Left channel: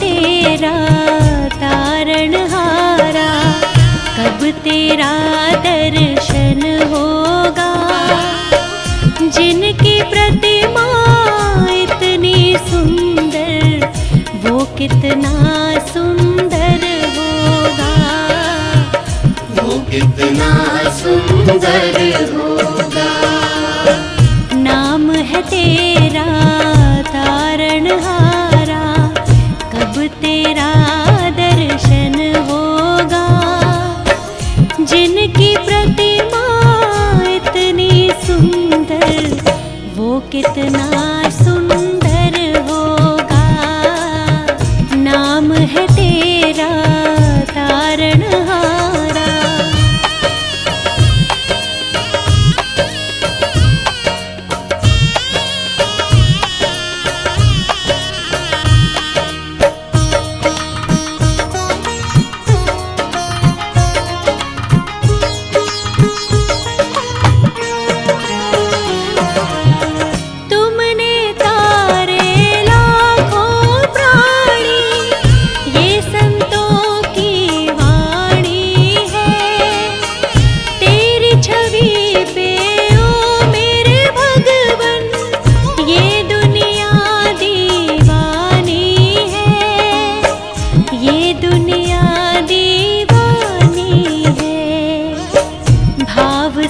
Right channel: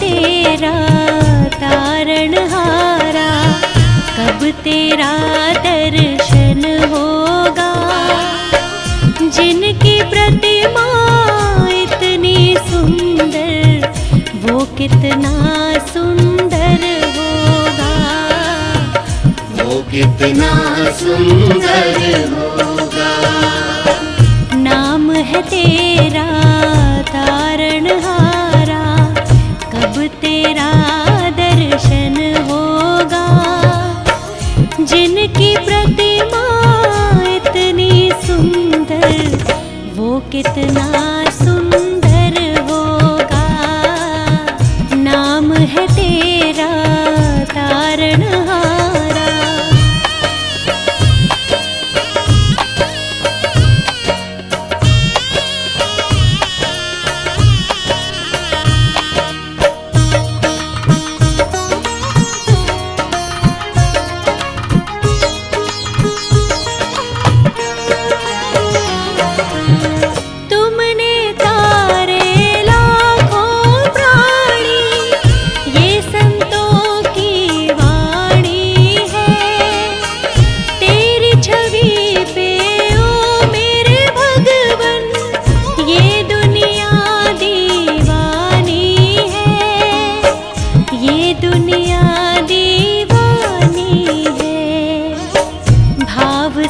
तेरा तारणहारा, कब तेरा दर्शन होगा। जिनकी प्रतिमा इतनी सुंदर, वो कितना सुंदर होगा, वो कितना सुंदर होगा। नाम है तेरा तारणहारा, कब तेरा दर्शन होगा। जिनकी प्रतिमा इतनी सुंदर, वो कितना सुंदर होगा। नाम है तेरा तारणहारा।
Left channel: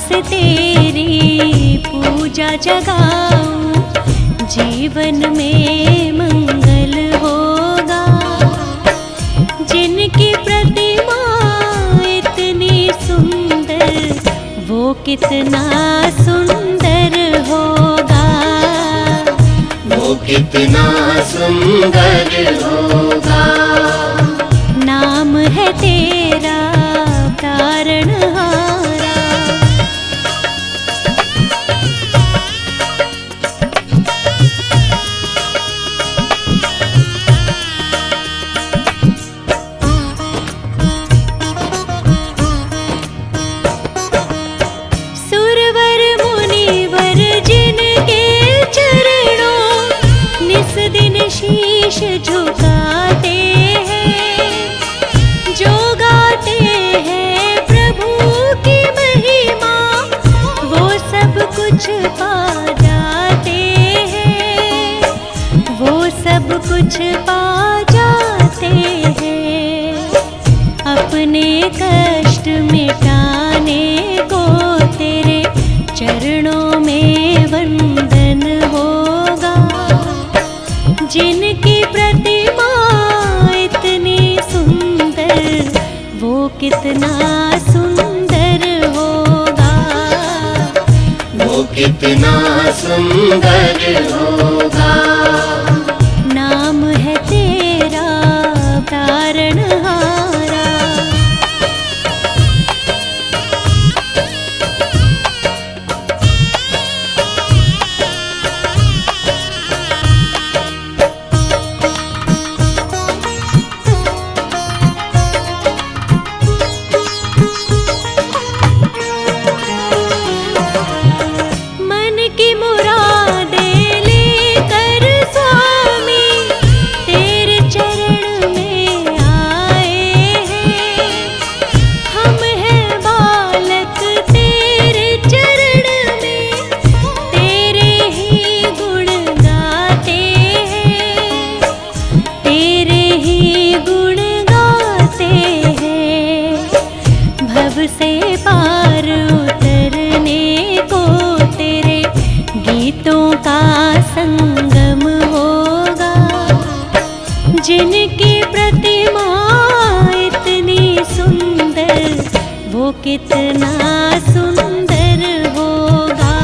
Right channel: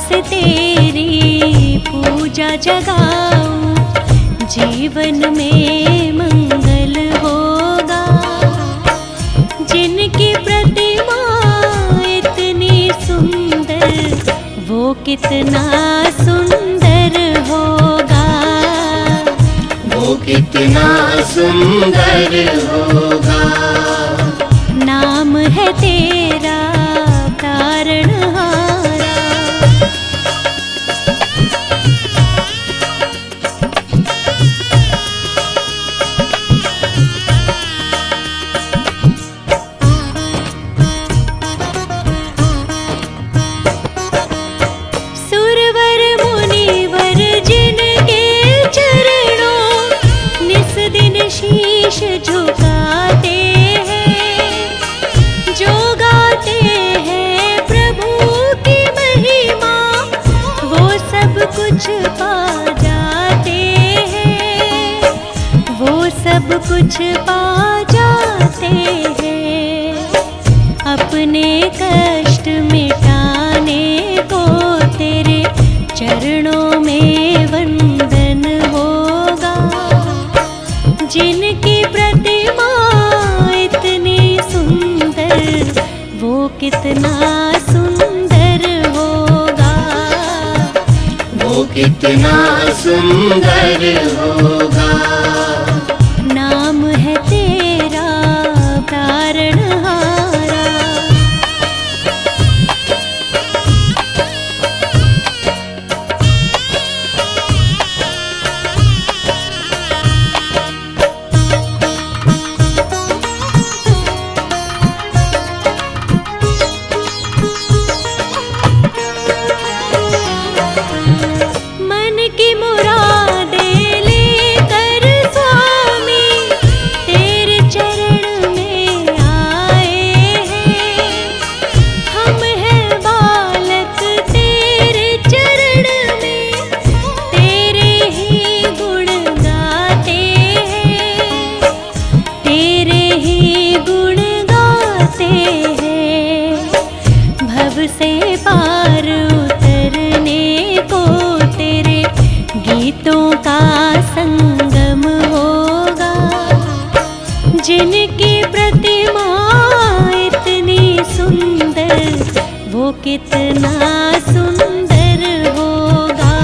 से तेरी पूजा जगाऊं, जीवन में मंगल होगा। जिनकी प्रतिमा इतनी सुंदर, वो कितना सुंदर होगा, वो कितना सुंदर होगा। नाम है तेरा तारणहारा। शीश झुकाते हैं, जो गाते हैं प्रभु की महिमा, वो सब कुछ पा जाते हैं, वो सब कुछ पा जाते हैं। अपने कष्ट मिटाने को तेरे चरणों में वंदन होगा। जिनकी प्रतिमा इतनी सुंदर, वो कितना सुंदर होगा, वो कितना सुंदर होगा। नाम है तेरा तारणहारा। से पार उतरने को तेरे गीतों का संगम होगा। जिनकी प्रतिमा इतनी सुंदर, वो कितना सुंदर होगा,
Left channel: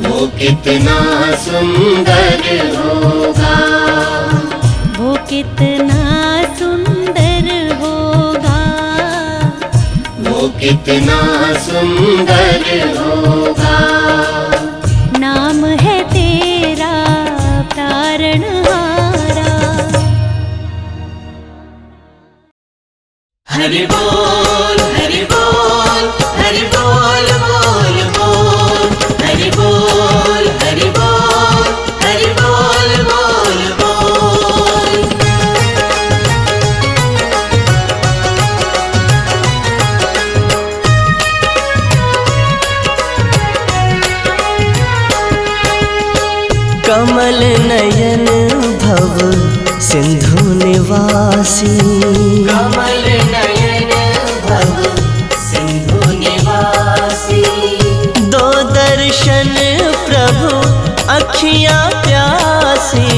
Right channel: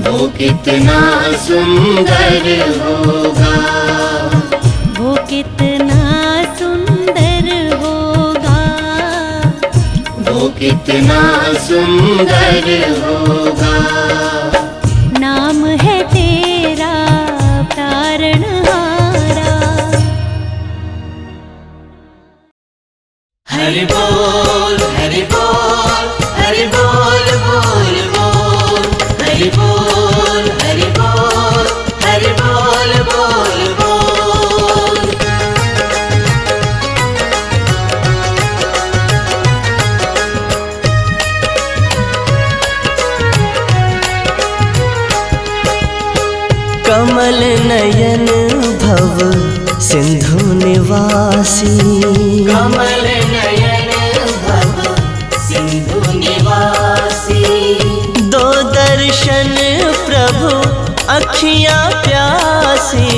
वो कितना सुंदर होगा, वो कितना सुंदर होगा, वो कितना सुंदर होगा। नाम है तेरा तारणहारा। हरि बोल हरि बोल हरि बोल बोल बोल, हरि बोल हरि बोल हरि बोल बोल बोल। कमल नयन भव सिंधु निवासी, कमल नयन भव सिंधु निवासी। दो दर्शन प्रभु अखियाँ प्यासी,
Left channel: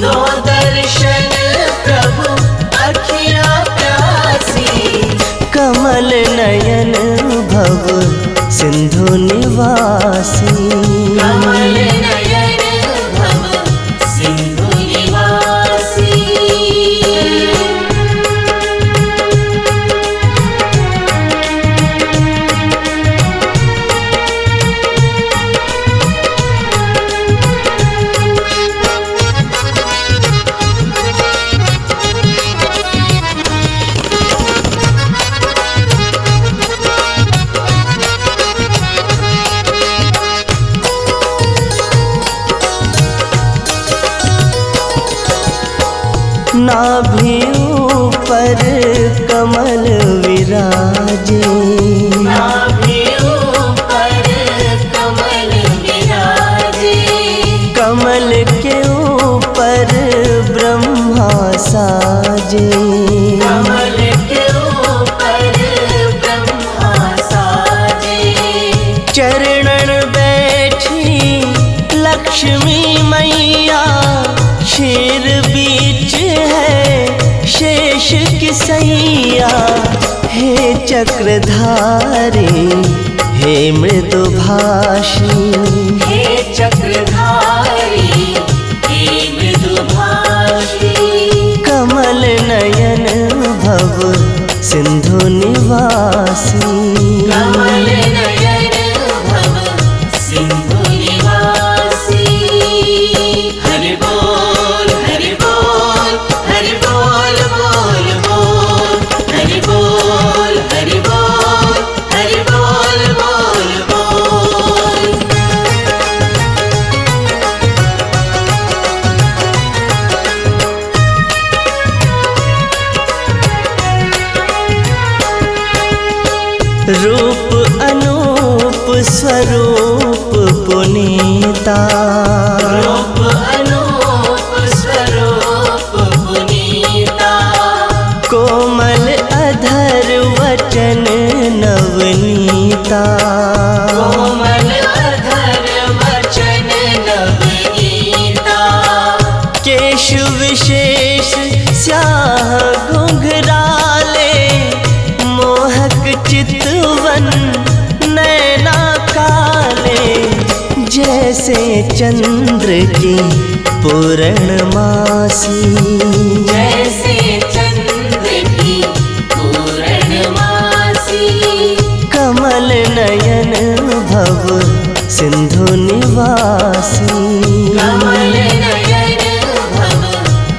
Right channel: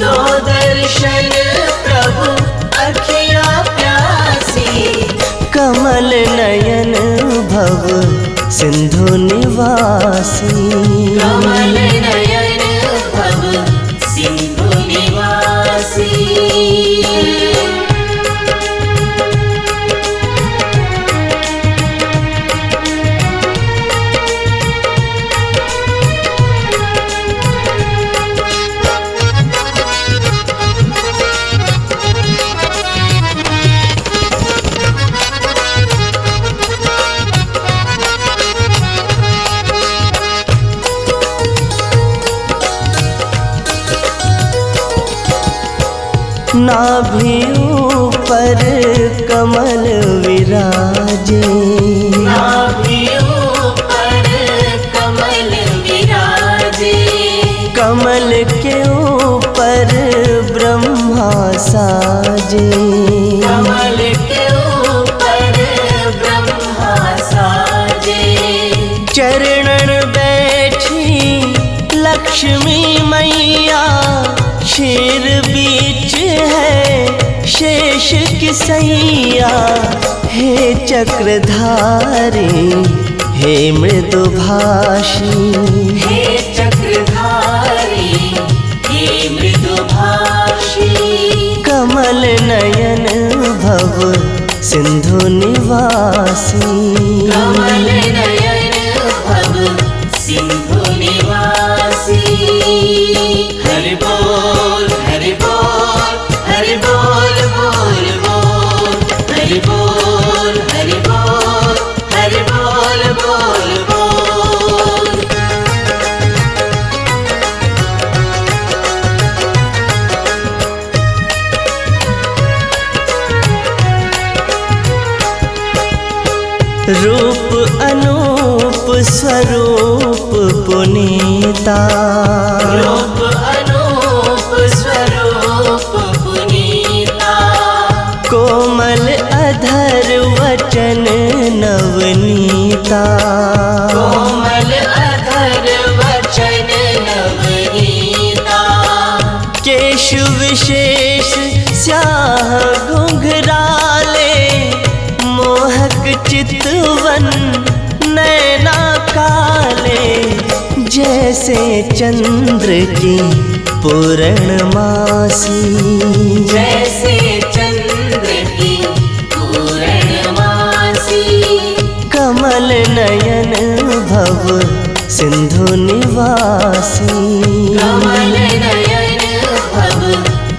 दो दर्शन प्रभु अखियाँ प्यासी। कमल नयन भव सिंधु निवासी, कमल नयन भव सिंधु निवासी। नाभि ऊपर कमल विराजे, नाभि ऊपर कमल विराजे। कमल के ऊपर ब्रह्मा साजे, कमल के ऊपर ब्रह्मा साजे। चरणन बैठी लक्ष्मी मैया, शेर बीच है शेष की सैया। हे चक्रधारी हे मृदुभाषी, हे चक्रधारी हे मृदुभाषी। कमल नयन भव सिंधु निवासी, कमल नयन भव सिंधु निवासी। हरि बोल हरि बोल हरि बोल बोल बोल। हरि बोल हरि बोल हरि बोल बोल बोल। रूप अनूप स्वरूप पुनीता, रूप अनूप स्वरूप पुनीता। कोमल अधर वचन नवनीता, कोमल अधर वचन नवनीता। केश विशेष स्याह घुंघराले, मोहक चितवन नैना काले। जैसे चंद्र की पूर्णमासी, जैसे चंद्र की पूर्णमासी। कमल नयन भव सिंधु निवासी, कमल नयन भव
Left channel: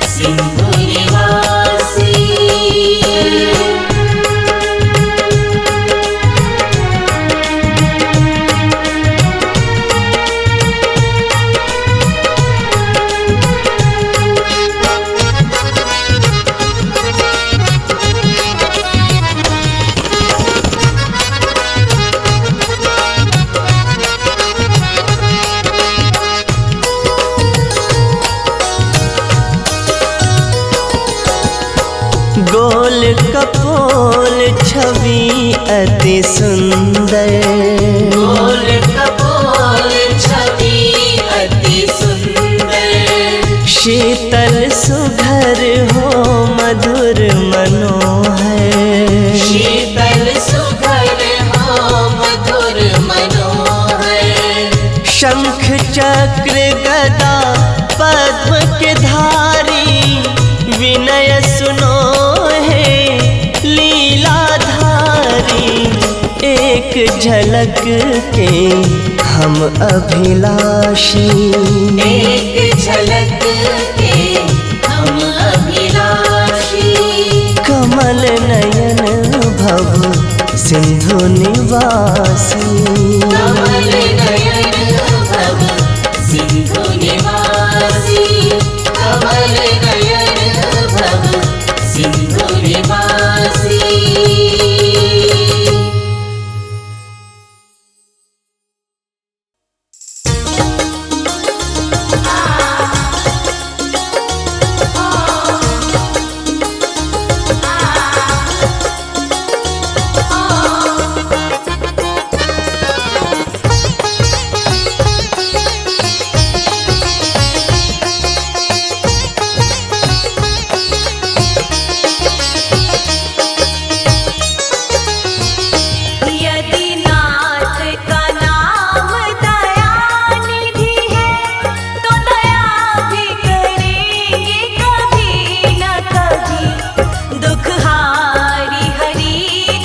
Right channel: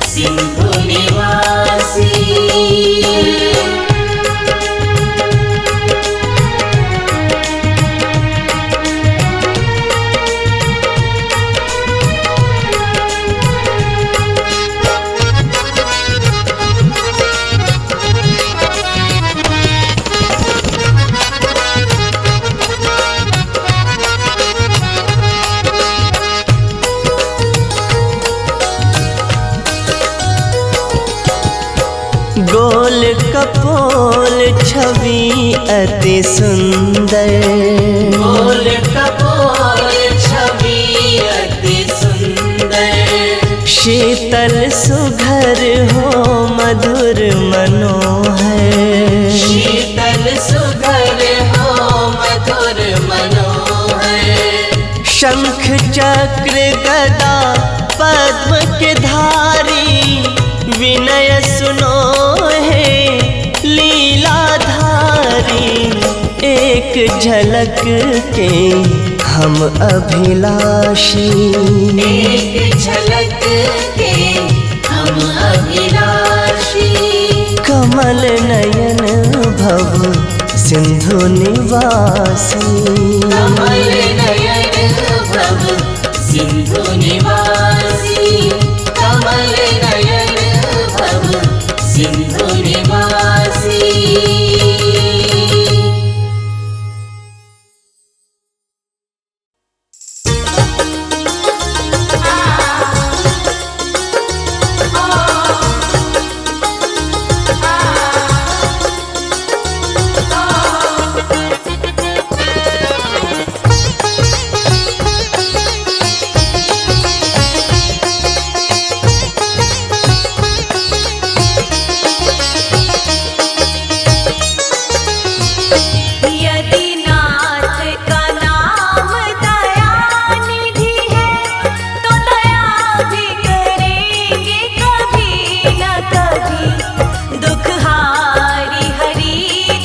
सिंधु निवासी। गोल कपोल छवि अति सुंदर, गोल कपोल छवि अति सुंदर। शीतल सुघर हो मधुर मनोहर, शीतल सुघर हो मधुर मनोहर। शंख चक्र गदा पद्म के धारी, विनय सुनो है लीलाधारी। एक झलक के हम अभिलाषी, एक झलक के हम अभिलाषी। कमल नयन भव सिंधु निवासी, कमल नयन भव सिंधु निवासी। कमल नयन भव सिंधु निवासी। हारी हरी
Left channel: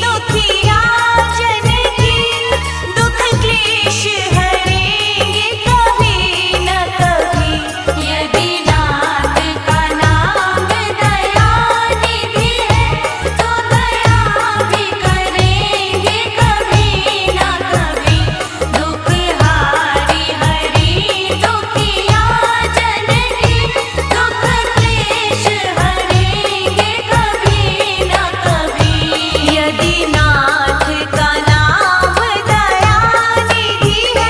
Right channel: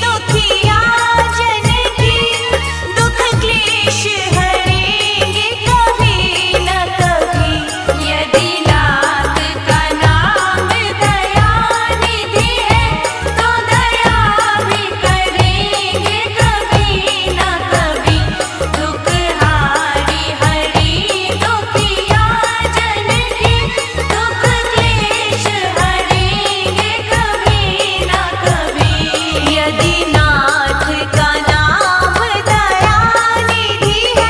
दुखिया जन की दुख क्लेश हरेंगे कभी न कभी। यदि नाथ का नाम दया निधि है तो दया भी करेंगे कभी न कभी। दुख हारी हरी दुखिया जन की दुख क्लेश हरेंगे कभी न कभी। यदि नाथ का नाम दया निधि है।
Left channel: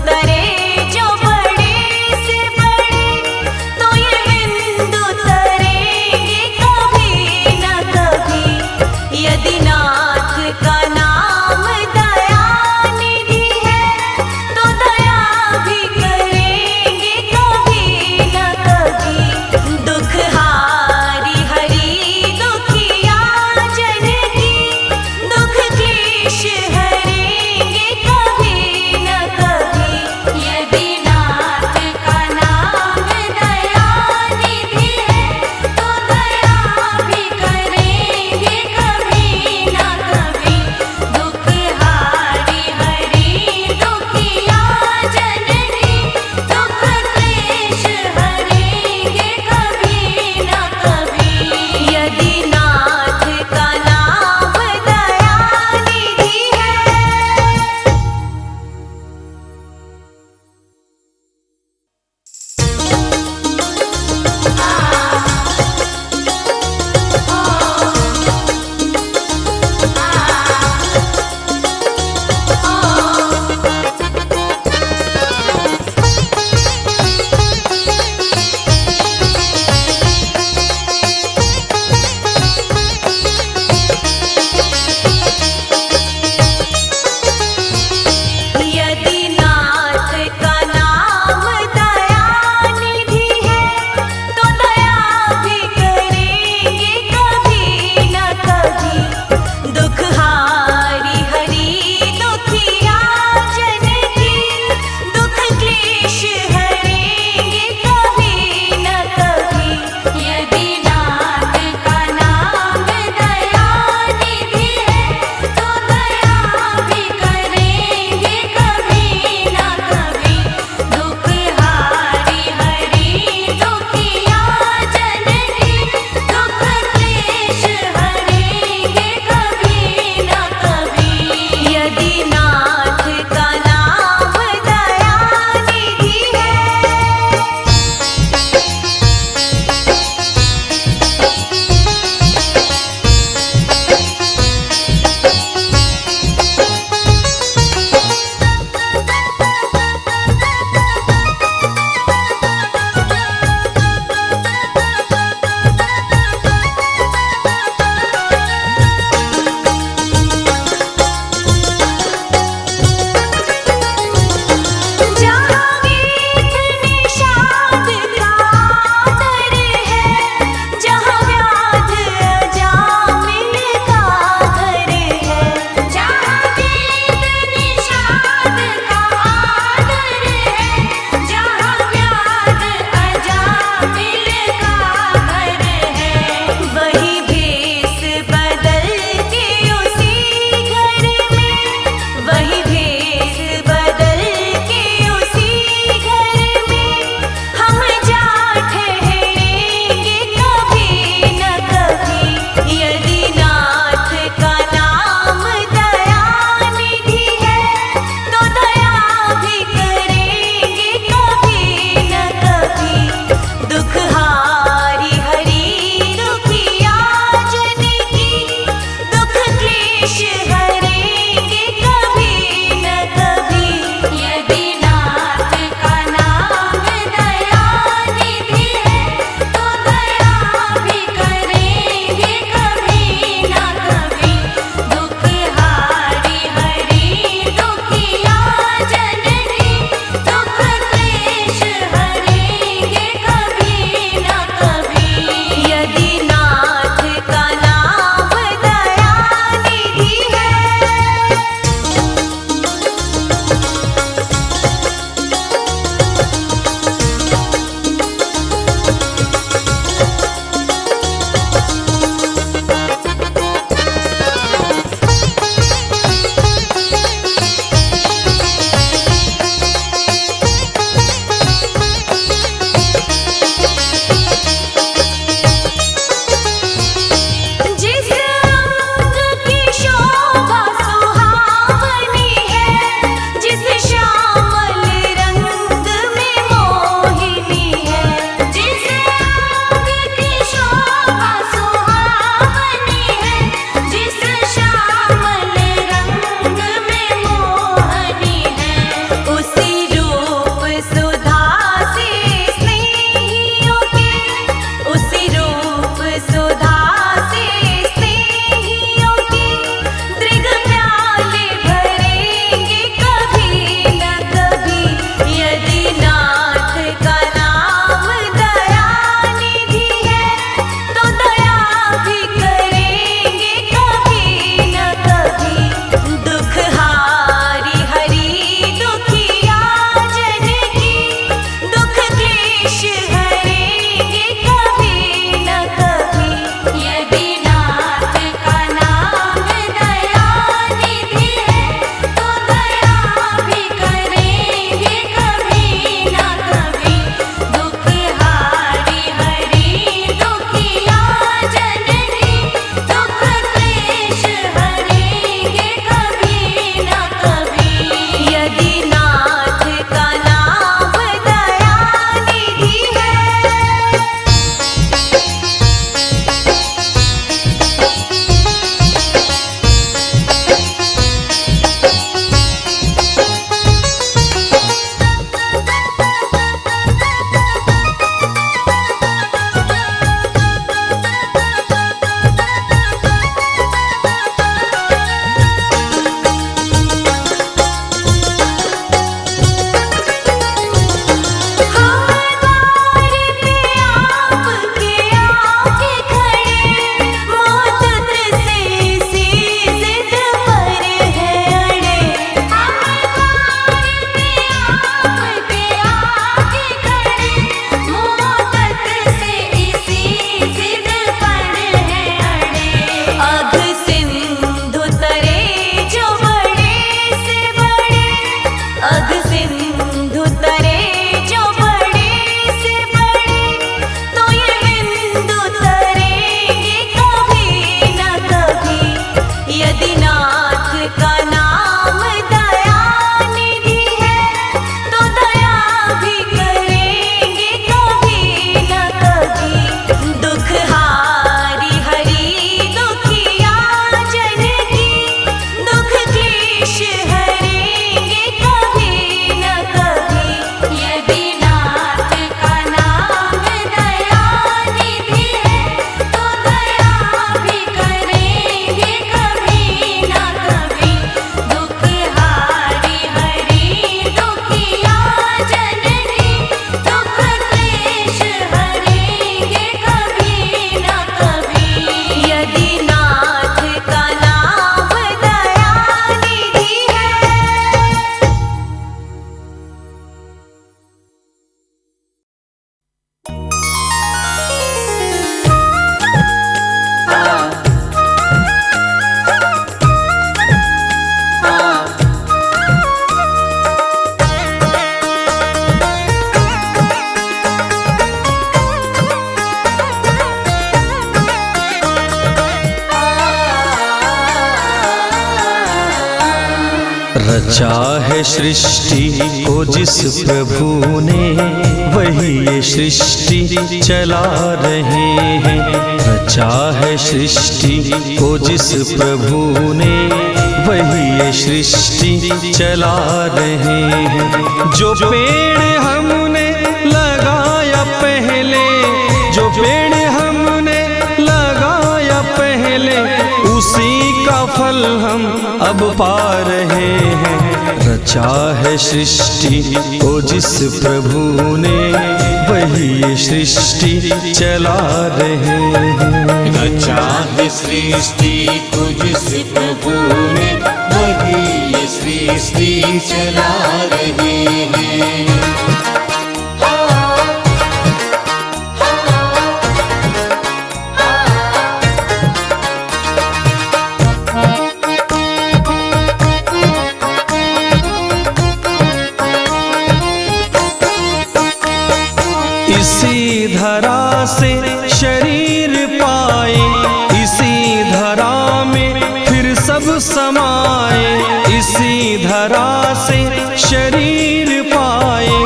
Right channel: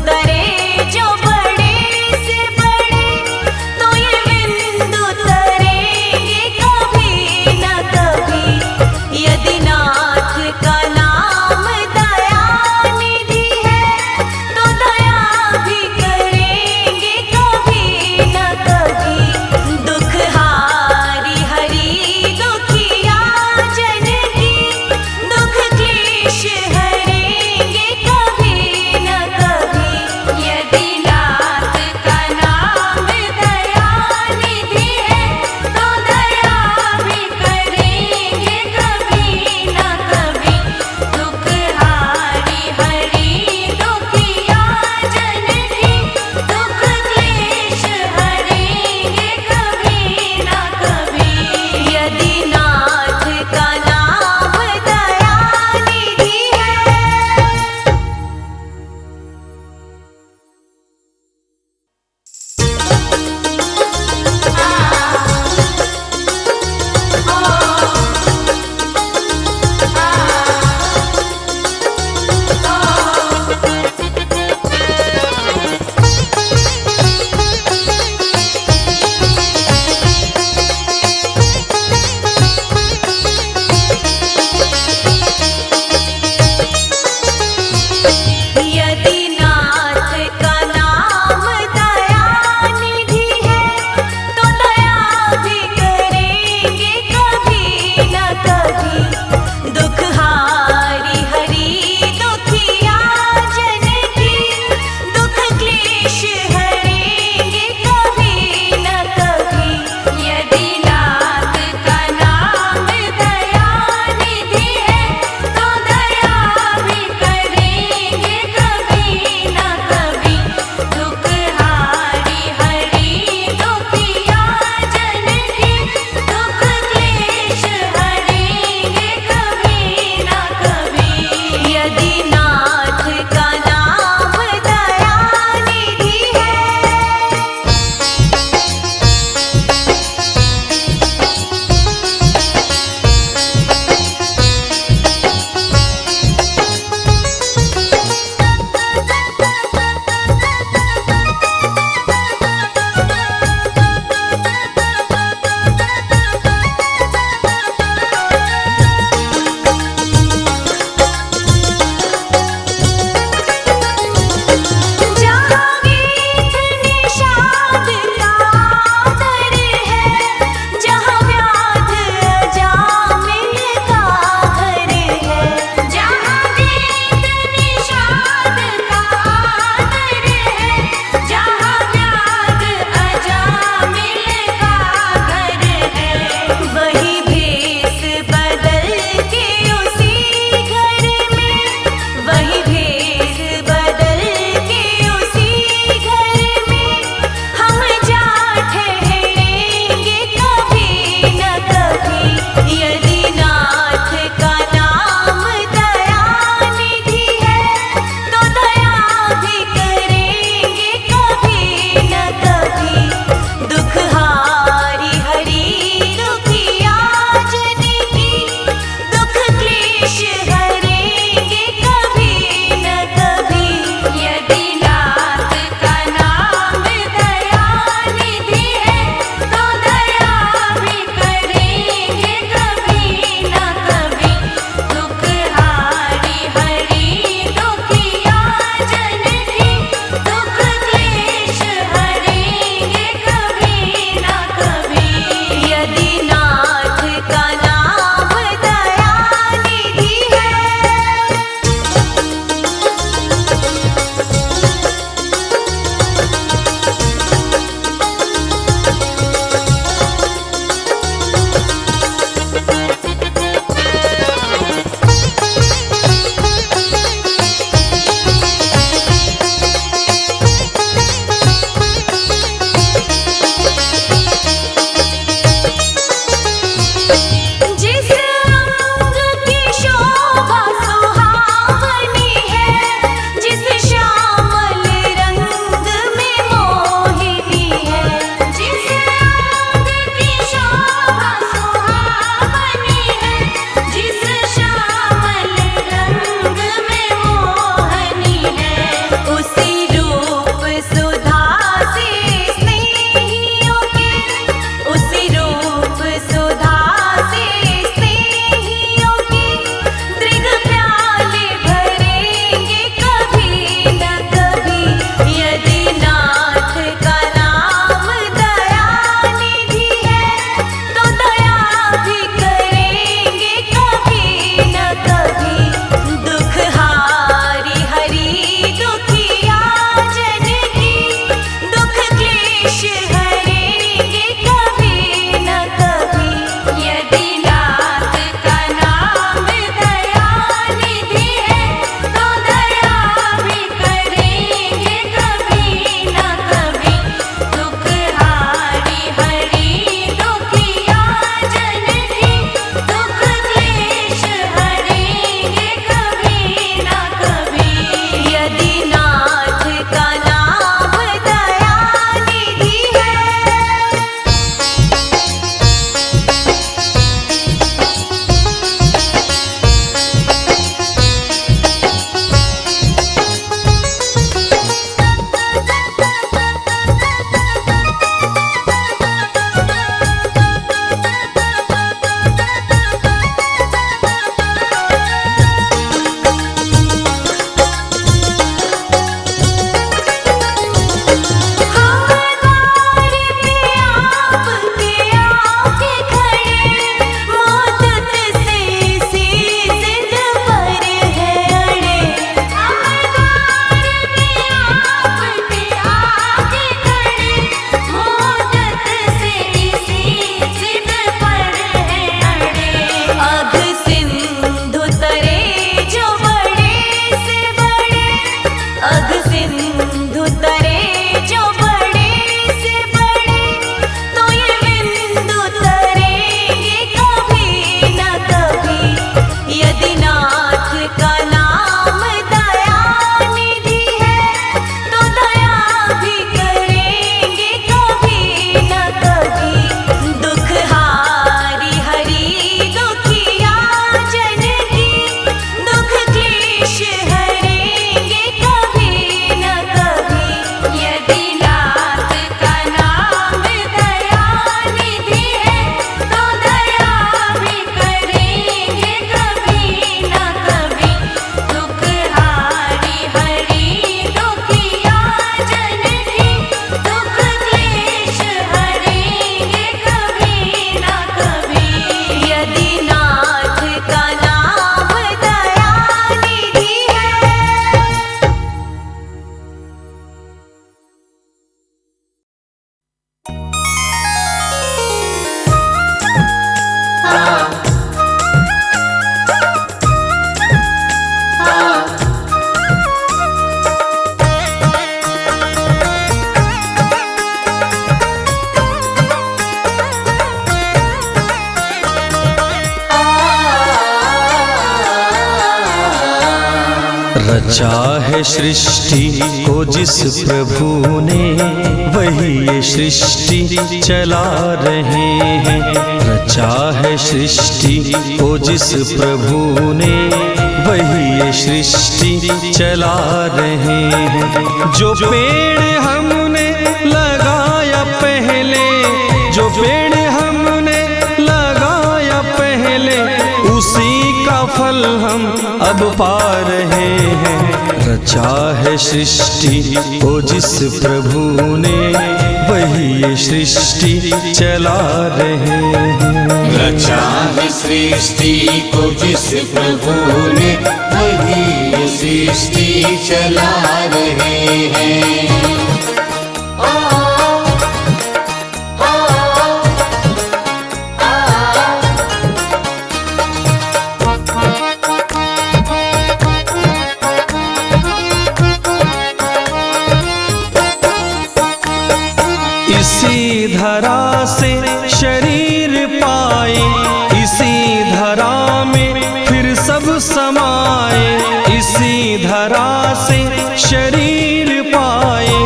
तरे जो बड़े से बड़े, तो ये बिंदु तरेंगे कभी न कभी। यदि नाथ का नाम दया निधि है, तो दया भी करेंगे कभी न कभी। दुख हारी हरि दुखिया जन की, दुख क्लेश हरेंगे कभी न कभी। यदि नाथ का नाम दया निधि है, तो दया भी करेंगे कभी न कभी। दुख हारी हरि दुखिया जन की, दुख क्लेश हरेंगे कभी न कभी। यदि नाथ का नाम दया निधि है। यदि नाथ का नाम दया निधि है, तो दया भी करेंगे कभी न कभी। दुख हारी हरि दुखिया जन की, दुख क्लेश हरेंगे कभी न कभी। यदि नाथ का नाम दया निधि है, तो दया भी करेंगे कभी न कभी। दुख हारी हरि दुखिया जन की, दुख क्लेश हरेंगे कभी न कभी। यदि नाथ का नाम दया निधि है। नाथ का नाम दया निधि है, तो दया भी करेंगे कभी न कभी। दुख हारी हरि दुखिया जन की, दुख क्लेश हरेंगे कभी न कभी। यदि नाथ का नाम दया निधि है, तो दया भी करेंगे कभी न कभी। दुख हारी हरि दुखिया जन की, दुख क्लेश हरेंगे कभी न कभी। यदि नाथ का नाम दया निधि है। रचा है सृष्टि को जिस प्रभु ने, वही ये सृष्टि चला रहे हैं। रचा है सृष्टि को जिस प्रभु ने, वही ये सृष्टि चला रहे हैं। जो पेड़ हमने लगाया पहले, जो पेड़ हमने लगाया पहले, उसी का फल हम अब पा रहे हैं। रचा है सृष्टि को जिस प्रभु ने, वही ये सृष्टि चला रहे हैं। रचा है सृष्टि को जिस प्रभु ने, वही ये सृष्टि चला रहे हैं। इसी धरा से शरीर पाए, इसी धरा में फिर सब समाए। इसी धरा से शरीर पाए,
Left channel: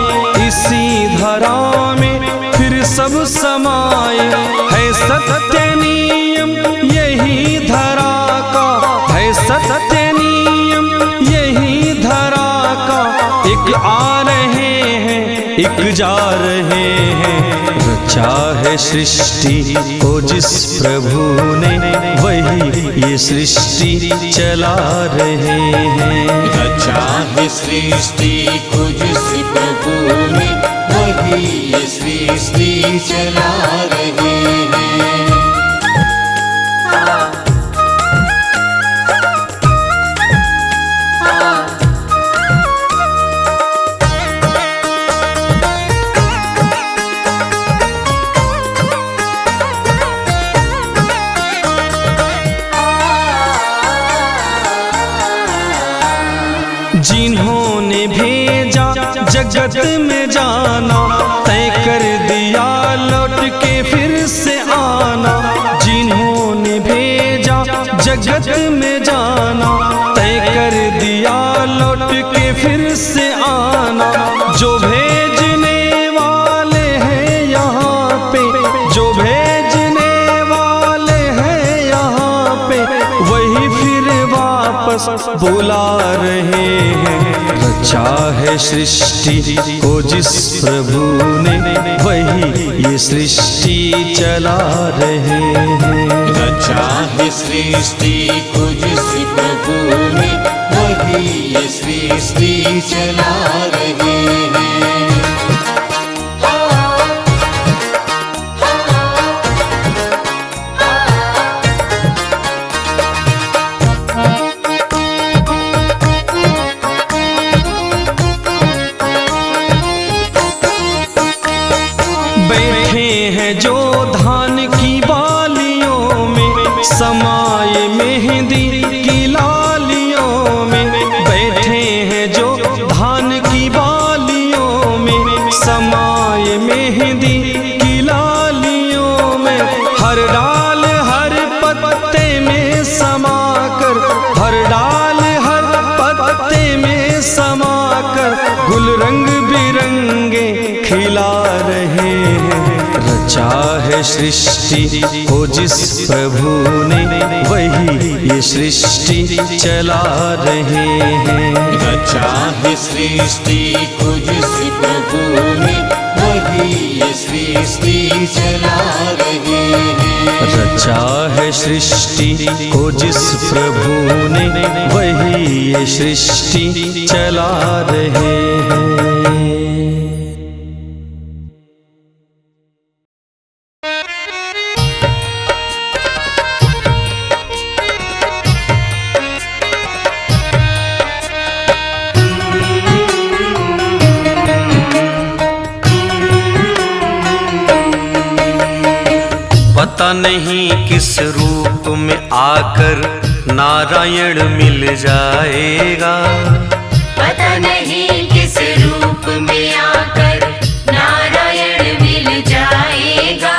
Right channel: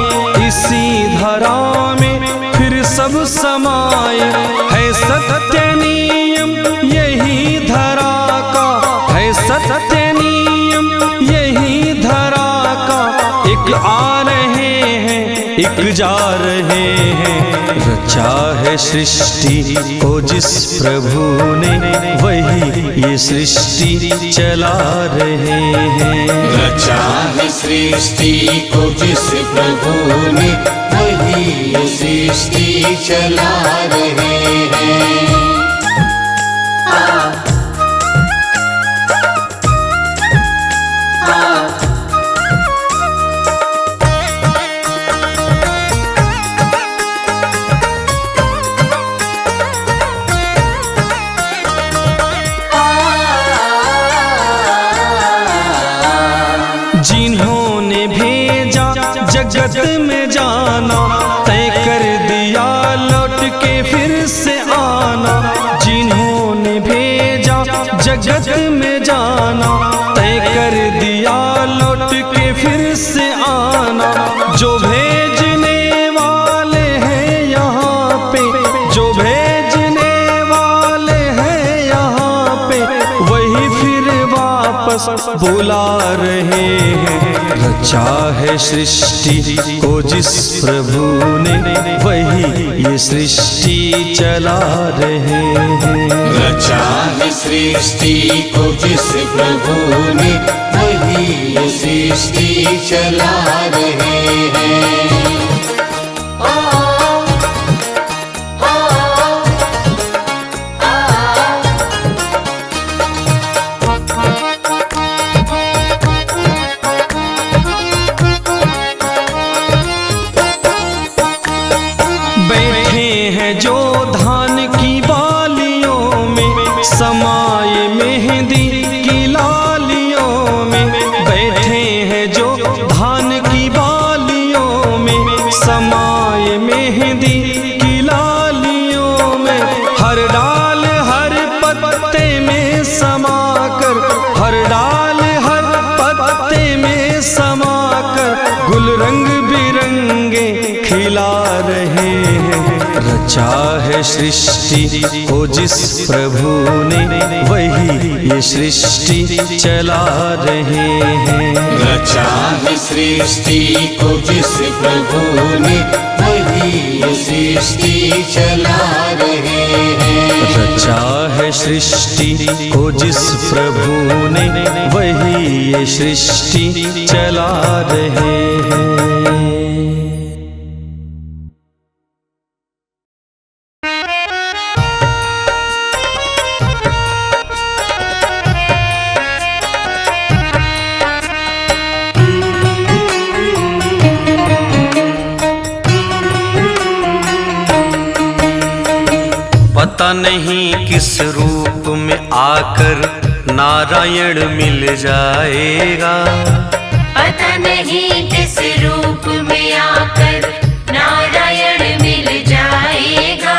इसी धरा में फिर सब समाए। है सत्य नियम यही धरा का, है सत्य नियम यही धरा का। एक आ रहे हैं एक जा रहे हैं। रचा है सृष्टि को जिस प्रभु ने, वही ये सृष्टि चला रहे हैं। रचा है सृष्टि को जिस प्रभु ने, वही ये सृष्टि चला रहे हैं। जिन्होंने भेजा जगत में जाना, तय कर दिया लौट के फिर से आना। जिन्होंने भेजा जगत में जाना, तय कर दिया लौट के फिर से आना। जो भेजने वाले हैं यहाँ पे, जो भेजने वाले हैं यहाँ पे, वही फिर वापस बुला रहे हैं। रचा है सृष्टि को जिस प्रभु ने, वही ये सृष्टि चला रहे हैं। रचा है सृष्टि को जिस प्रभु ने, वही ये सृष्टि चला रहे हैं। बैठे हैं जो धान की बालियों में, समाये मेहंदी की लालियों में। बैठे हैं जो धान की बालियों में, समाये मेहंदी की लालियों में। हर डाल हर पत्ते में समाकर, हर डाल खिला रहे हैं। रचा है सृष्टि को जिस प्रभु ने, वही ये सृष्टि चला रहे हैं। रचा है सृष्टि को जिस प्रभु ने, वही ये सृष्टि चला रहे हैं। रचा है सृष्टि को जिस प्रभु ने, वही ये सृष्टि चला रहे हैं। पता नहीं किस रूप में आकर नारायण मिल जाएगा। पता नहीं किस रूप में आकर नारायण मिल जाएगा।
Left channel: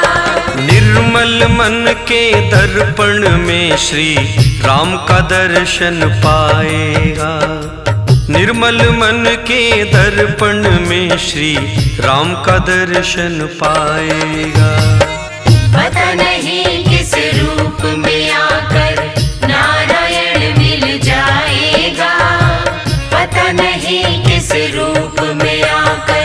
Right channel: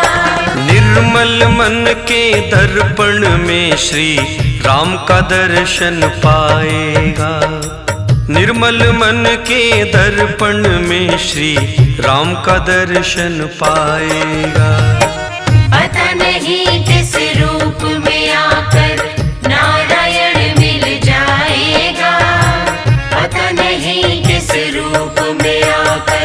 निर्मल मन के दर्पण में श्री राम का दर्शन पाएगा। निर्मल मन के दर्पण में श्री राम का दर्शन पाएगा। पता नहीं किस रूप में आकर नारायण मिल जाएगा। पता नहीं किस रूप में आकर।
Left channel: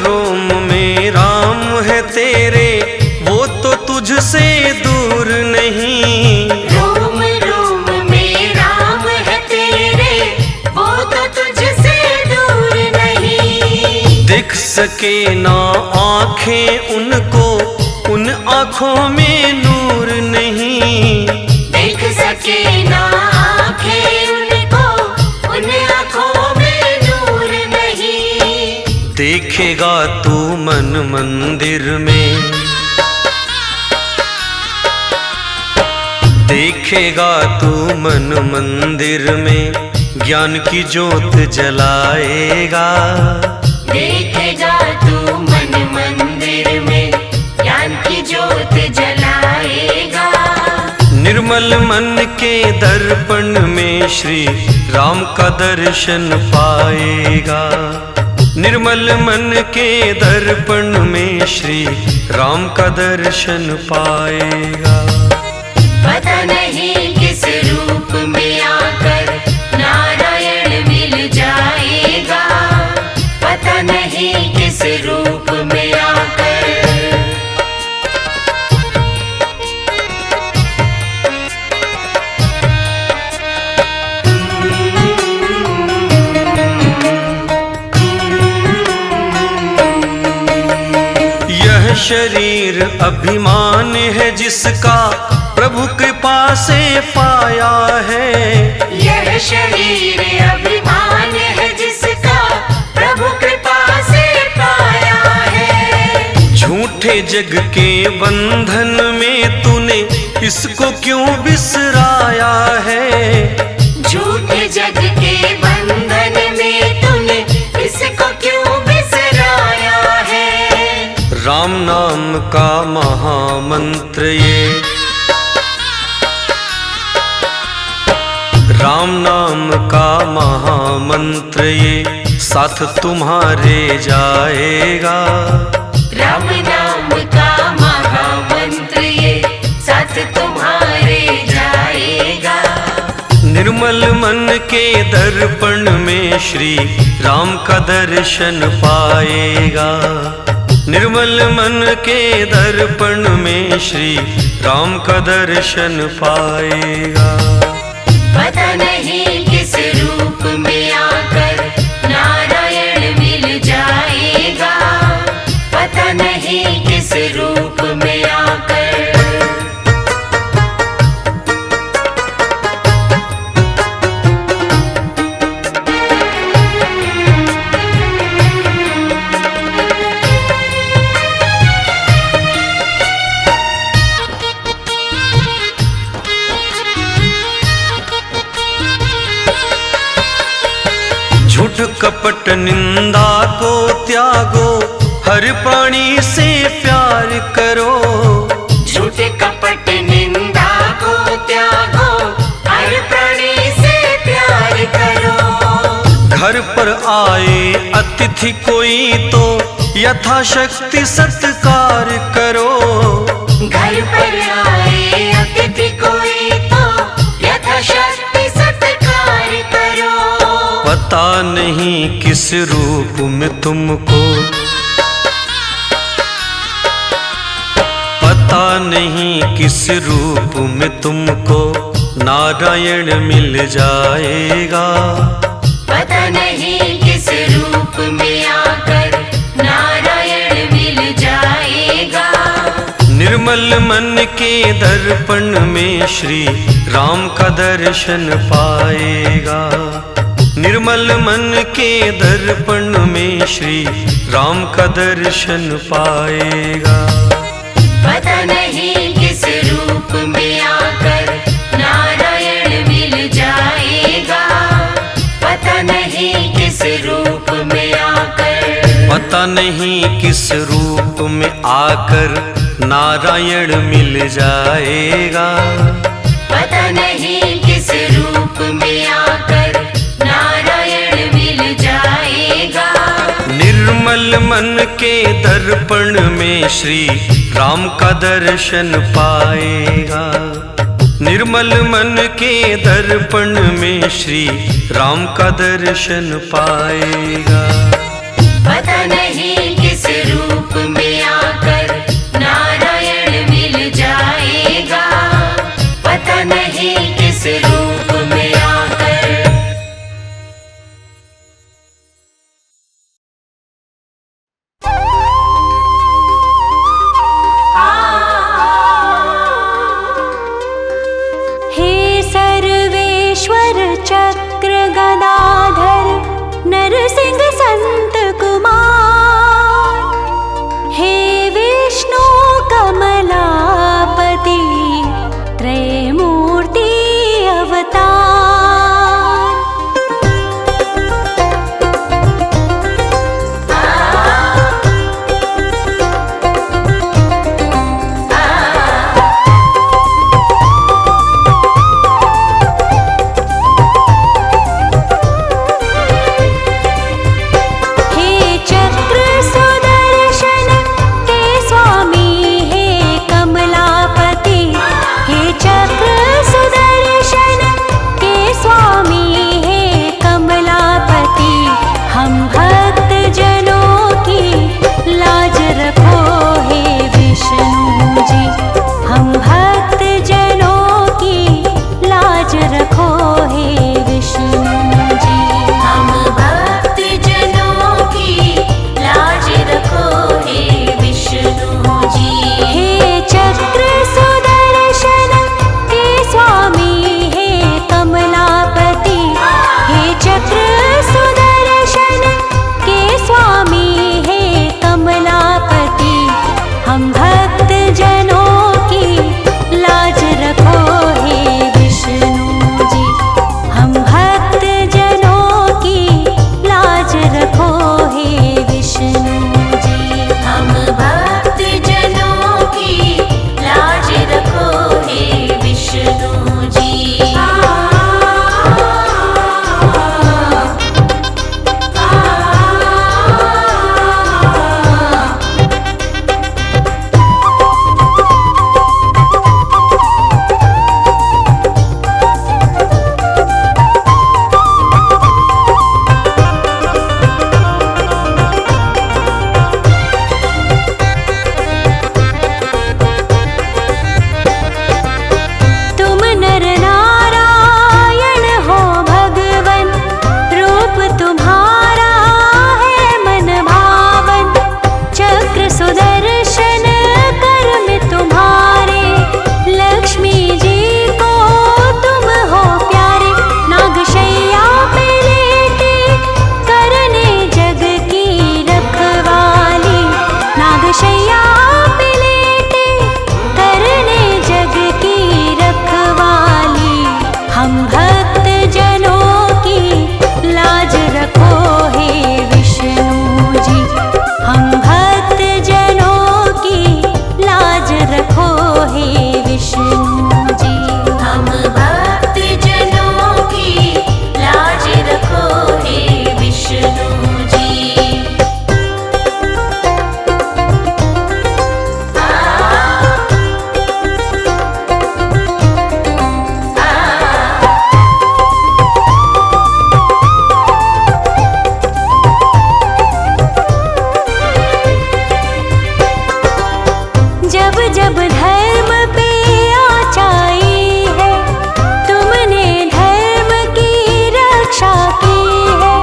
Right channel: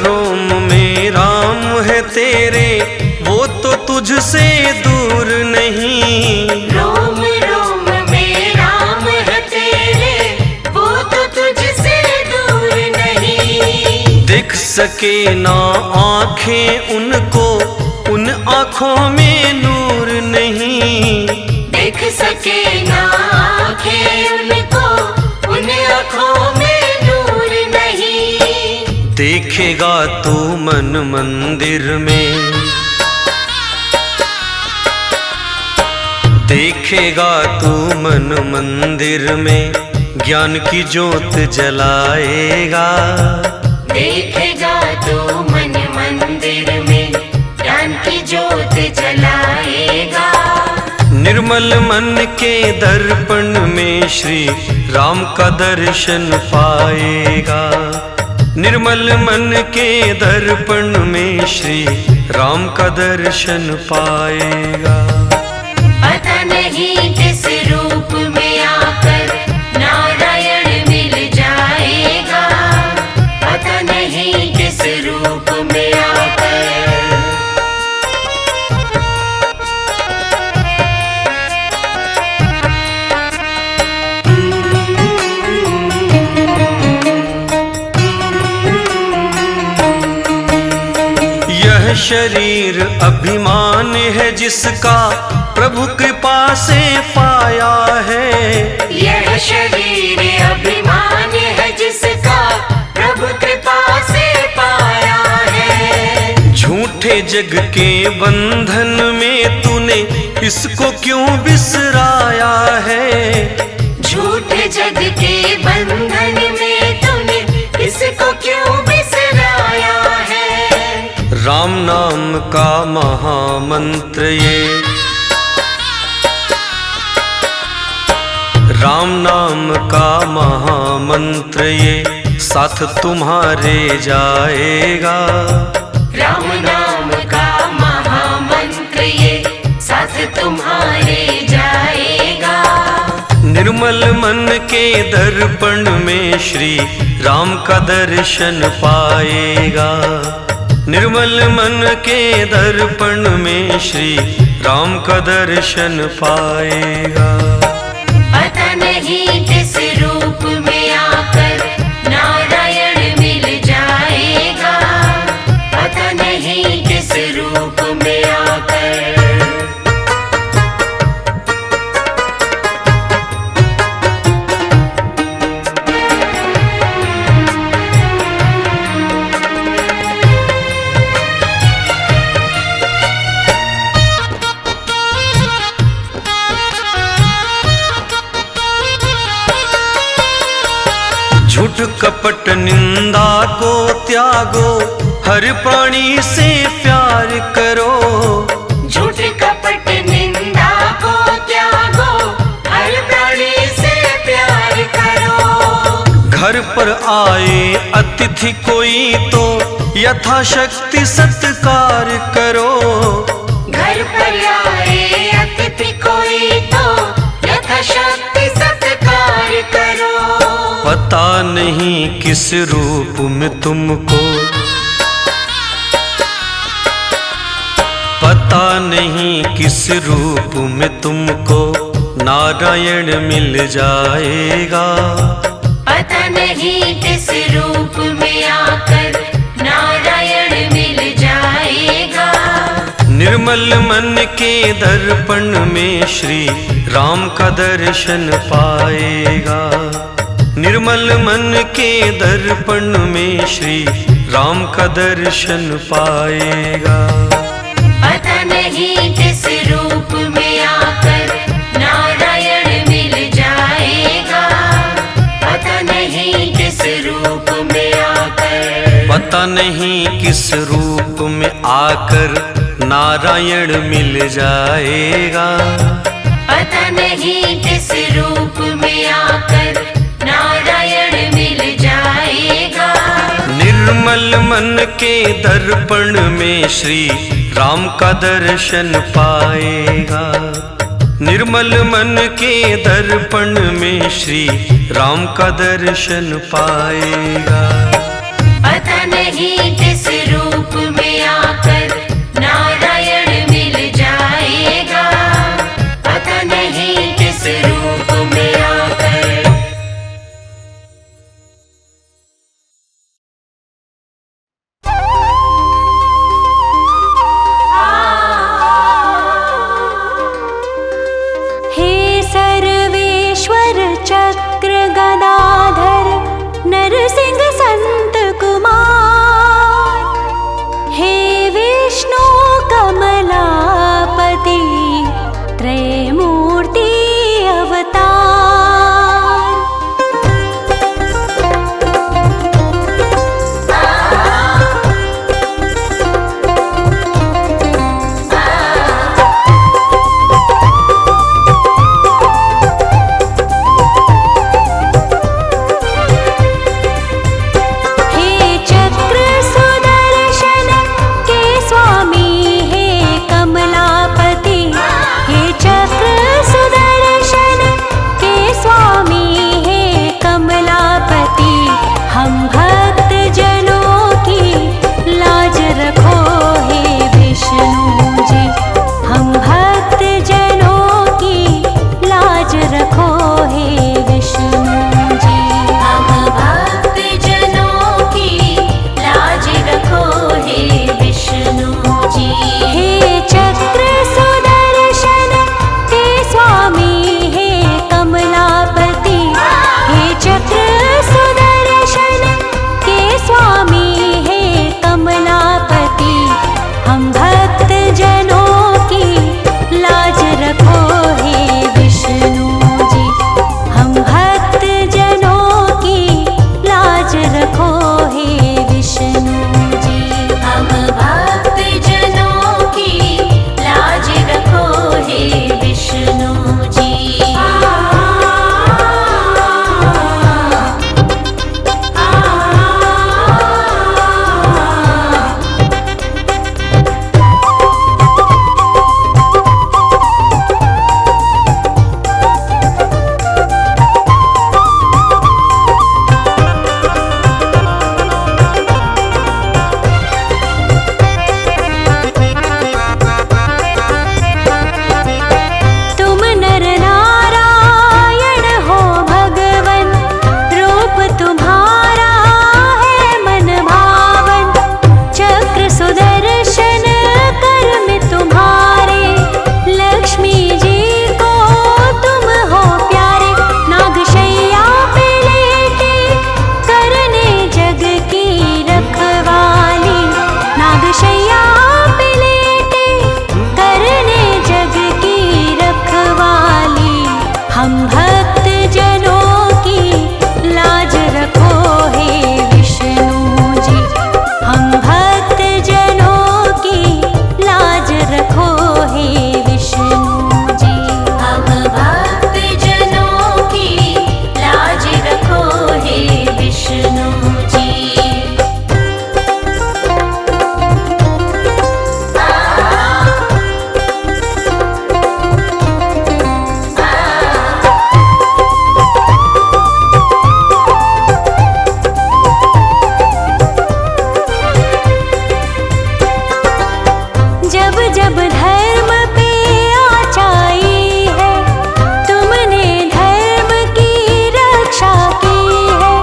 रोम में राम है तेरे, वो तो तुझसे दूर नहीं। रोम रोम में राम है तेरे, वो तो तुझसे दूर नहीं। देख सके ना आँखें उनको, उन आँखों में नूर नहीं। देख सके ना आँखें उनको, उन आँखों में नूर नहीं। देखेगा तू मन मंदिर में, देखेगा तू मन मंदिर में, ज्ञान की ज्योत जलाएगा। देखेगा तू मन मंदिर में, ज्ञान की ज्योत जलाएगा। निर्मल मन के दर्पण में श्री राम का दर्शन पाएगा। निर्मल मन के दर्पण में श्री राम का दर्शन पाएगा। पता नहीं किस रूप में आकर नारायण मिल जाएगा। पता नहीं किस रूप में आकर। यह शरीर अभिमान है जिसका प्रभु कृपा से पाया है। यह शरीर अभिमान है जिसका प्रभु कृपा से पाया है। झूठे जग के बंधन में तूने इसको क्यों बिसराया है। झूठे जग के बंधन में तूने इसको क्यों बिसराया है। राम नाम का महामंत्र ये, राम नाम का महामंत्र ये साथ तुम्हारे जाएगा। राम नाम का महामंत्र ये साथ तुम्हारे जाएगा। निर्मल मन के दर्पण में श्री राम का दर्शन पाएगा। निर्मल मन के दर्पण में श्री राम का दर्शन पाएगा। पता नहीं किस रूप में आकर नारायण मिल जाएगा। पता नहीं किस रूप में आकर। कपट निंदा को त्यागो, हर प्राणी से प्यार करो। झूठ कपट निंदा को त्यागो, हर प्राणी से प्यार करो। घर पर आए अतिथि कोई तो यथाशक्ति सत्कार करो। घर पर आए अतिथि कोई तो यथाशक्ति सत्कार करो। पता नहीं किस रूप में तुमको, पता नहीं किस रूप में तुमको नारायण मिल जाएगा। पता नहीं किस रूप में आकर नारायण मिल जाएगा। निर्मल मन के दर्पण में श्री राम का दर्शन पाएगा। निर्मल मन के दर्पण में श्री राम का दर्शन पाएगा। पता नहीं किस रूप में आकर नारायण मिल जाएगा। पता नहीं किस रूप में आकर, पता नहीं किस रूप में आकर नारायण मिल जाएगा। पता नहीं किस रूप में आकर नारायण मिल जाएगा। निर्मल मन के दर्पण में श्री राम का दर्शन पाएगा। निर्मल मन के दर्पण में श्री राम का दर्शन पाएगा। पता नहीं किस रूप में आकर नारायण मिल जाएगा। पता नहीं किस रूप में आकर। हे सर्वेश्वर चक्र गदाधर नरसिंह संत कुमार, हे विष्णु कमलापति त्रैमूर्ति अवतार। चक्र सुदर्शन के स्वामी हे कमलापति, हम भक्त जनों की लाज रखो हे विष्णु जी। हम भक्त जनों की लाज रखो हे विष्णु जी। हम भक्त जनों की लाज रखो हे विष्णु जी। हे चक्र सुदर्शन के स्वामी हे कमलापति, हे चक्र सुदर्शन के स्वामी हे कमलापति, हम भक्त जनों की लाज रखो हे विष्णु जी। हम भक्त जनों की लाज रखो हे विष्णु जी। हम भक्त जनों की लाज रखो हे विष्णु जी। जब जब धर्म पे आचाई है, तुमने धर्म की रक्षा की है।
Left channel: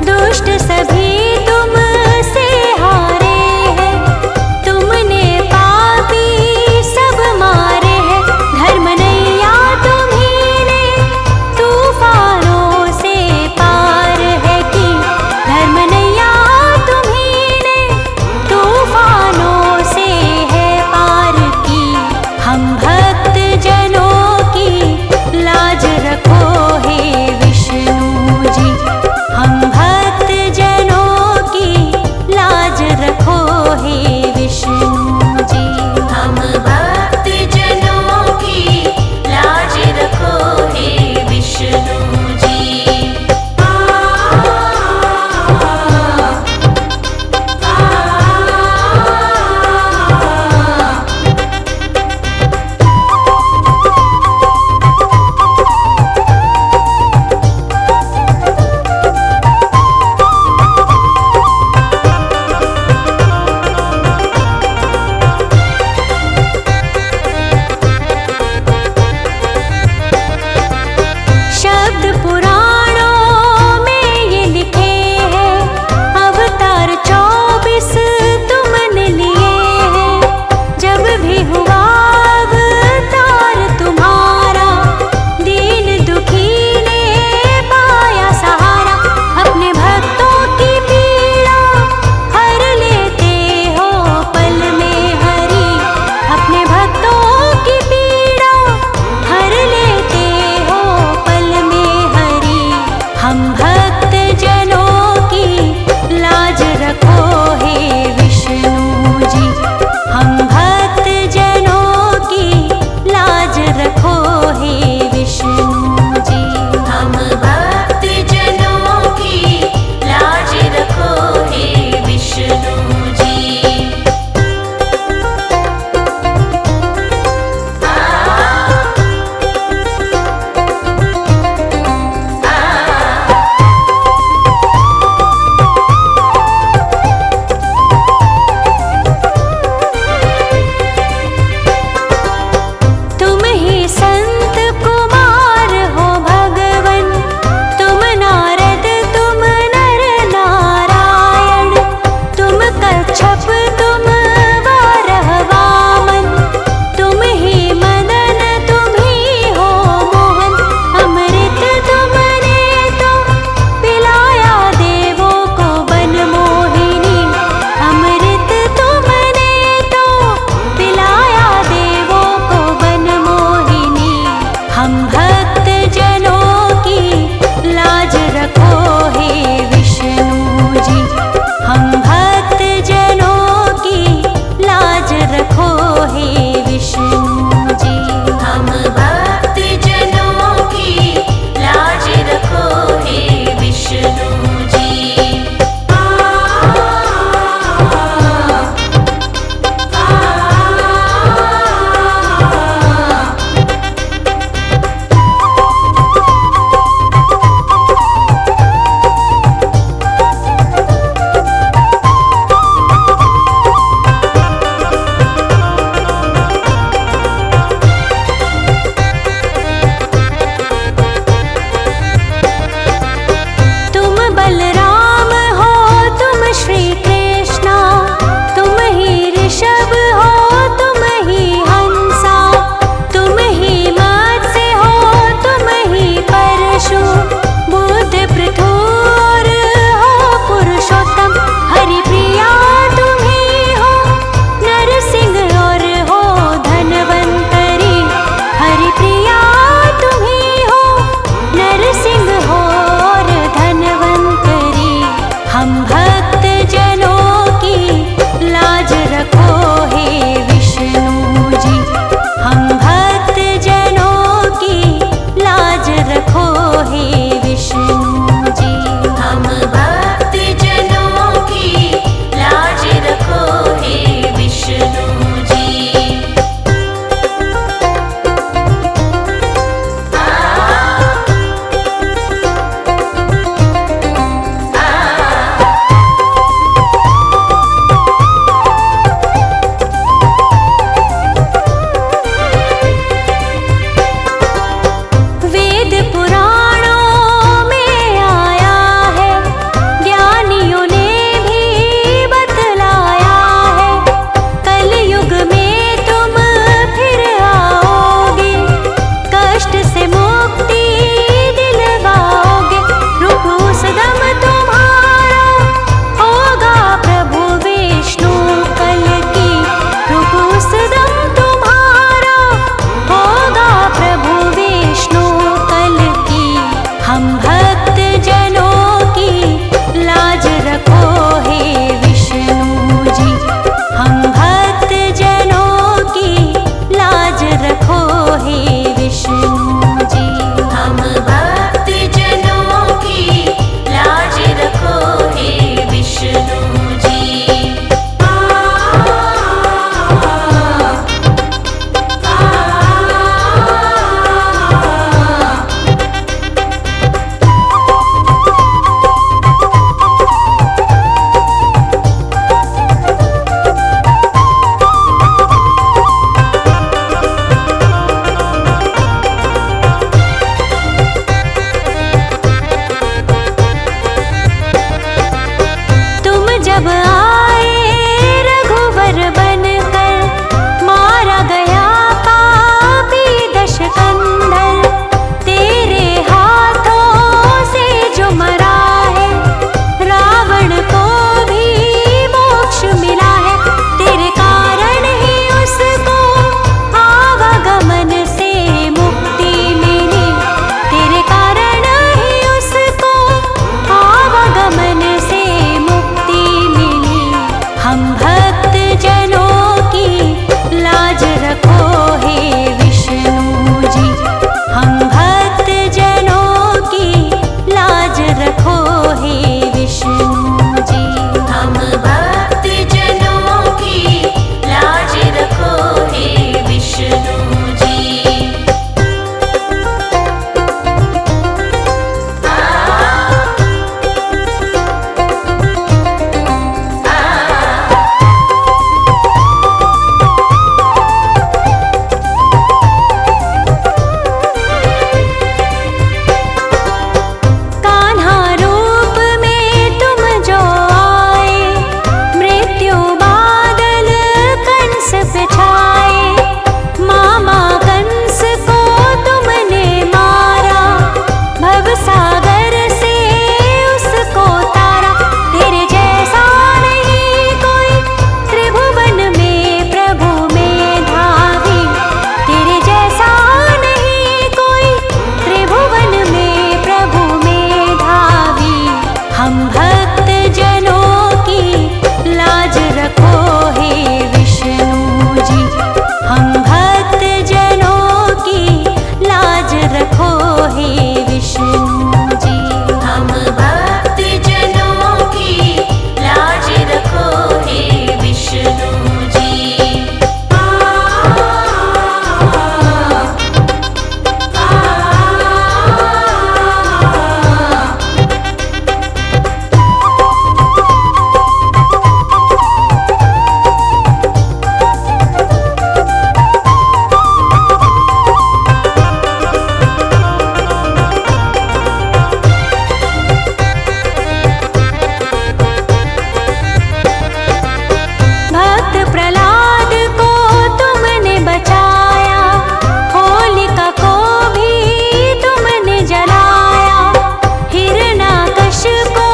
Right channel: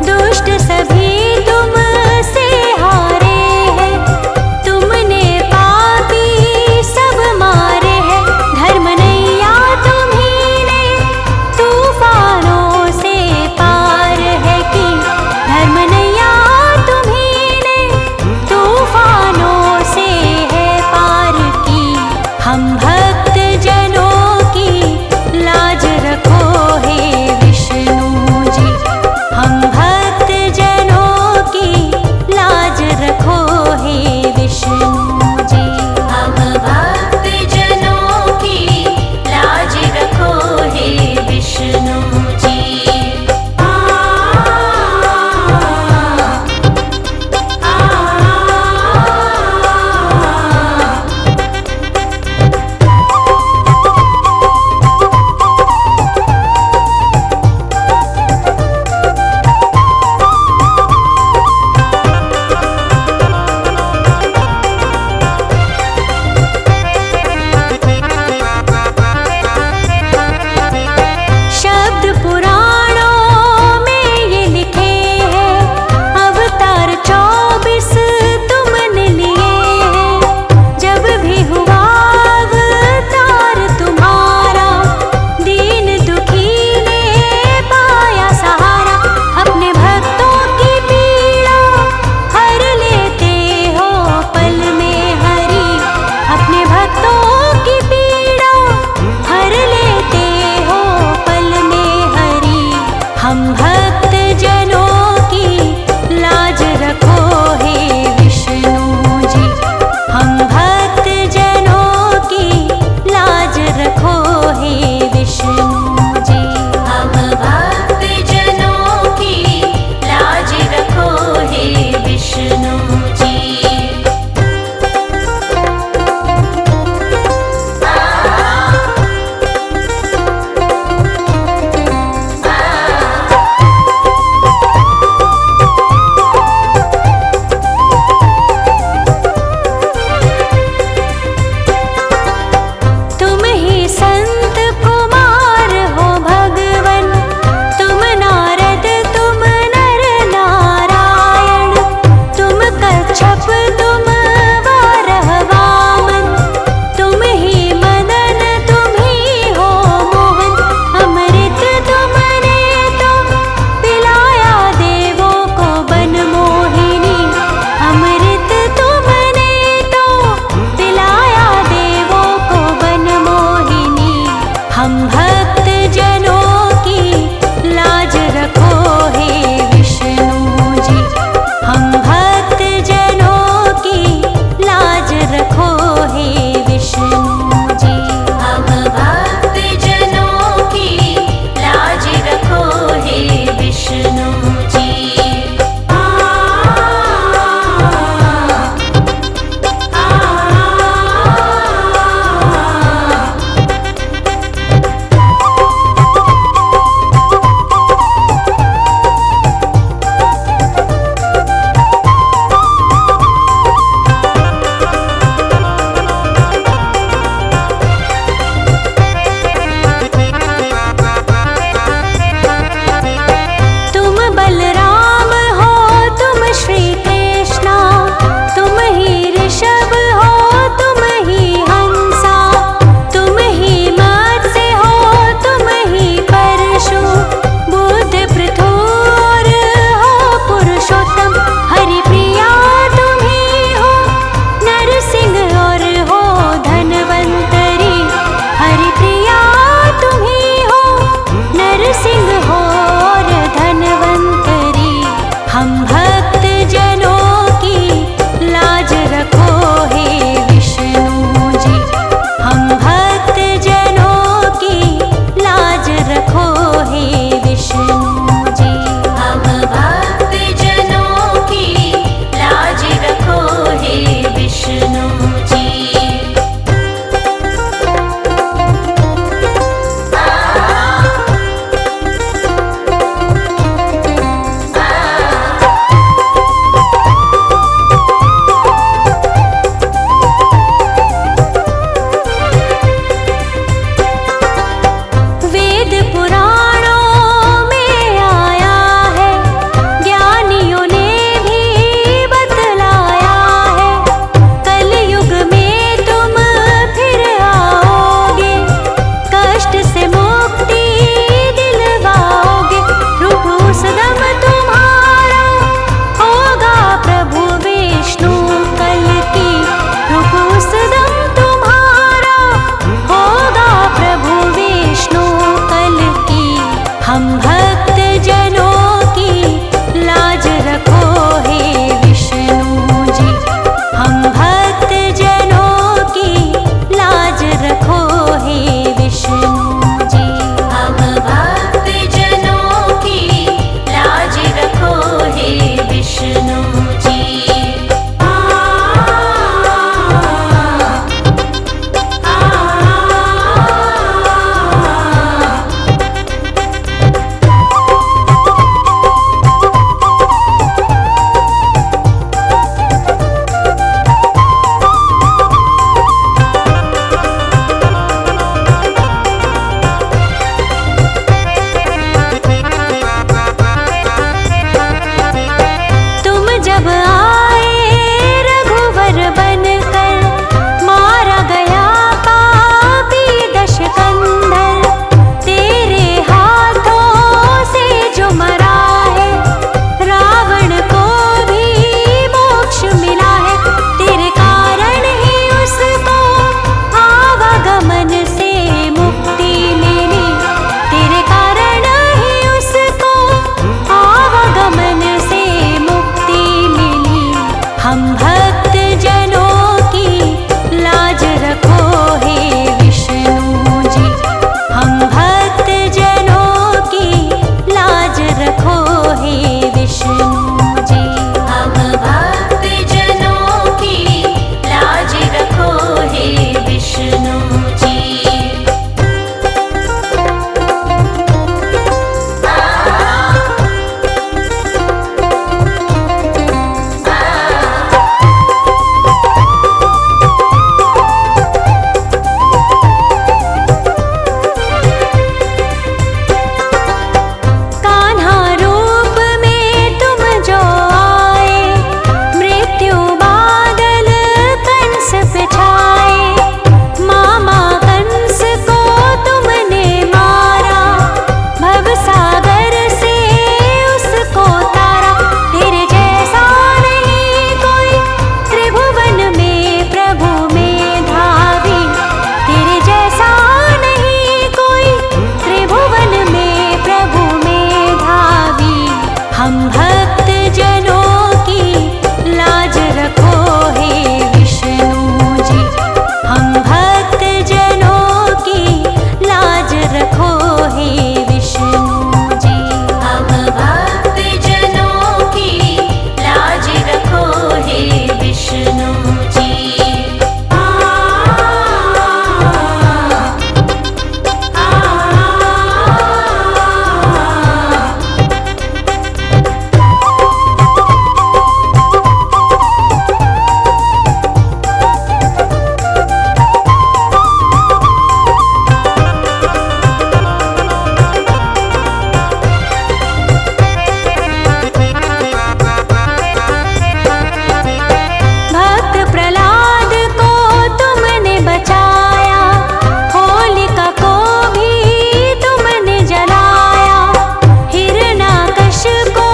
दुष्ट सभी तुमसे हारे हैं, तुमने पापी सब मारे हैं। धर्म नैया तुम्ही ने तूफानों से पार है की, धर्म नैया तुम्ही ने तूफानों से है पार की। हम भक्त जनों की लाज रखो हे विष्णु जी, हम भक्त जनों की लाज रखो हे विष्णु जी। हम भक्त जनों की लाज रखो हे विष्णु जी। शब्द पुराणों में ये लिखे हैं, अवतार 24 तुमने लिए हैं। जब भी हुआ अवतार तुम्हारा, दीन दुखी ने पाया सहारा। अपने भक्तों की पीड़ा हर लेते हो पल में हरि, अपने भक्तों की पीड़ा हर लेते हो पल में हरि। हम भक्त जनों की लाज रखो हे विष्णु जी, हम भक्त जनों की लाज रखो हे विष्णु जी। हम भक्त जनों की लाज रखो हे विष्णु जी। तुम ही संत कुमार हो भगवन, तुम नारद तुम नर नारायण। तुम कच्छप तुम वारह वामन, तुम ही मदन तुम ही हो मोहन। अमृत तुमने तो पिलाया देवों को बन मोहिनी, अमृत तुमने तो पिलाया देवों को बन मोहिनी। हम भक्त जनों की लाज रखो हे विष्णु जी, हम भक्त जनों की लाज रखो हे विष्णु जी। हम भक्त जनों की लाज रखो हे विष्णु जी। रखो हे विष्णु जी। हम भक्त जनों की लाज रखो हे विष्णु जी। जब आए रघुवर बनकर, मारा गया पापी दशकंधर। तेरे हाथों से जो मरा है, रावण को भी मोक्ष मिला है। तेरे कारण ही उसको आवागमन से मुक्ति मिली। तेरे कारण ही उसको आवागमन से हम भक्त जनों की लाज रखो हे विष्णु जी। हम भक्त जनों की लाज रखो हे विष्णु जी। हम भक्त जनों की लाज रखो हे विष्णु जी। सागर से उसको तारा। तेरे जैसा नहीं कोई त्रिभुवन में प्रभु में धावी। तेरे जैसा नहीं कोई त्रिभुवन में प्रभु में धावी। हम भक्त जनों की लाज रखो हे विष्णु जी। हम भक्त जनों की लाज रखो हे विष्णु जी। हम भक्त जनों की लाज रखो हे विष्णु जी। प्रहलाद को तुमने बचाया, होलिका को भी तुमने जलाया। हिरण्याकश्यप को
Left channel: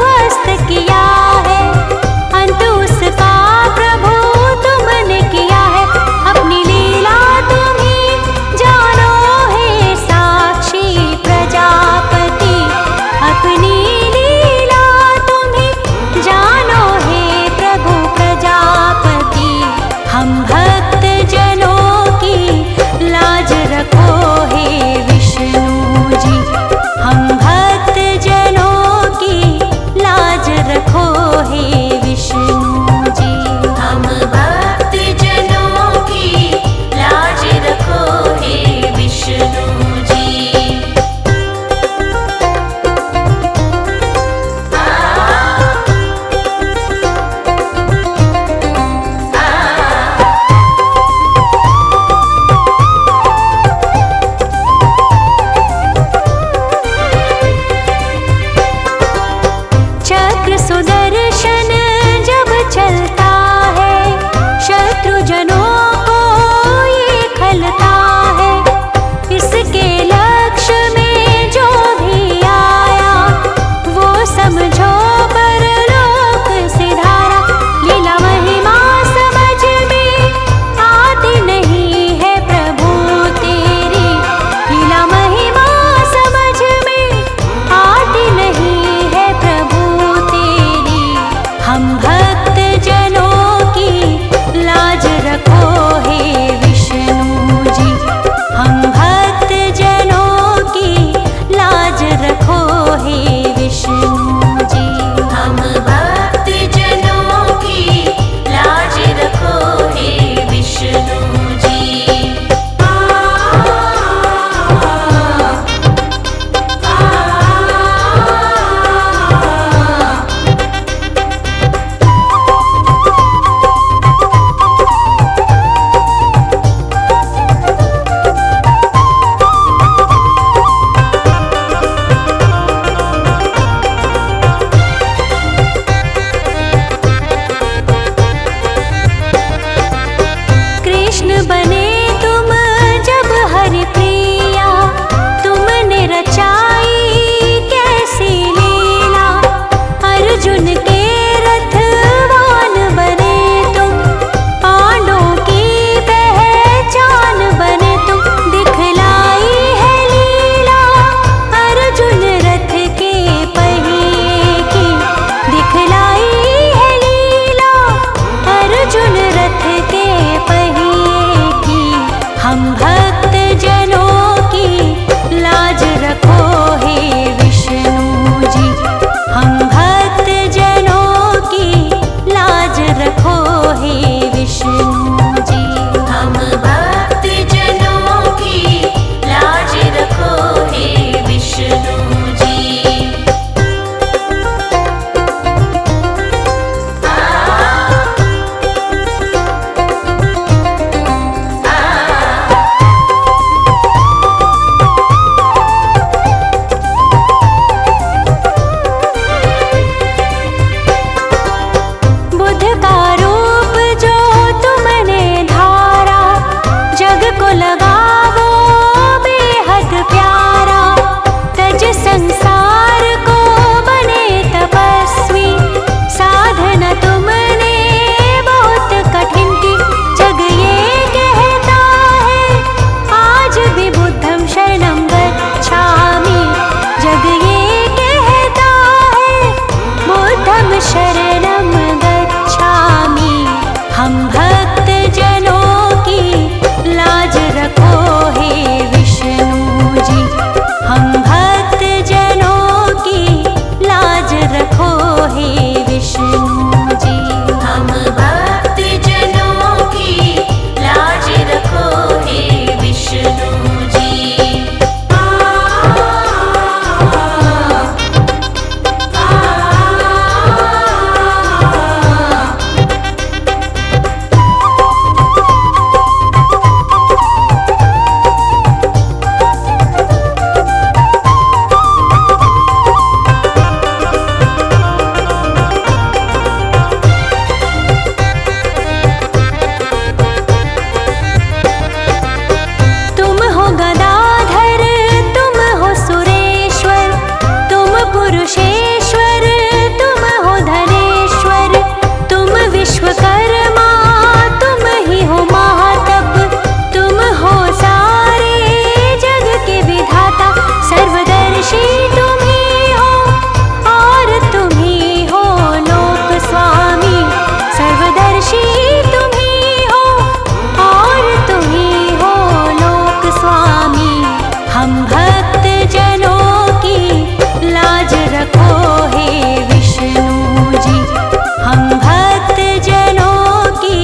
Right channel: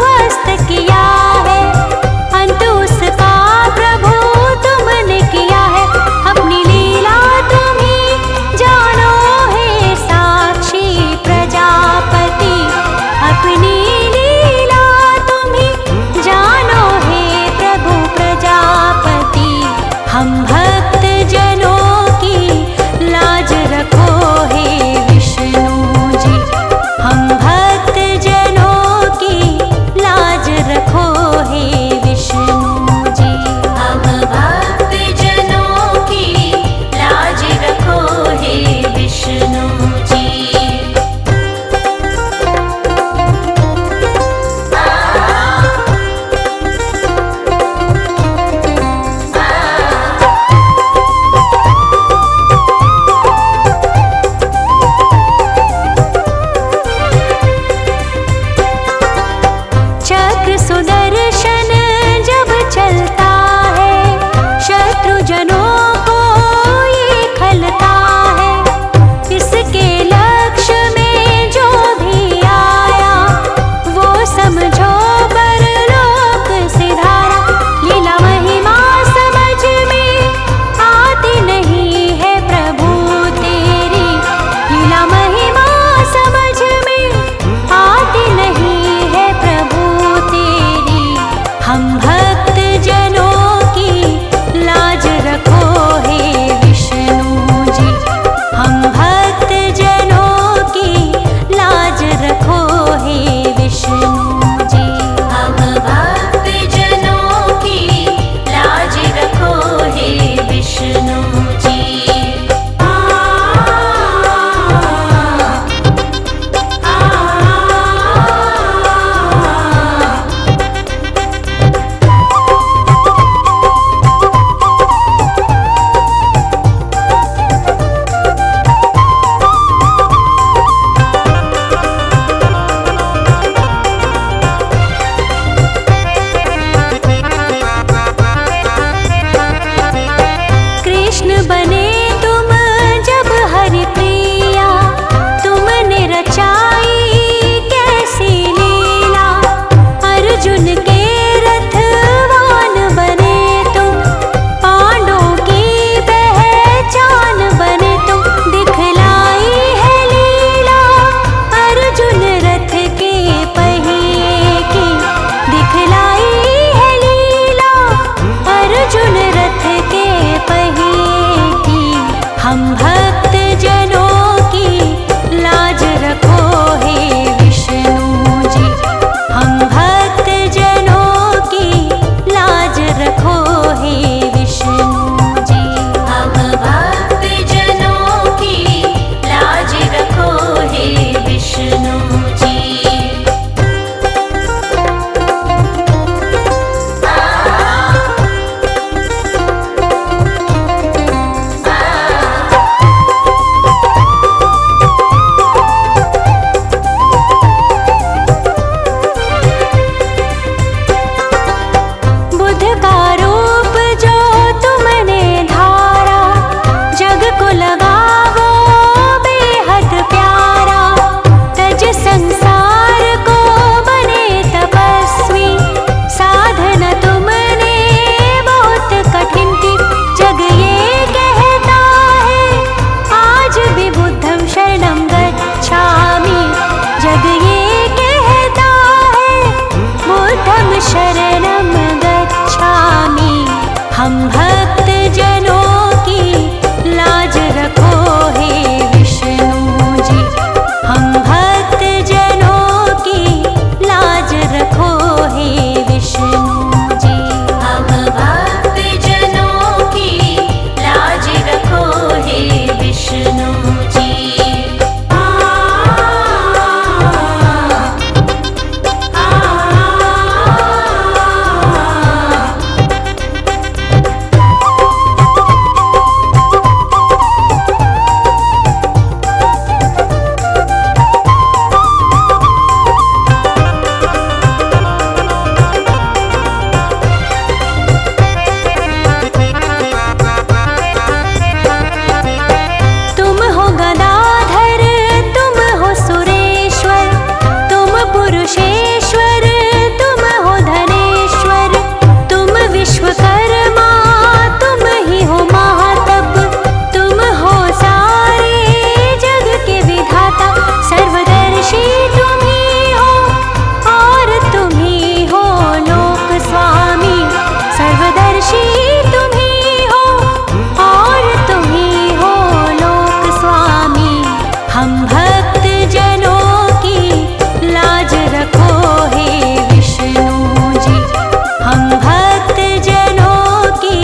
ध्वस्त किया है, अंत उसका प्रभु तुमने किया है। अपनी लीला तुम ही जानो हे साक्षी प्रजापति। अपनी लीला तुम ही जानो हे प्रभु प्रजापति। हम भक्त जनों की लाज रखो हे विष्णु जी। हम भक्त जनों की लाज रखो हे विष्णु जी। हम भक्त जनों की लाज रखो हे विष्णु जी। चक्र सुदर्शन जब चलता है, शत्रु जनों को ये खलता है। इसके लक्ष्य में जो भी आया, वो समझो परलोक सिधारा। लीला महिमा समझ में आती नहीं है प्रभु तेरी। लीला महिमा समझ में आती नहीं है प्रभु तेरी। हम भक्त जनों की लाज रखो हे विष्णु कृष्ण बने तुम जब हरि प्रिया, तुमने रचाई कैसी लीला। अर्जुन के रथवान बने तुम, पांडवों की पहचान बने तुम। दिखलाई है लीला अर्जुन रथ के पहिए की, दिखलाई है लीला अर्जुन रथ के पहिए की। हम भक्त जनों की लाज रखो हे विष्णु जी, हम भक्त जनों की लाज रखो हे विष्णु जी। हम भक्त जनों की लाज रखो हे विष्णु जी। बुद्ध का रूप जो तुमने धारा, जग को लगावो बेहद प्यारा। तज संसार को बने तपस्वी, साधना तुमने बहुत कठिन की। जग ये कहता है आज भी बुद्धं शरणं गच्छामि, जग ये कहता है बुद्धं शरणं गच्छामि। हम भक्त जनों की लाज रखो हे विष्णु जी, हम भक्त जनों की लाज रखो हे विष्णु जी। हम भक्त जनों की लाज रखो हे विष्णु जी। तुम हो गदाधर, तुम हो सुरेश्वर, तुम पुरुषेश्वर, तुम हो धनेश्वर। तुम विश्वकर्मा, तुम ही हो महातप, तुम हो सारे जग के विधाता। सर्वदर्शी तुम ही हो और तुम ही हो लोक स्वामी, सर्वदर्शी तुम ही हो और तुम ही हो लोक स्वामी। हम भक्त जनों की लाज रखो हे विष्णु जी, हम भक्त जनों की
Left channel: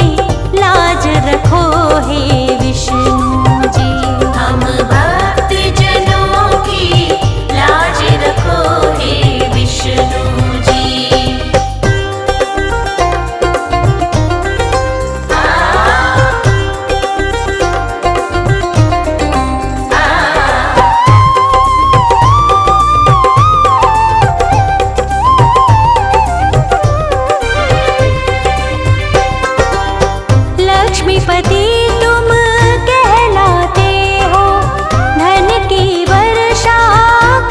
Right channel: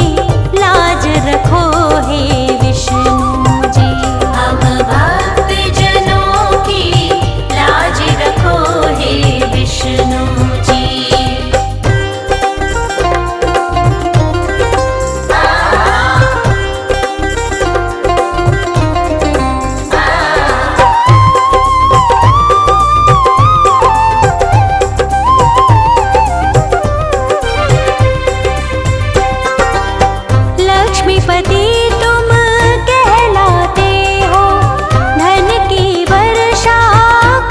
लाज रखो हे विष्णु जी। हम भक्त जनों की लाज रखो हे विष्णु जी। लक्ष्मीपति तुम कहलाते हो, धन की वर्षा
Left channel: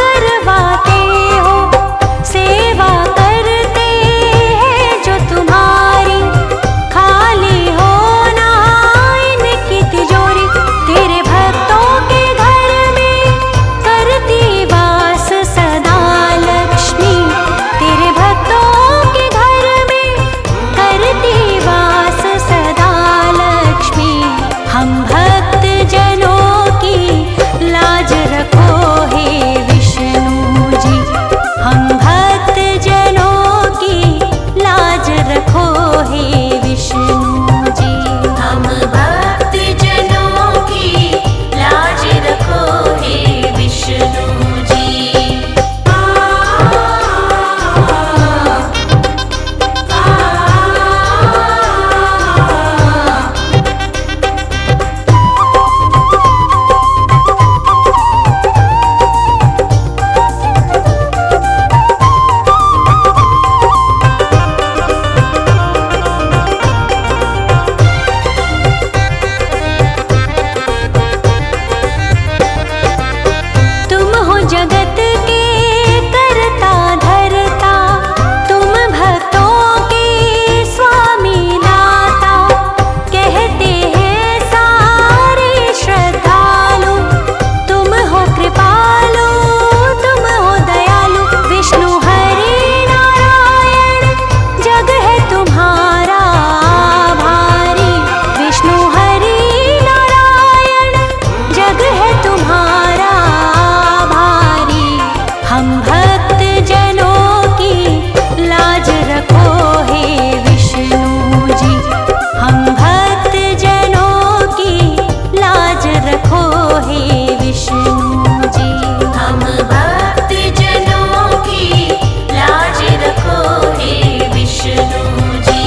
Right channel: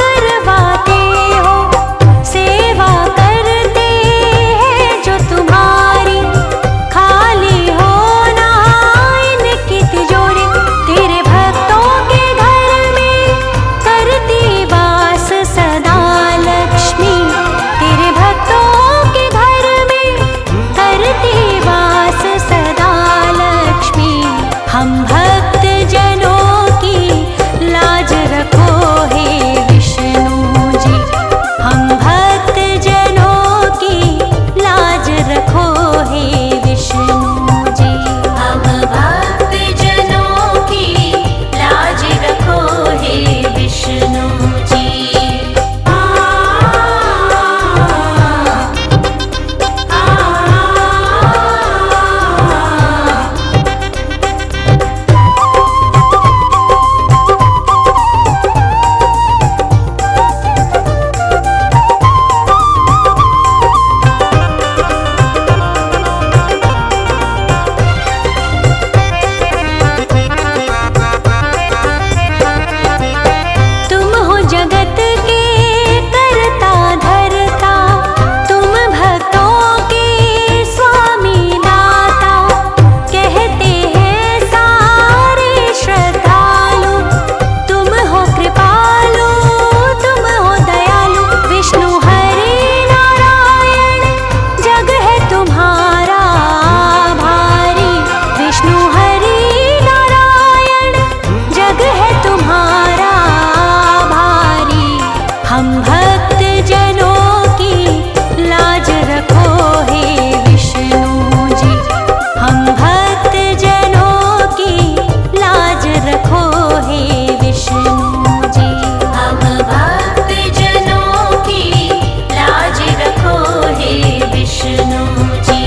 करवाते हो। सेवा करते हैं जो तुम्हारी, खाली हो ना इनकी तिजोरी। तेरे भक्तों के घर में करती वास सदा लक्ष्मी, तेरे भक्तों के घर में करती वास सदा लक्ष्मी। हम भक्त जनों की लाज रखो हे विष्णु जी, हम भक्त जनों की लाज रखो हे विष्णु जी। हम भक्त जनों की लाज रखो हे विष्णु जी। जगत के करता धरता, तुम भक्तों के स्वामी दाता। कहते हैं सारे श्रद्धालु, तुम हो कृपालु, तुम हो दयालु। विष्णु हरि नारायण जग है तुम्हारा भारी, विष्णु हरि नारायण जग है तुम्हारा भारी। हम भक्त जनों की लाज रखो हे विष्णु जी, हम भक्त जनों की लाज रखो हे विष्णु जी। हम भक्त जनों की लाज रखो हे विष्णु जी।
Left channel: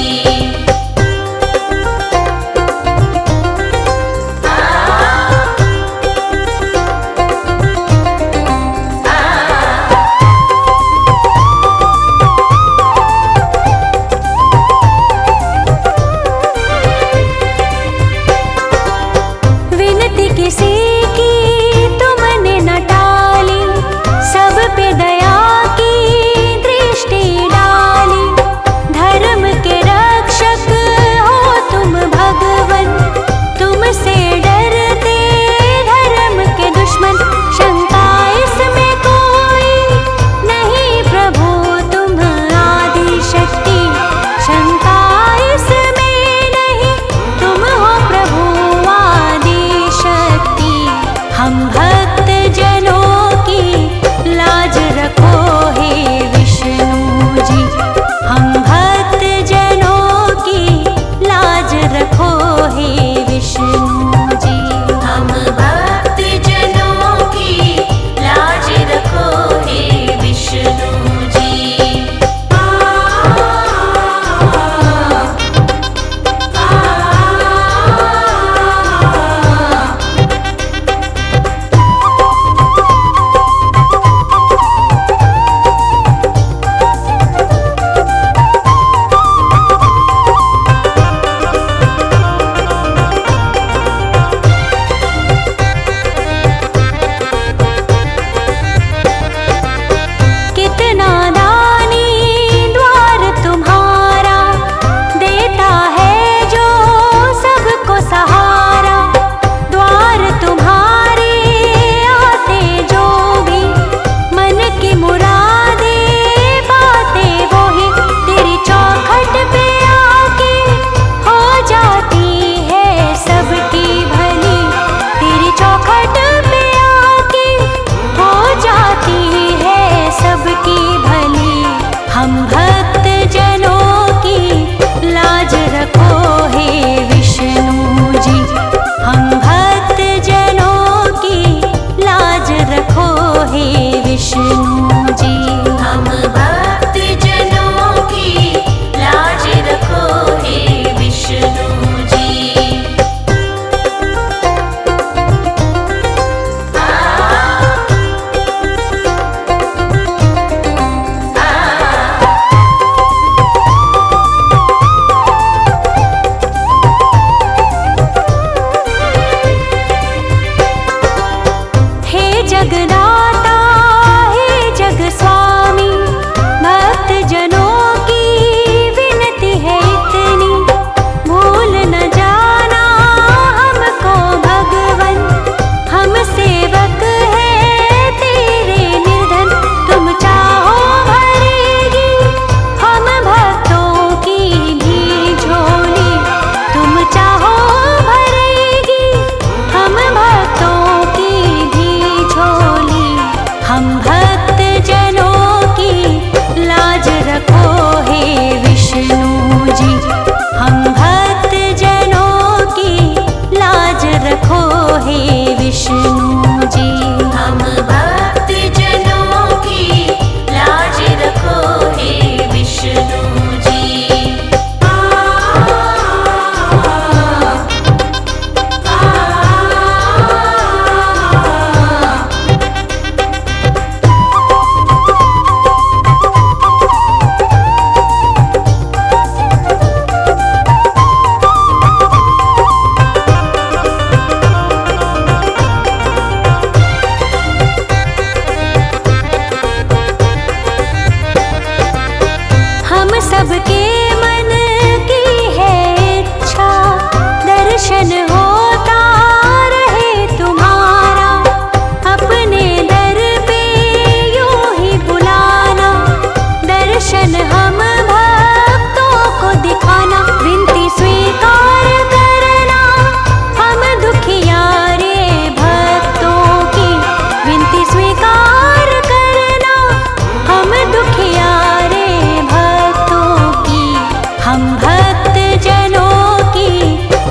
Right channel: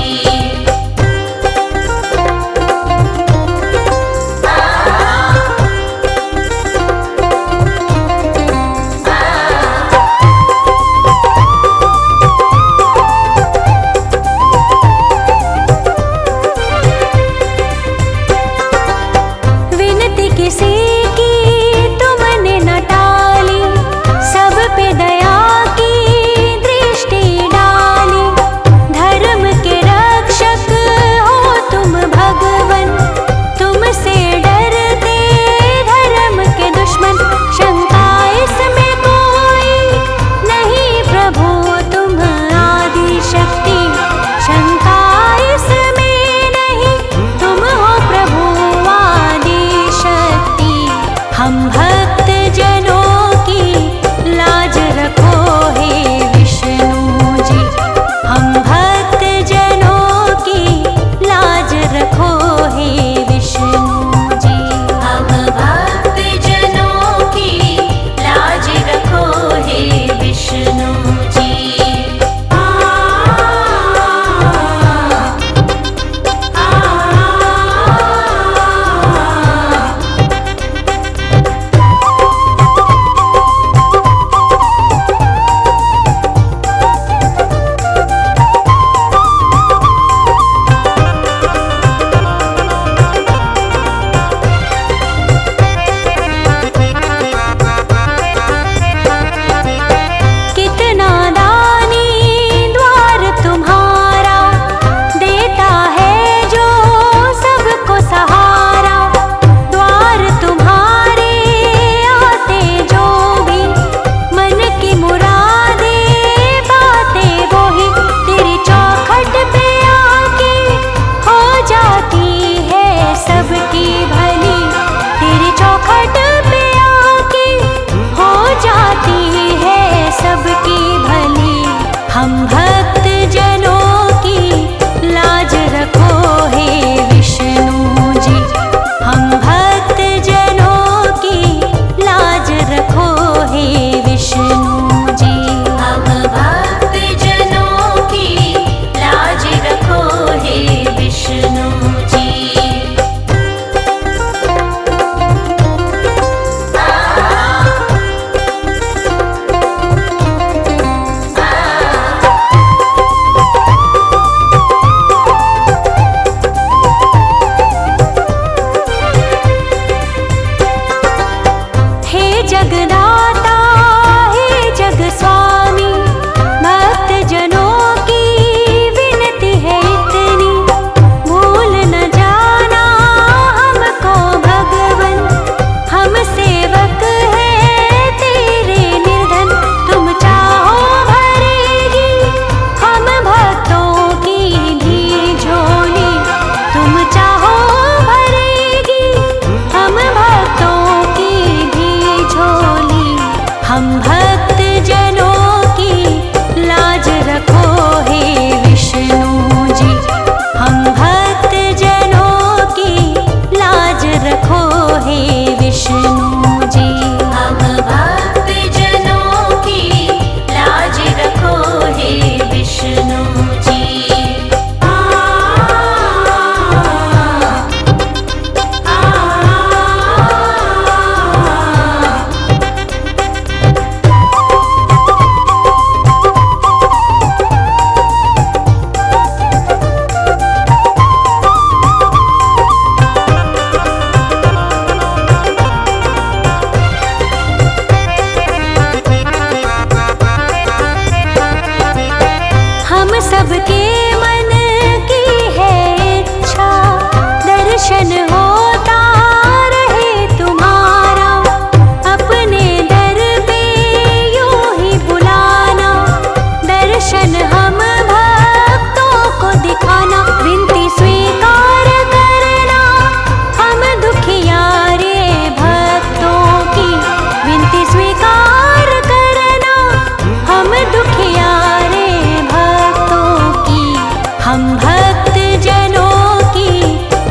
विनती किसी की तुमने न टाली, सब पे दया की दृष्टि डाली। धर्म के रक्षक हो तुम भगवन, तुमसे डरते धर्म के दुश्मन। शंका इसमें कोई नहीं प्रभु तुम आदि शक्ति, शंका इसमें नहीं तुम हो प्रभु आदि शक्ति। हम भक्त जनों की लाज रखो हे विष्णु जी, हम भक्त जनों की लाज रखो हे विष्णु जी। हम भक्त जनों की लाज रखो हे विष्णु जी। कितना दानी द्वार तुम्हारा, देता है जो सबको सहारा। द्वार तुम्हारे आते जो भी, मन की मुरादे बाते वो ही। तेरी चौखट पे आके हो जाती है सबकी भली, तेरी चौखट पे आके हो जाती है सबकी भली। हम भक्त जनों की लाज रखो हे विष्णु जी, हम भक्त जनों की लाज रखो हे विष्णु जी। हम भक्त जनों की लाज रखो हे विष्णु जी। हे जगदाता हे जग स्वामी, भक्त जनों की विनती है इतनी। भूल न जाना हमको भगवन, हम सेवक हैं तेरे निर्धन। तुम चाहो भरेगी हम भक्तों की भी झोली, तुम चाहो भरेगी हम भक्तों की भी झोली। हम भक्त जनों की लाज रखो हे विष्णु जी, हम भक्त जनों की लाज रखो हे विष्णु जी। हम भक्त जनों की लाज रखो हे विष्णु जी। सबके मन की है इच्छा, दर्शन होता रहे तुम्हारा, अपने दर पे यूं ही बुलाना, दर्शन हम भक्तों को दिखाना, विनती स्वीकार करना हम दुखियारे भक्तों की, विनती स्वीकार करना हम दुखियारे भक्तों की, हम भक्त जनों की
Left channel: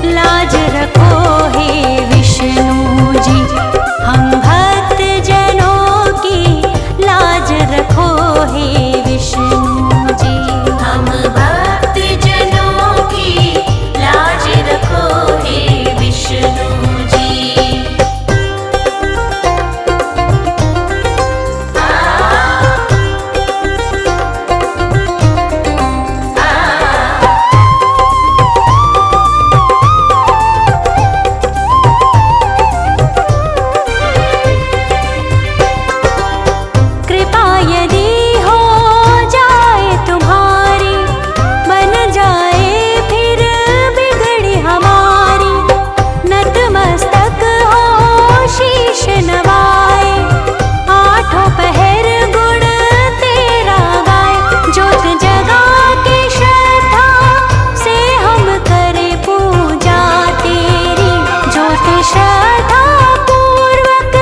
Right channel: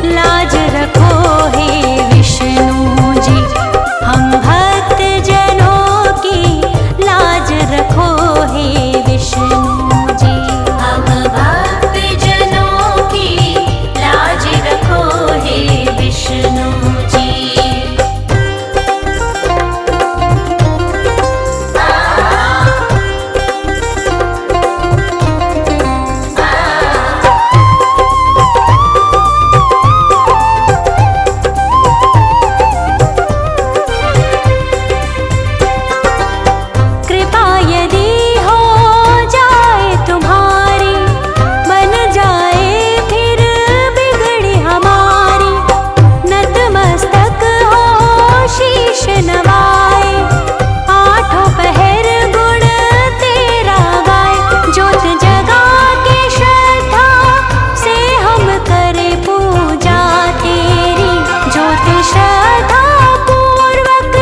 लाज रखो हे विष्णु जी, हम भक्त जनों की लाज रखो हे विष्णु जी। हम भक्त जनों की लाज रखो हे विष्णु जी। कृपा यदि हो जाए तुम्हारी, बन जाए फिर बिगड़ी हमारी, नतमस्तक हो शीश नवाए, आठों पहर गुण तेरा गाए, ज्योत जगा के श्रद्धा से हम करे पूजा तेरी, ज्योत श्रद्धा पूर्वक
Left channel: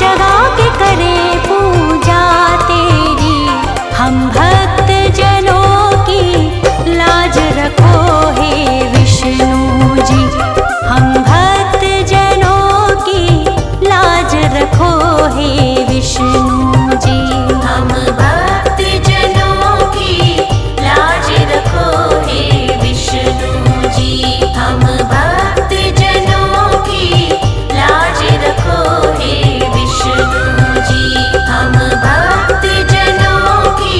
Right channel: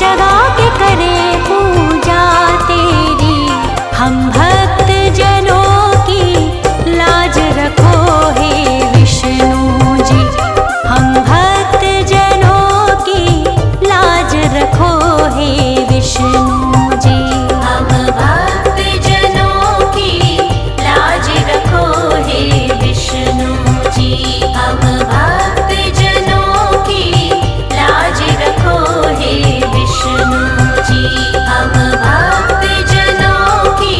जगा के करे पूजा तेरी, हम भक्त जनों की लाज रखो हे विष्णु जी, हम भक्त जनों की लाज रखो हे विष्णु जी। हम भक्त जनों की लाज रखो हे विष्णु जी। हम भक्त जनों की लाज रखो हे विष्णु जी। हम भक्त जनों की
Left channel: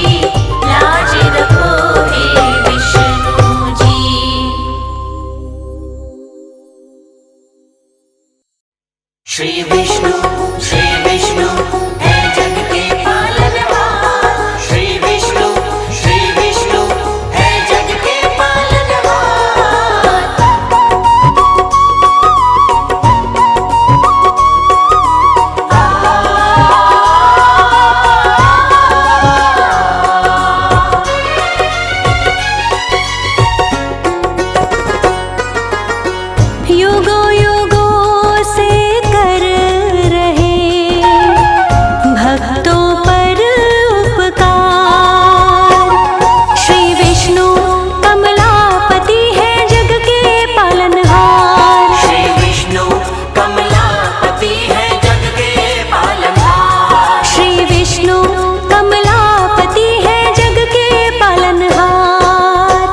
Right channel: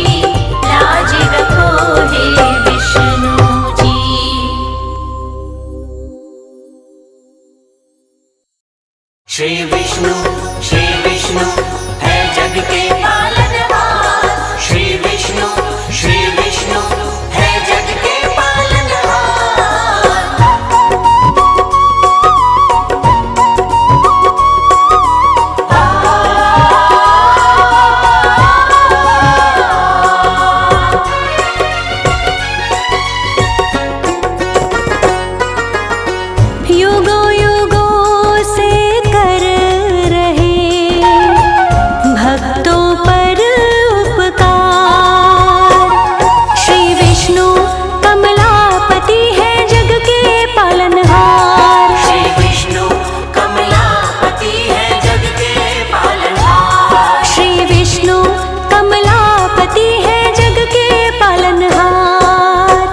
लाज रखो हे विष्णु जी। श्री विष्णु है जग के पालनहार, श्री विष्णु है जग के पालनहार। युगों युगों से कर रहे भक्तों पर उपकार, श्री विष्णु कमलापति है जग के पालनहार, श्री विष्णु कमलापति है जग के पालनहार। श्री विष्णु कमलापति है जग के पालनहार।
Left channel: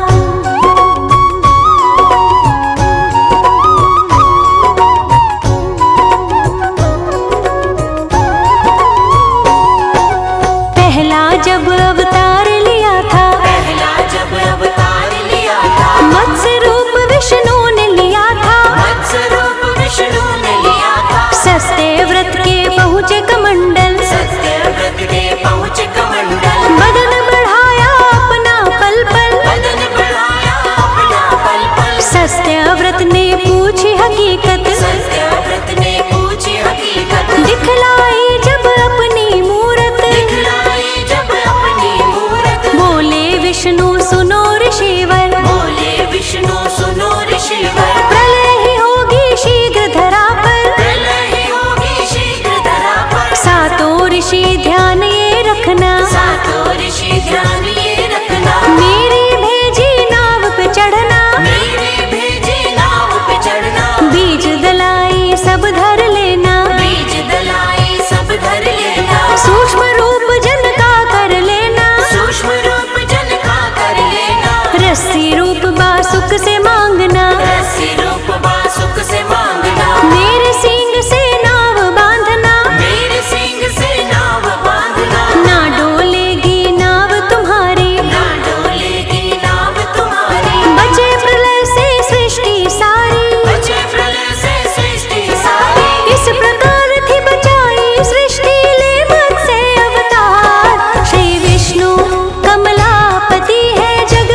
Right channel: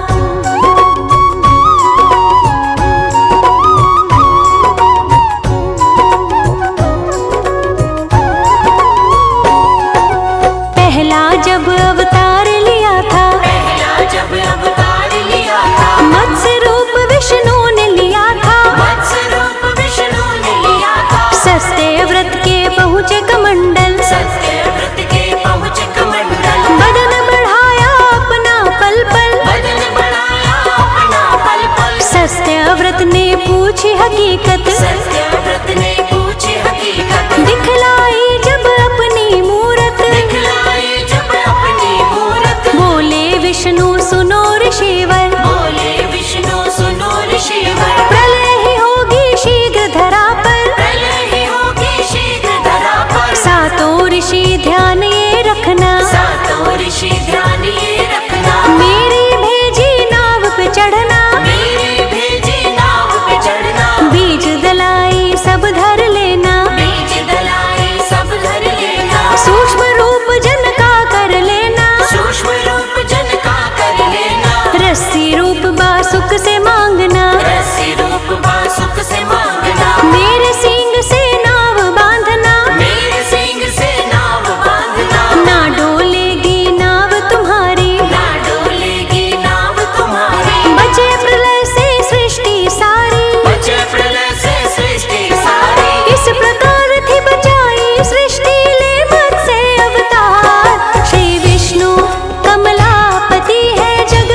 पहला जब अवतार लिया था, पहला जब अवतार लिया था, मत्स्य रूप विष्णु ने लिया था, मत्स्य रूप विष्णु ने लिया था, सत्य व्रत के पहुँचे कमंडल, सत्य व्रत के पहुँच कमंडल, बदन बढ़ाया अपना पल पल, बदन बढ़ाया अपना पल पल, सत्य व्रत ने पूछी हकीकत, सत्य व्रत ने पूछी हकीकत, दिखलाई जब अपनी मूरत, दिखलाई जब अपनी मूरत, बोले विष्णु सुनो ऋषिवर, बोले विष्णु सुनो ऋषिवर, प्रलय ही होगी शीघ्र धरा पर, प्रलय ही होगी शीघ्र धरा पर, सातों ऋषि ध्यान ये रखना, सातों ऋषि ध्यान ये रखना, मेरी भेजी नाव पे चढ़ना, मेरी भेजी नाव पे चढ़ना, बीज दलाई सब धर लेना, बीज दलाई सब धर लेना, सूक्ष्म रूप जन का कर लेना, सूक्ष्म रूप जन का कर लेना, रस्सी रूप बासुक से मांगना, रस्सी रूप बासुक से मांगना, मेरे सींग से नाव बांधना, मेरे सींग से नाव बांधना, ना डोलेगी नाव तुम्हारी, ना डोलेगी नाव तुम्हारी, बचे प्रलय से सृष्टि सारी, बचे प्रलय से सृष्टि सारी, इस प्रकार थी बचाई सृष्टि ले मत्स्य अवतार, श्री विष्णु कमलापति है जग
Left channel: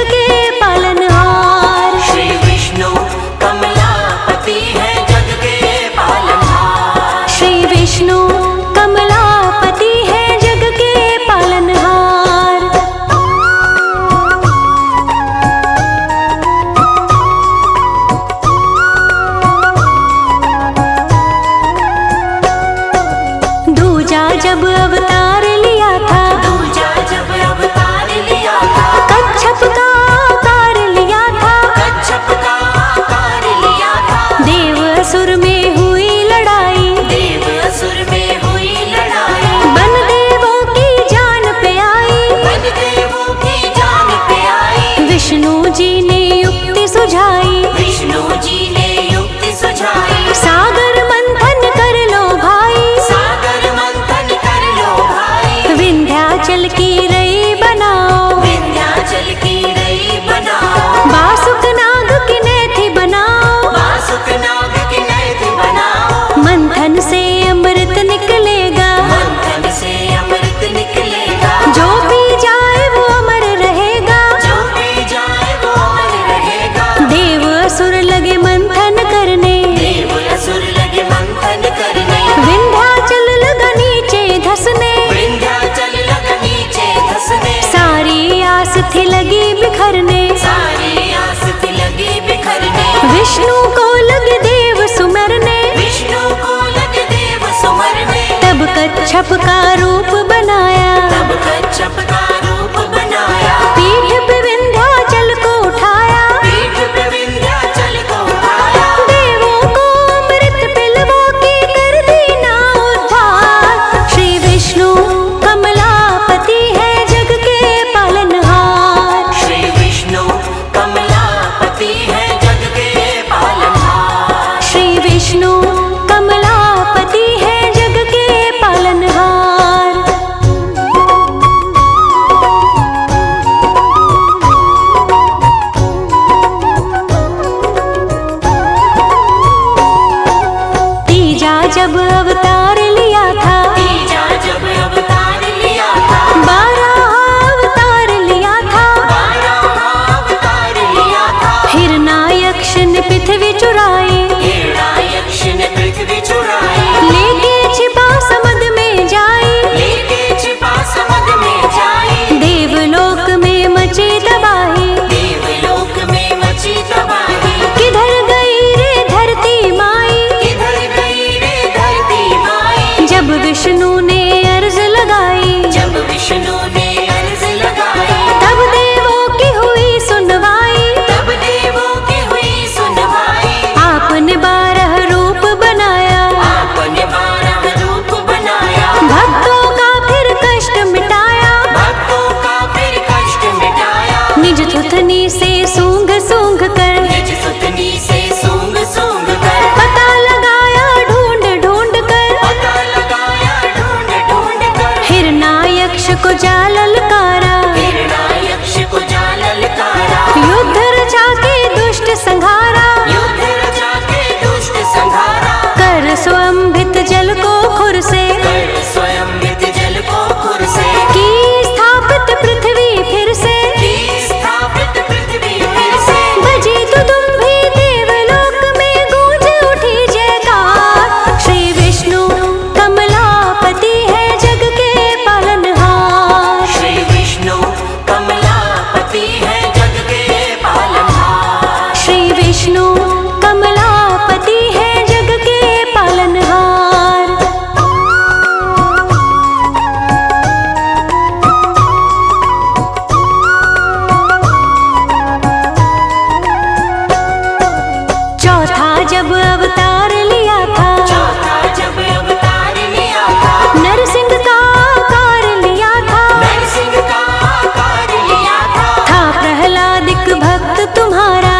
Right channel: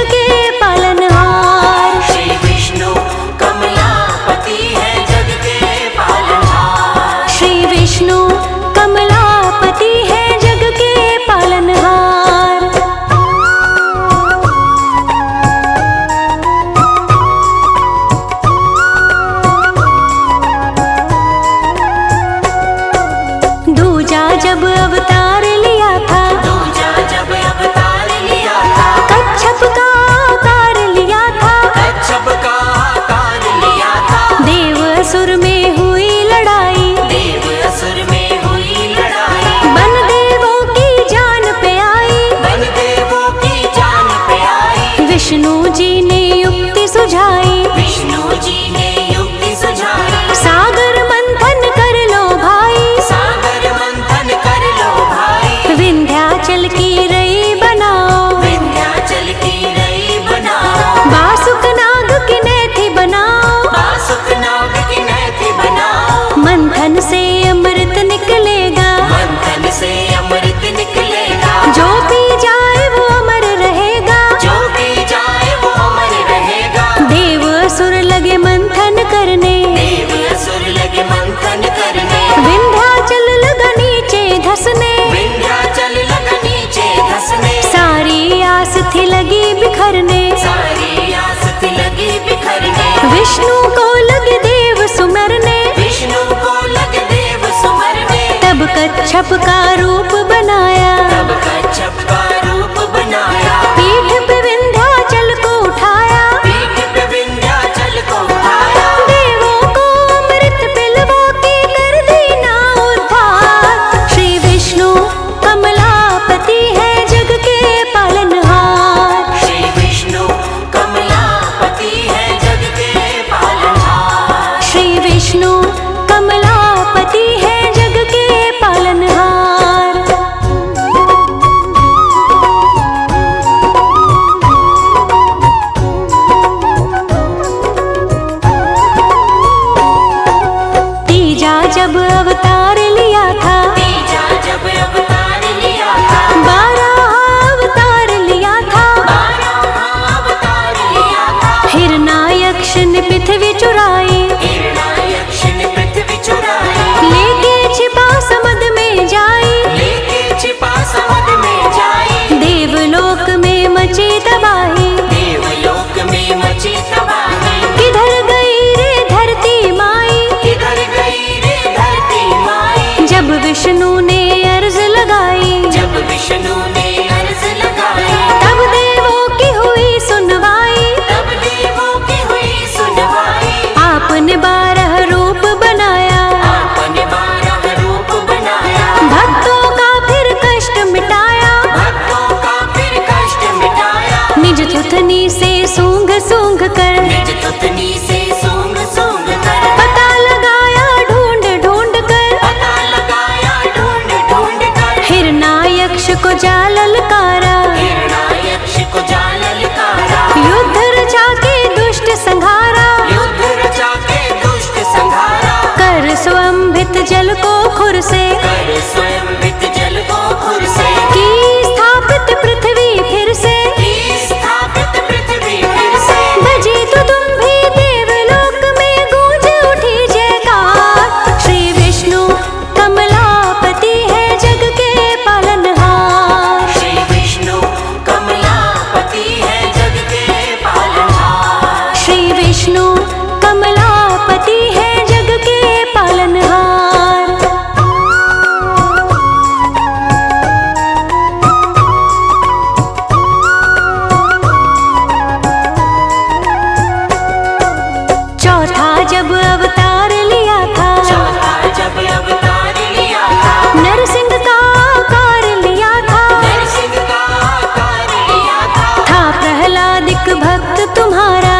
जब अवतार लिया था, दूजा जब अवतार लिया था, कच्छप का आकार लिया था, कच्छप का आकार लिया था, देव असुर में हुई लड़ाई, देव असुर में हुई लड़ाई, बन देवों की जान पे आई, बन देवों की जान पे आई, विष्णु जी ने युक्ति सुझाई, विष्णु जी ने युक्ति सुझाई, सागर मंथन कर लो भाई, सागर मंथन कर लो भाई, विंध्याचल की रई बनाओ, विंध्याचल की रई बनाओ, बासुक नाग की नेथी बनाओ, बासुक नाग की नैति बनाओ, मंथन से अमृत निकलेगा, मंथन से अमृत निकलेगा, जो पी जाए वो अमर रहेगा, जो भी जाए वो अमर रहेगा, देव असुर लगे मंथन करने, देव असुर लगे मंथन करने, विंध्याचल लगा नीचे धसने, विंध्याचल लगा नीचे धसने, सारी आस थी लगी बिखरने, सारी आस थी लगी बिखरने, विष्णु को लगे देव सुमरने, विष्णु को लगे देव सुमरने, तब कच्छप का रूप बनाया, तब कच्छप का रूप बनाया, पीठ पे विंध्याचल को उठाया, पीठ पे विंध्याचल को उठाया, देवों को अमृत पिलवा के कर दीना उद्धार, श्री विष्णु कमलापति है जग के पालनहार, श्री विष्णु कमलापति है जग के पालनहार, श्री विष्णु कमलापति है जग के पालनहार। तीजा जब अवतार लिया था, तीजा जब अवतार लिया था, 12 अवतार लिया था, 12 अवतार लिया था, हिरणायक्ष ने पृथ्वी चुराई, हिरणायक्ष ने पृथ्वी चुराई, लेके छिपा समुद्र में जाई, लेके छिपा समुद्र में जाई, देवलोक में मची तबाही, देवलोक में मची तबाही, किधर गई रे धरती माई, किधर गई रे धरती माई, जब विष्णु ने अर्ज लगाई, जब विष्णु ने अर्ज लगाई, तब देवों की हुई सुनवाई, तब देवों की हुई सुनवाई, आपने 12 रूप बनाया, आपने 12 रूप बनाया, भक्तों का फिर कष्ट मिटाया, भक्तों का फिर कष्ट मिटाया, निज थुथनी से सूंघ सूंघ कर, निज सुतनी से सूंघ सूंघ कर, पता लगाया ढूंढ ढूंढ कर, पता लगाया ढूंढ ढूंढ कर, हिरणायक्ष को जा ललकारा, हिरणायक्ष को जा ललकारा, युद्ध रचा के दुष्ट संघारा, युद्ध रचा के दुष्ट संहारा, कर स्वयंभित जल को खुर से, कर स्वयंवित जल को खुर से, की स्थापित पृथ्वी फिर से, की स्थापित पृथ्वी फिर से, बजी तो तुम भी देवलोक में गूंज उठी जयकार, श्री विष्णु कमलापति है जग के पालनहार, श्री विष्णु कमलापति है जग के पालनहार, श्री विष्णु कमलापति है जग के पालनहार। चौथा जब अवतार लिया था, चौथा जब अवतार लिया था, नरसिंह का आकार लिया था, नरसिंह का आकार लिया था, प्रहलादिक भक्त तुम्हारा,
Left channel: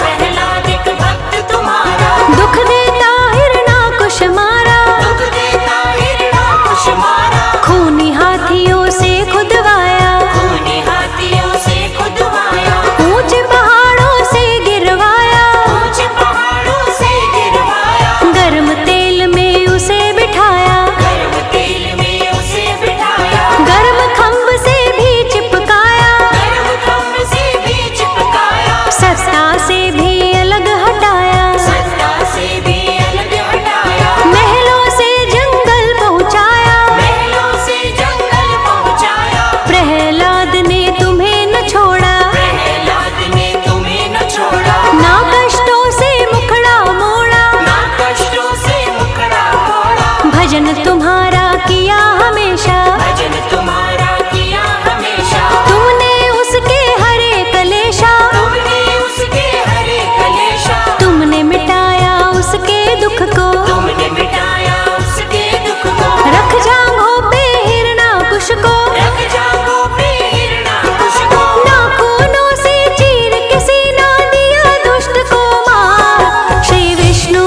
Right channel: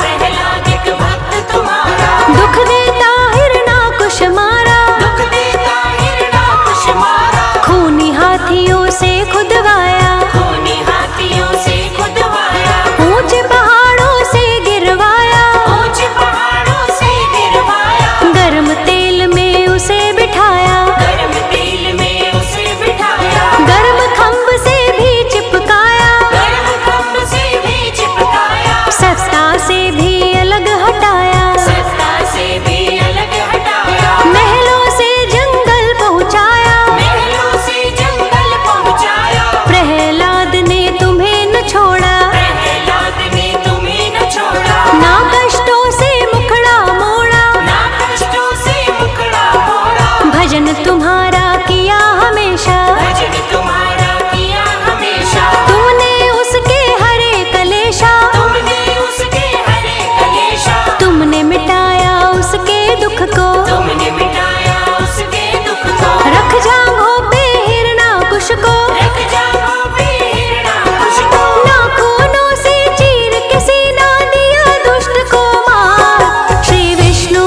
प्रहलादिक भक्त तुम्हारा, दुख देता हिरणाकुश मारा, दुख देता हिरणाकुश मारा, खूनी हाथियों से खुदवाया, खूनी हाथियों से खुदवाया, ऊंचे पहाड़ों से गिरवाया, ऊंचे पहाड़ों से गिरवाया, गर्म तेल में उसे बिठाया, गर्म तेल में उसे बिठाया, गर्म खंभ से भी चिपकाया, गर्म खंभ से भी चिपकाया, सत्ता से भी अलग हटाया, सत्ता से भी अलग हटाया, महलों से जंगल पहुंचाया, महलों से जंगल पहुंचाया, प्रहलाद ने तुम्हें न छोड़ा, प्रहलाद ने तुम्हें न छोड़ा, ना कष्टों से मुखड़ा मोड़ा, ना कष्टों से मुखड़ा मोड़ा, भजन तुम्हारा किया हमेशा, भजन तुम्हारा किया हमेशा, तुमने उसके हरे कलेशा, तुमने उसके हरे कलेशा, तुमने मिटाया उसके दुख को, तुमने मिटाया उसके दुख को, रख जांघों पे हिरणाकुश को, रख जाओ पे हिरणाकुश को, नाखूनों से चीर के सीना दिया दुष्ट को मार। श्री विष्णु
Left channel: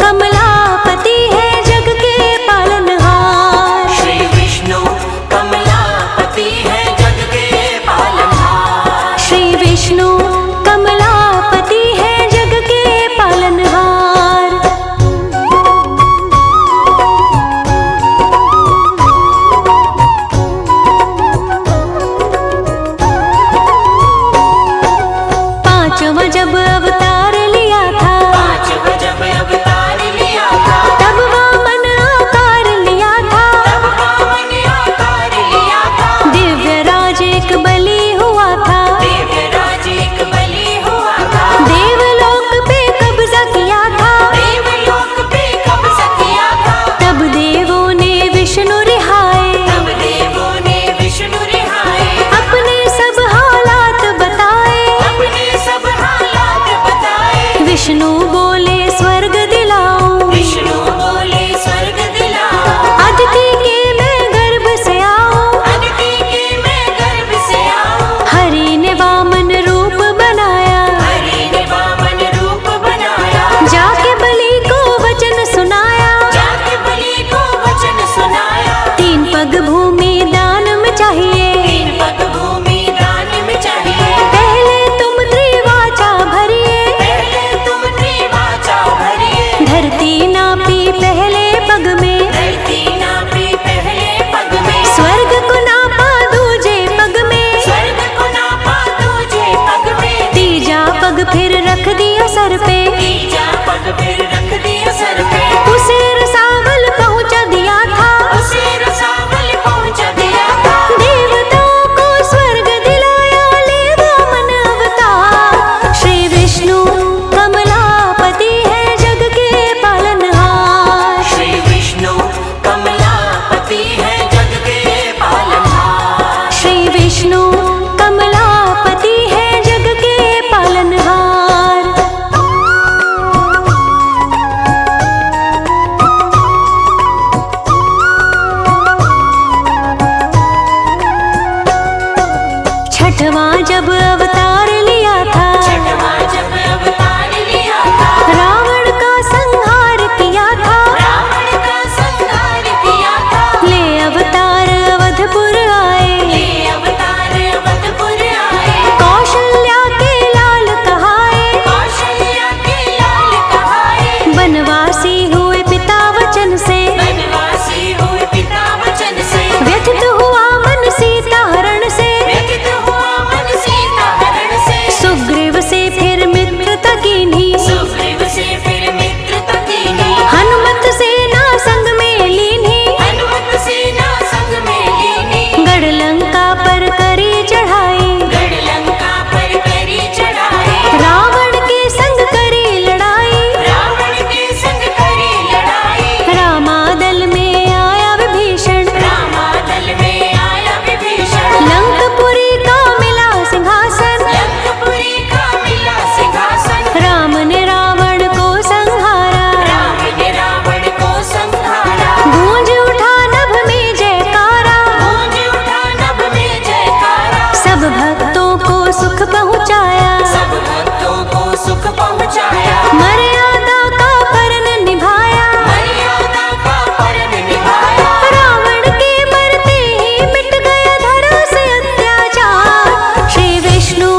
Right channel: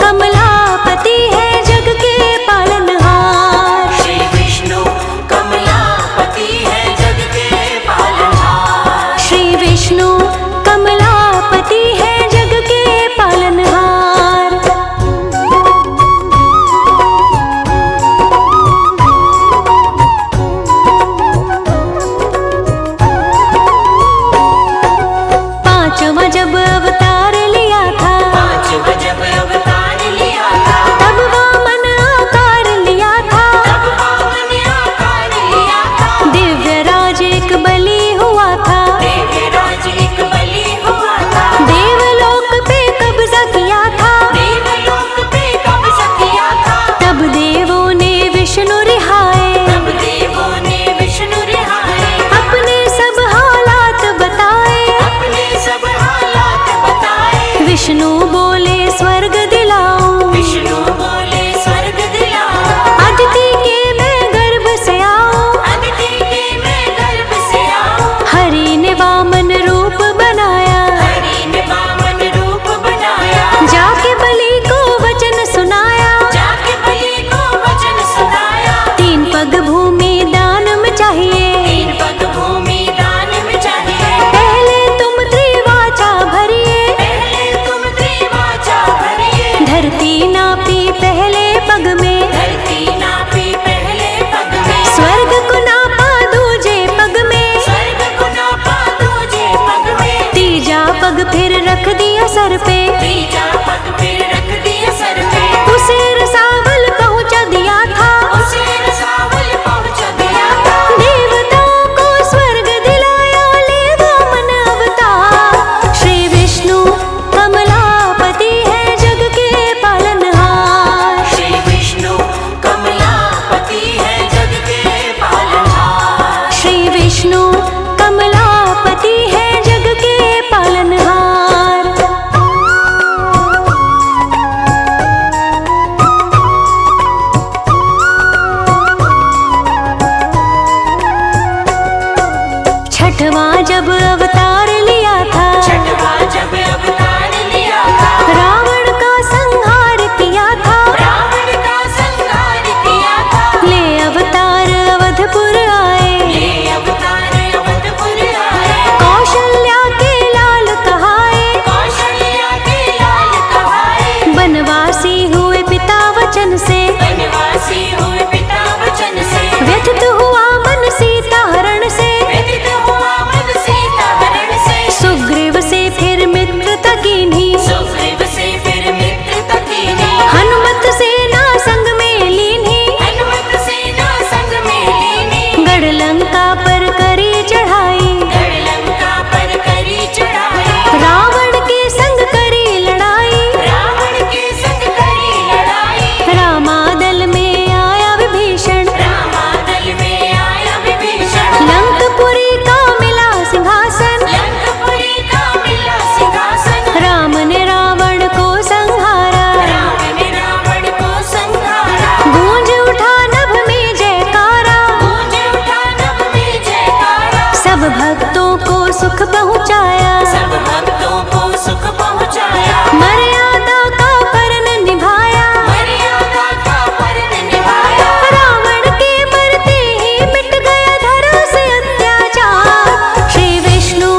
कमलापति है जग के पालनहार, श्री विष्णु कमलापति है जग के पालनहार, श्री विष्णु कमलापति है जग के पालनहार। पांचवा जब अवतार लिया था, पांचवा जब अवतार लिया था, तब वामन आकार लिया था, तब वामन आकार लिया था, दिव्य राज एक बलि हुआ था, देवराज एक बलि हुआ था, देवलोक पे कब्जा किया था, देवलोक पे कब्जा किया था, तब देवों ने विष्णु रिहाए, तब देवों ने विष्णु रिहाए, अपने सब हालात बताए, अपने सब हालात बताए, विष्णु बोले स्वर्ग दिलाऊं, विष्णु बोले स्वर्ग दिलाओ, अदिति के मैं गर्भ से आऊं, अदिति के मैं गर्भ से आऊं, हरि ने वामन रूप बनाया, हरि ने वामन रूप बनाया, जाके बलि को वचन सुनाया, जाके बलि को वचन सुनाया, 3 पग भूमि दान में चाहिए, 3 पग भूमि दान में चाहिए, पहले तुम त्रिवाचा भरिए, पहले तुम त्रिवाचा भरिए, धरती नापी पहले पग में, धरती नापी पहले पग में, स्वर्ग को नापा दूजे पग में, स्वर्ग को नापा दूजे पग में, तीजा पग फिर रख दिया सर पे, तीजा पग फिर रख दिया सर पे, उसे रसावल पहुंचा दिया था, उसे रसावल पहुंचा दिया था, देवताओं को स्वर्ग दिलाया ले वामन अवतार। श्री विष्णु कमलापति है जग के पालनहार, श्री विष्णु कमलापति है जग के पालनहार, श्री विष्णु कमलापति है जग के पालनहार। छठवां जब अवतार लिया था, छठवां जब अवतार लिया था, रावण का संहार किया था, रावण का संहार किया था, ले अवतार अवधपुर आए, ये अवतार अवधपुर आए, कौशल्या के लाल कहाए, कौशल्या के लाल कहाए, बनवासी हुए पिता वचन से, बनवासी हुए पिता वचन से, व्यथित हुआ मन सीता हरण से, व्यथित हुआ मन सीता हरण से, सुग्रीव से फिर मित्रता कीन्ही, सुग्रीव से फिर मित्रता कीन्ही, हनुमत सेना संग में लीन्ही, हनुमत सेना संग में लीनी, गढ़ लंका पर करी चढ़ाई, गढ़लंका पर करी चढ़ाई, रावण के संग करी लड़ाई, रावण के संग करी लड़ाई, रामादल में आया विभीषण, रामादल में आया विभीषण, लंकपुरी का मिला सिंहासन, लंकपुरी का मिला सिंहासन, राम ने रावण को संहारा, राम ने रावण को संहारा, गूंज उठा नभ में जयकारा, गूंज उठा नभ में जयकारा, सब भक्तों को सुख पहुँचाया, सब भक्तों को सुख पहुँचाया, मर्यादा का परन निभाया, मर्यादा का परन निभाया, रावण के मरते ही मिट गया धरा से अत्याचार। श्री विष्णु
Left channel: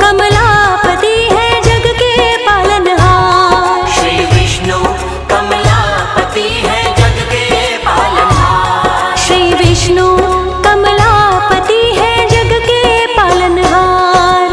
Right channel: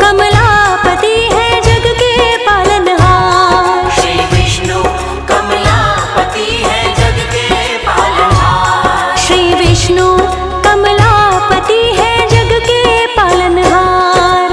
कमलापति है जग के पालनहार, श्री विष्णु कमलापति है जग के पालनहार, श्री विष्णु कमलापति है जग के पालनहार।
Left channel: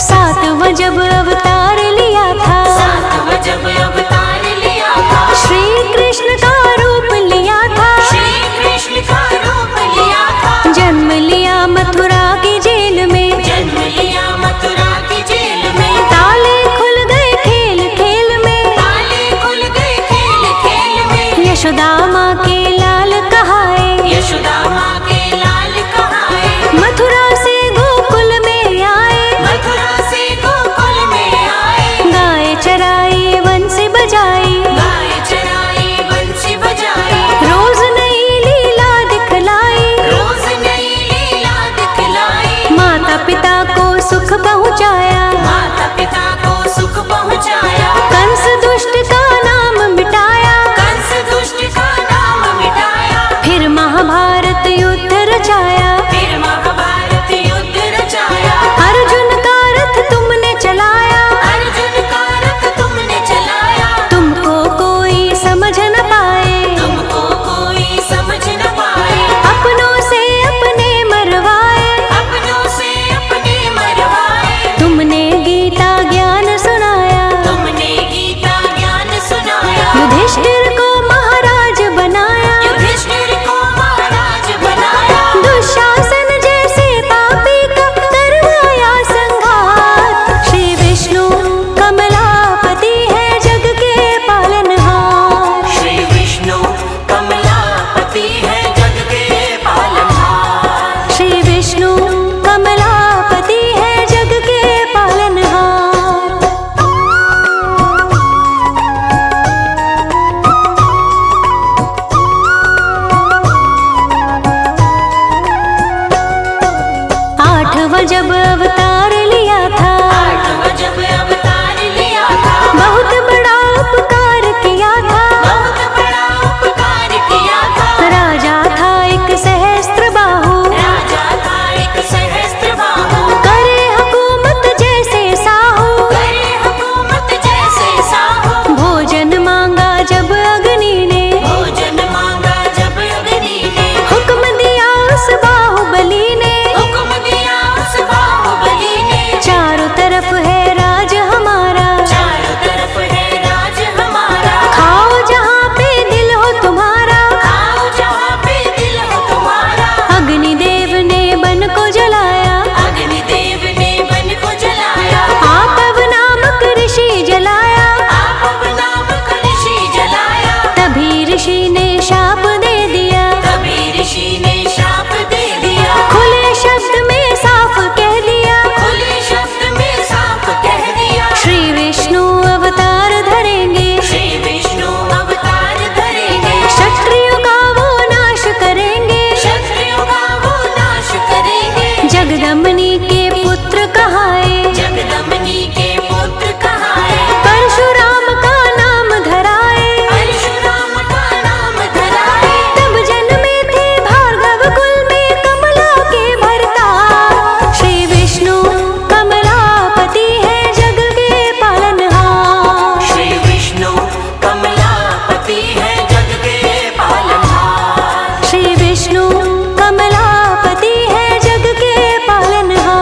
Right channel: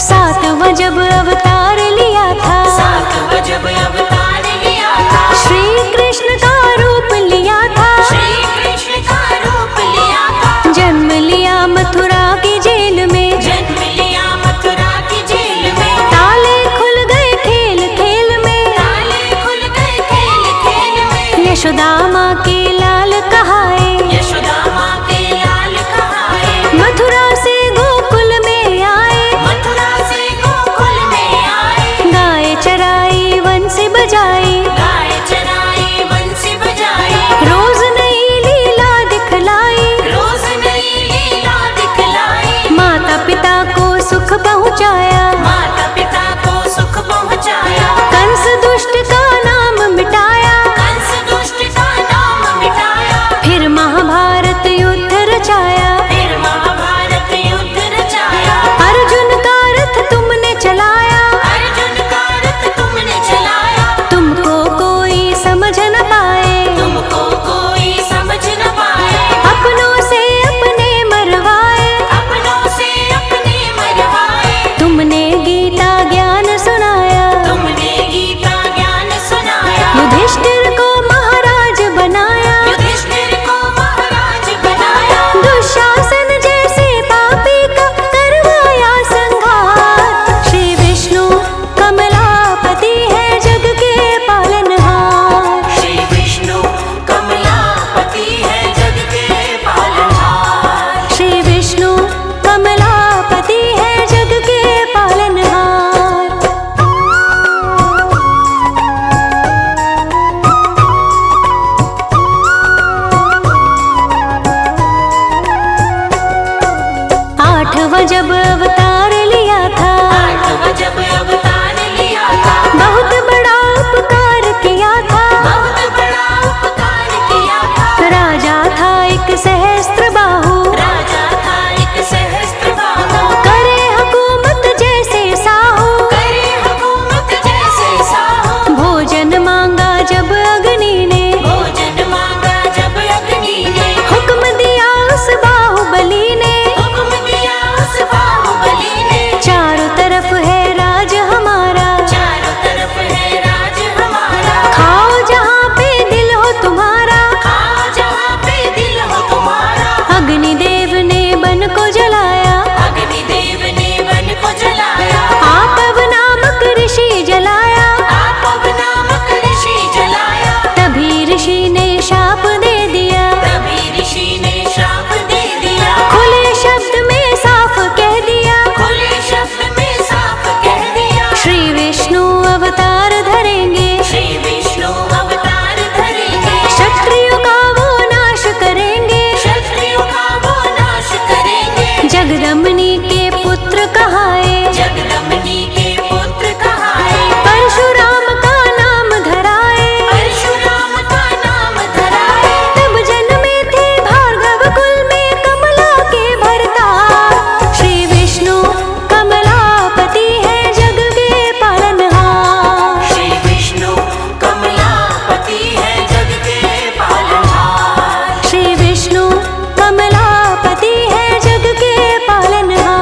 सातवां जब अवतार लिया था, सातवां जब अवतार लिया था, श्री कृष्ण का रूप लिया था, श्री कृष्ण का रूप लिया था, जन्म लिया मथुरा की जेल में, जन्म लिया मथुरा की जेल में, ताले खुल गए खेल खेल में, ताले खुल गए खेल खेल में, यशोदा माँ के लाल कहाए, यशोदा माँ के लाल कहाए, मथुरा से गोकुल में आए, मथुरा से गोकुल में आए, गाय चराई बंसी बजाई, गाय चराई बंसी बजाई, रोज नई लीला दिखलाई, रोज नई लीला दिखलाई, माता पिता को सुख पहुँचाया, माता पिता को सुख पहुँचाया, कंस दुष्ट का नाम मिटाया, कंस दुष्ट का नाम मिटाया, फिर महाभारत युद्ध रचाया, फिर महाभारत युद्ध रचाया, अर्जुन का रथ तुमने चलाया, अर्जुन का रथ तुमने चलाया, तुमको कोई समझ न पाए, तुमको कोई समझ न पाए, अपनों से अपने मरवाए, अपनों से अपने मरवाए, तुमने गीता ज्ञान सुनाया, तुमने गीता ज्ञान सुनाया, युधिष्ठिर को महाराज बनाया, युधिष्ठिर को महाराज बनाया, दुशासन जैसे पापी का करवाया संघार, श्री विष्णु कमलापति है जग के पालनहार, श्री विष्णु कमलापति है जग के पालनहार, श्री विष्णु कमलापति है जग के पालनहार। आठवां जब अवतार लिया था, आठवां जब अवतार लिया था, बहुत बड़ा उपकार किया था, बहुत बड़ा उपकार किया था, राजा था एक सहस्त्र बाहु, राजा था एक सहस्त्र बाहु, करे हुकूमत जैसे साहू, करे हुकूमत जैसे साहू, भोजन मांगा जब अग्नि ने, भोजन मांगा जब अग्नि ने, हुक्म दिया उस बाहुबली ने, हुक्म दिया उस बाहुबली ने, चारों तरफ है राज हमारा, चारों तरफ है राज हमारा, खाओ जहाँ पे दिल हो तुम्हारा, खाओ जहाँ पे दिल हो तुम्हारा, अग्निदेव ने बन को जलाया, अग्निदेव ने वन को जलाया, आपव नामक ऋषि जलाया, आपव नामक ऋषि जलाया, तभी ऋषि ने शाप दे दिया, तभी ऋषि ने शाप दे दिया, खुले शब्द में साफ कह दिया, खुले शब्द में साफ कह दिया, श्री विष्णु अवतार धरेंगे, श्री विष्णु अवतार धरेंगे, क्षत्रियों का वो नाश करेंगे, क्षत्रियों का वो नाश करेंगे, जगदम्बिनी के पुत्र कहाए, जगदम्बिनी के पुत्र कहाए, परशुराम का नाम धराए, परशुराम का नाम धराए, तब जन्मे थे भार्गव कुल में कमला के भरतार, श्री विष्णु कमलापति है जग के पालनहार, श्री विष्णु कमलापति है जग के पालनहार, श्री विष्णु कमलापति है जग के पालनहार।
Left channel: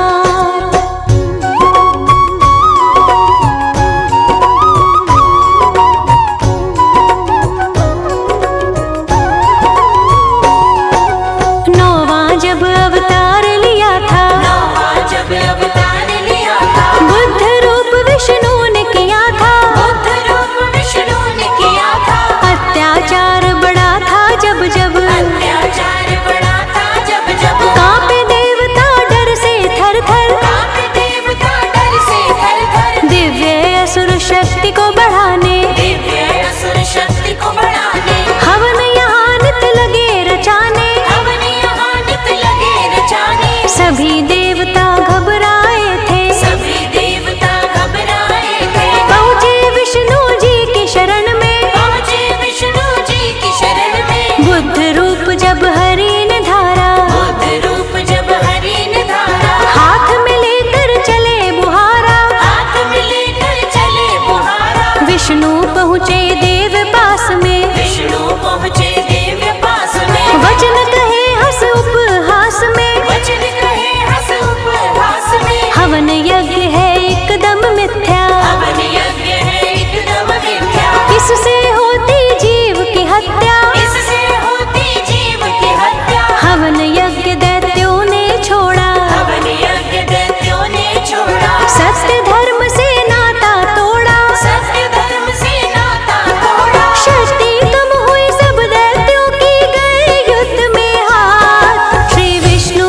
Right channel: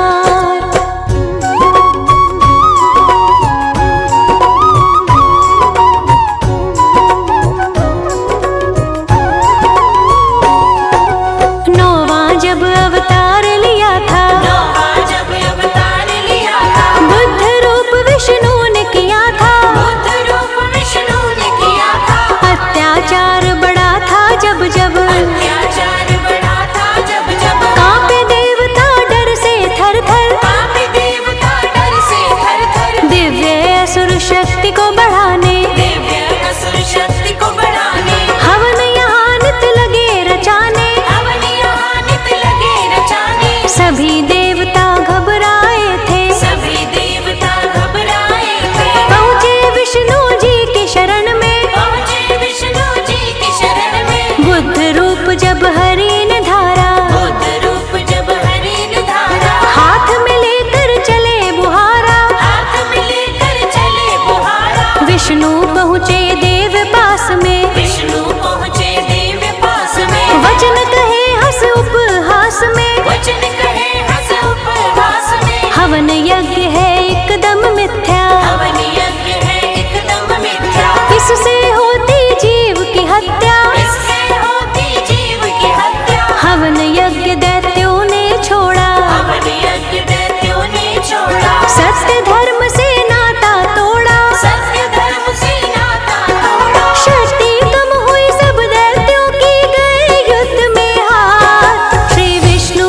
नौवां जब अवतार लिया था, नौवां जब अवतार लिया था, बुद्ध रूप विष्णु ने किया था, बुद्ध रूप विष्णु ने किया था, अत्याचार बड़ा था जब जब, अत्याचार बड़ा था जब जब, कांपे देवता डर से थर थर, कांपे देवता डर से थर थर, दिव्य असुर शक्ति को बढ़ाने, दिव्य असुर शक्ति को बढ़ाने, हवन यहाँ नित लगे रचाने, हवन यहाँ नित लगे रचाने, सभी देवता घबराए थे, सभी देवता घबराए थे, पहुँचे विष्णु जी की शरण में, पहुँचे विष्णु जी की शरण में, बुद्ध रूप जब हरि ने धारा, बुद्ध रूप जब हरि ने धारा, हाथ में लेकर चले बुहारा, हाथ में लेकर चले बुहारा, विष्णु पहुँचे देव पास में, विष्णु पहुँचे देव पास में, वचन कहे हंस उपहास में, वचन कहे हंस उपवास में, हवन यज्ञ है एकदम मिथ्या, हवन यज्ञ है एकदम मिथ्या, इससे होती जीव की हत्या, इससे होती जीव की हत्या, हवन यज्ञ दैत्यों ने छोड़ा, हवन यज्ञ दैत्यों ने छोड़ा, सत्य धर्म से नाता तोड़ा, सत्य धर्म से नाता तोड़ा। शक्ति कम हुई सब दैत्यों की गए युद्ध में हार। श्री विष्णु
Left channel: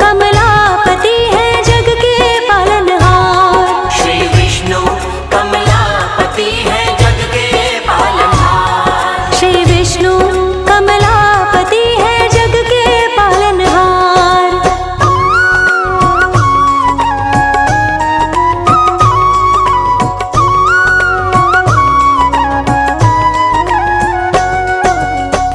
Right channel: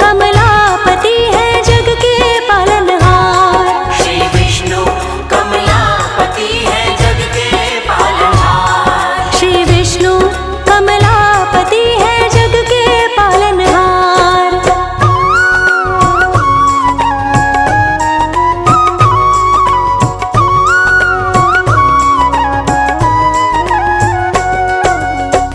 कमलापति है जग के पालनहार। श्री विष्णु कमलापति है जग के पालनहार। श्री विष्णु कमलापति है जग के पालनहार।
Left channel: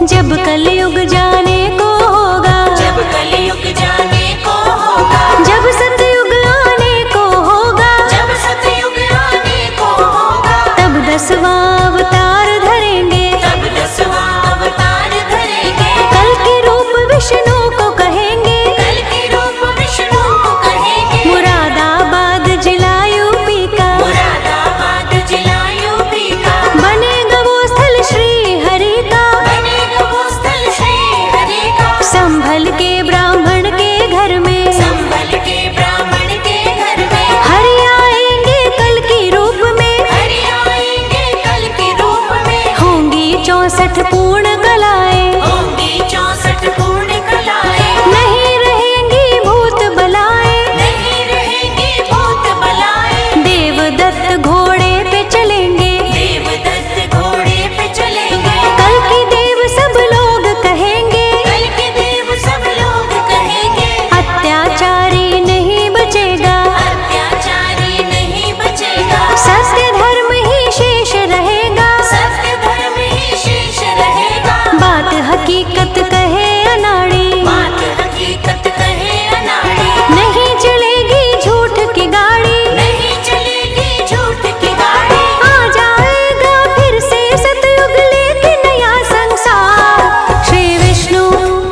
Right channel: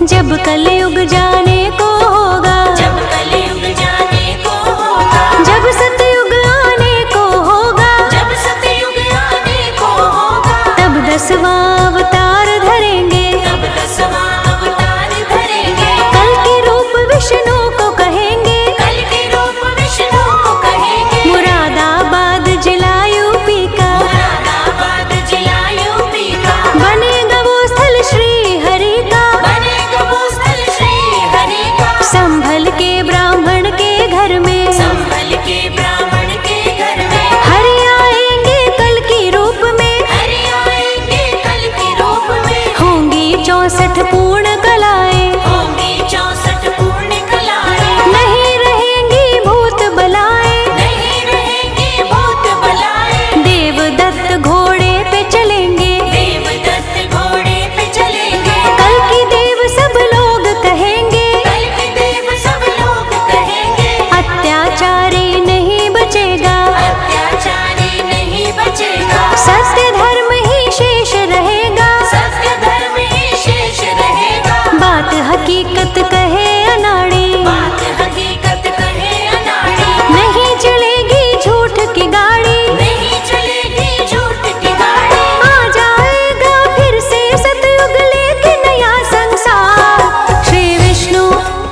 जब कलयुग जाने को होगा, जब कलयुग जाने को होगा, जब सतयुग आने को होगा, जब सतयुग आने को होगा, तब 10वां अवतार धरेंगे, तब 10वां अवतार धरेंगे। कल के रूप विष्णु को कहेंगे, कल के रूप विष्णु को कहेंगे। मुरादाबाद जिला यूपी का, मुरादाबाद जिला यूपी का, बनेगा वो स्थल श्री हरि का। बनेगा वो स्थल श्री हरि का। संभल के ब्राह्मण के घर में, संभल के ब्राह्मण के घर में, हरि आएंगे कल की रूप में। हरि आएंगे कल के रूप में। होंगी 64 पूर्ण कलाएं, होंगी 64 पूर्ण कलाएं। नहीं रहेंगी भूत बलाएं। नहीं रहेंगे भूत बलाएं। देवदत्त घोड़े पे चलेंगे, देवदत्त घोड़े पे चलेंगे। कल की देव सब लोग कहेंगे। कल के देव सब लोग कहेंगे। अत्याचारी नहीं बचेगा, अत्याचारी नहीं बचेगा। सत्य धर्म ही शेष रहेगा। सत्य धर्म ही शेष रहेगा। बात हकीकत कहे अनाड़ी, बात हकीकत कहे अनाड़ी। नहीं चलेगी झूठ की गाड़ी। नहीं चलेगी झूठ की गाड़ी। आ जाएगा फिर से सतयुग लेके नया संसार। श्री विष्णु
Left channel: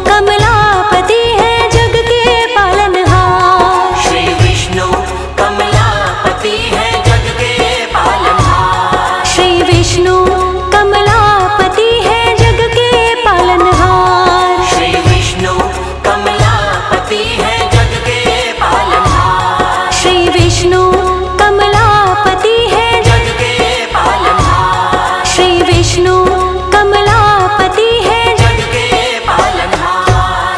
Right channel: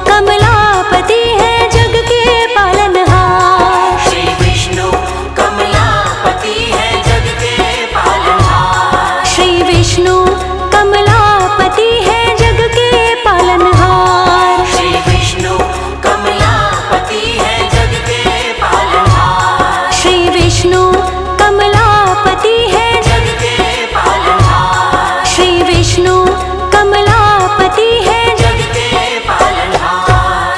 कमलापति है जग के पालनहार। श्री विष्णु कमलापति है जग के पालनहार। श्री विष्णु कमलापति है जग के पालनहार। श्री विष्णु कमलापति है जग के पालनहार। श्री विष्णु कमलापति है, जग के पालनहार। श्री विष्णु कमलापति है। जग के पालनहार।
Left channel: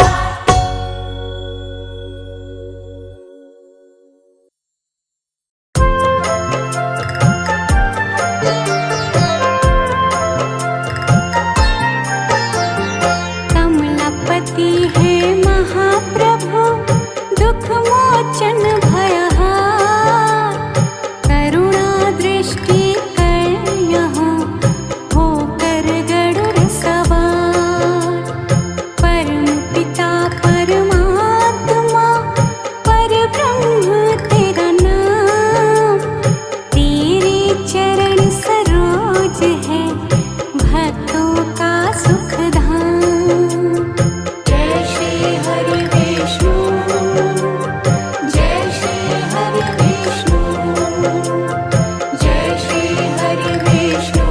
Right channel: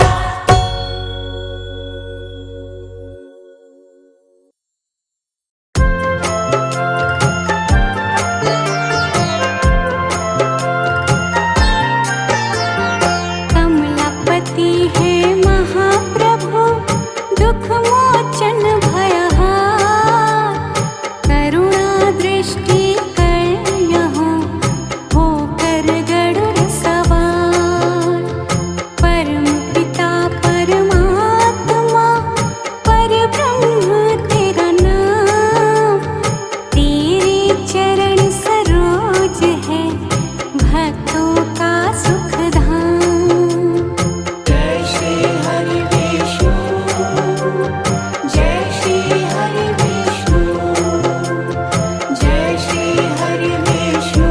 कमलापति है महाप्रभु, दुख मोचन भयहार। करुणा दृष्टि कर यहाँ होकर गरुड़ सवार। परम पिता परमात्मा परब्रह्म तेरा नाम। तेरे चरण सरोज है भक्तों का सुख धाम। जय श्री हरि विष्णु, जय श्री हरि विष्णु, जय श्री हरि विष्णु,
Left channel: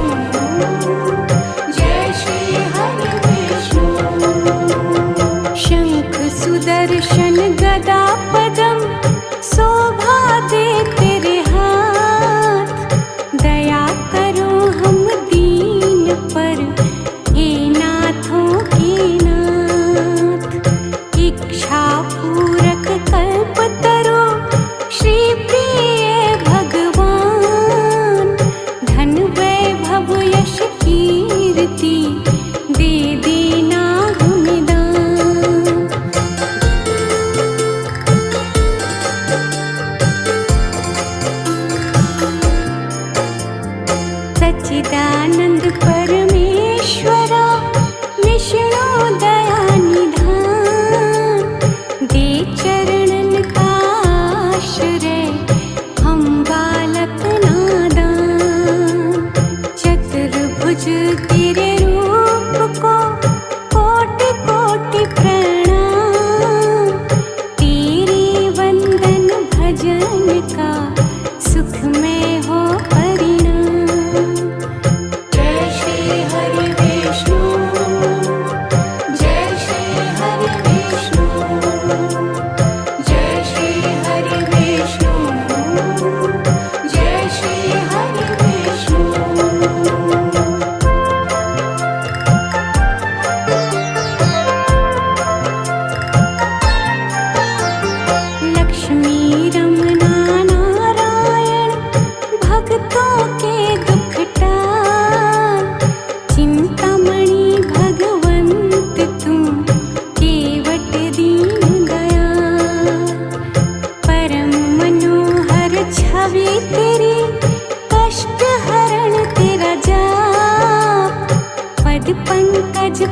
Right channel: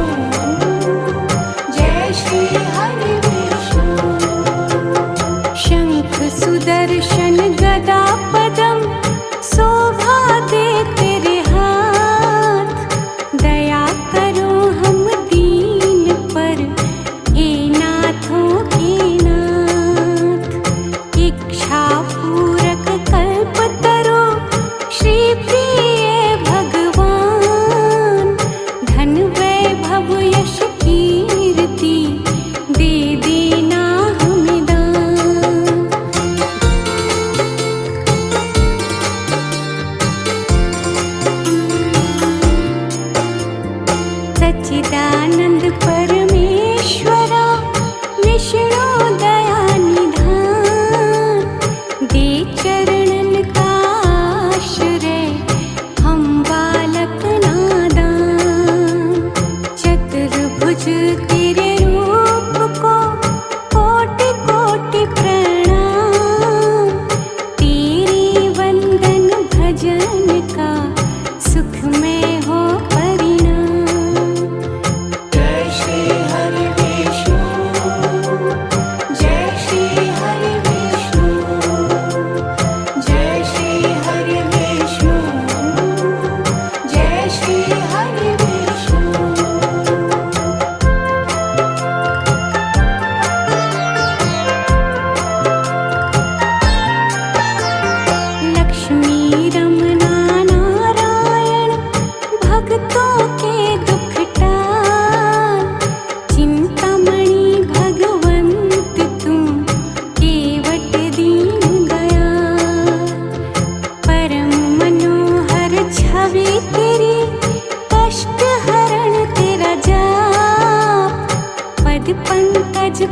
जय श्री हरि विष्णु। शंख सुदर्शन गदा पदम शोभा दे तेरे हाथ। दया करो हम दीन पर, हे नाथों के नाथ। इच्छा पूरक कल्प तरो श्री प्रिय भगवान। धन वैभव यश कीर्ति दे देना हमें दान।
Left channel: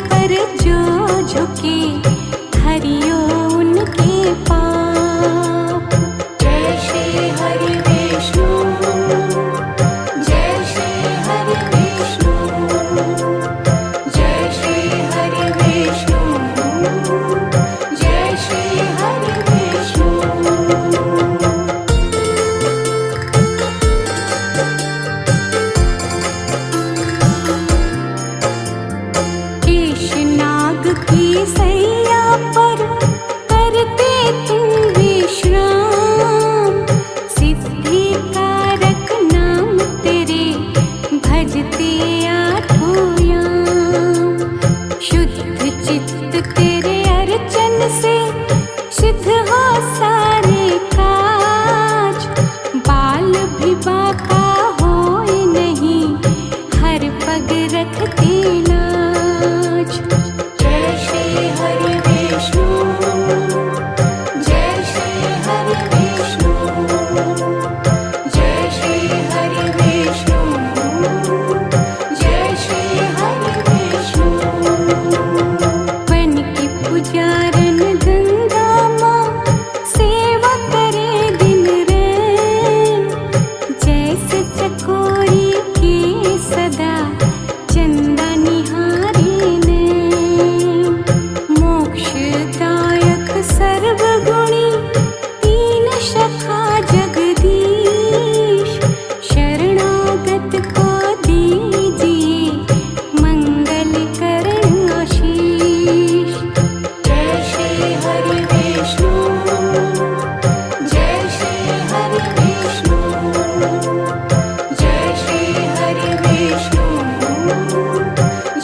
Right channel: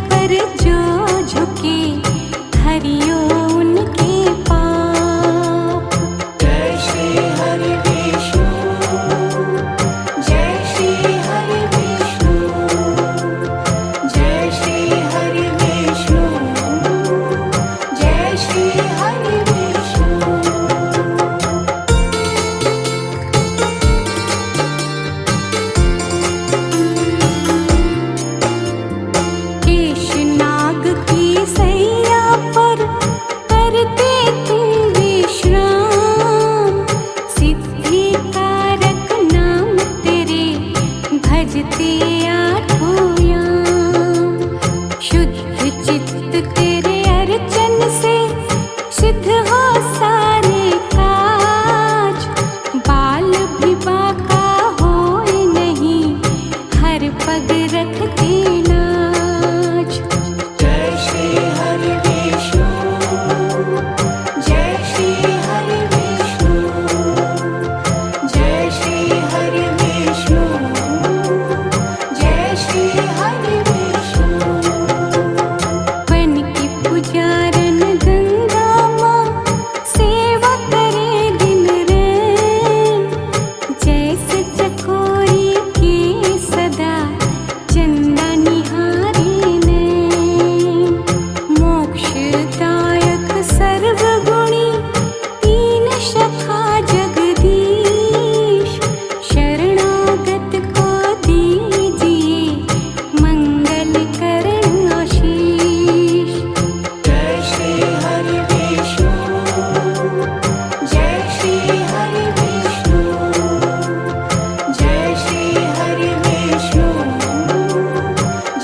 पर जो झुके हरियो उनके पाप। जय श्री हरि विष्णु, जय श्री हरि विष्णु, जय श्री हरि विष्णु, जय श्री हरि विष्णु। केशनाग की सैया पर करते तुम विश्राम, सिद्धि कारक नाम तेरे भजते आठों याम। शुद्ध चित्त तेरे अर्चन से सिद्ध हो सारे काज, बाल भी बाका होए नहीं हर पग रखते लाज। जय श्री हरि विष्णु, जय श्री हरि विष्णु, जय श्री हरि विष्णु, जय श्री हरि विष्णु। बन की पुजारन गंगा माँ सेवा करे दिन रैन, जैसे चकोरी के सदा चंदा निहारे नैन। मोक्षदायक सर्वगुणी तीन शखा जगदीश, शरणागत को दीजिए मंगल करण आशीष। जय श्री हरि विष्णु, जय श्री हरि विष्णु, जय श्री हरि विष्णु,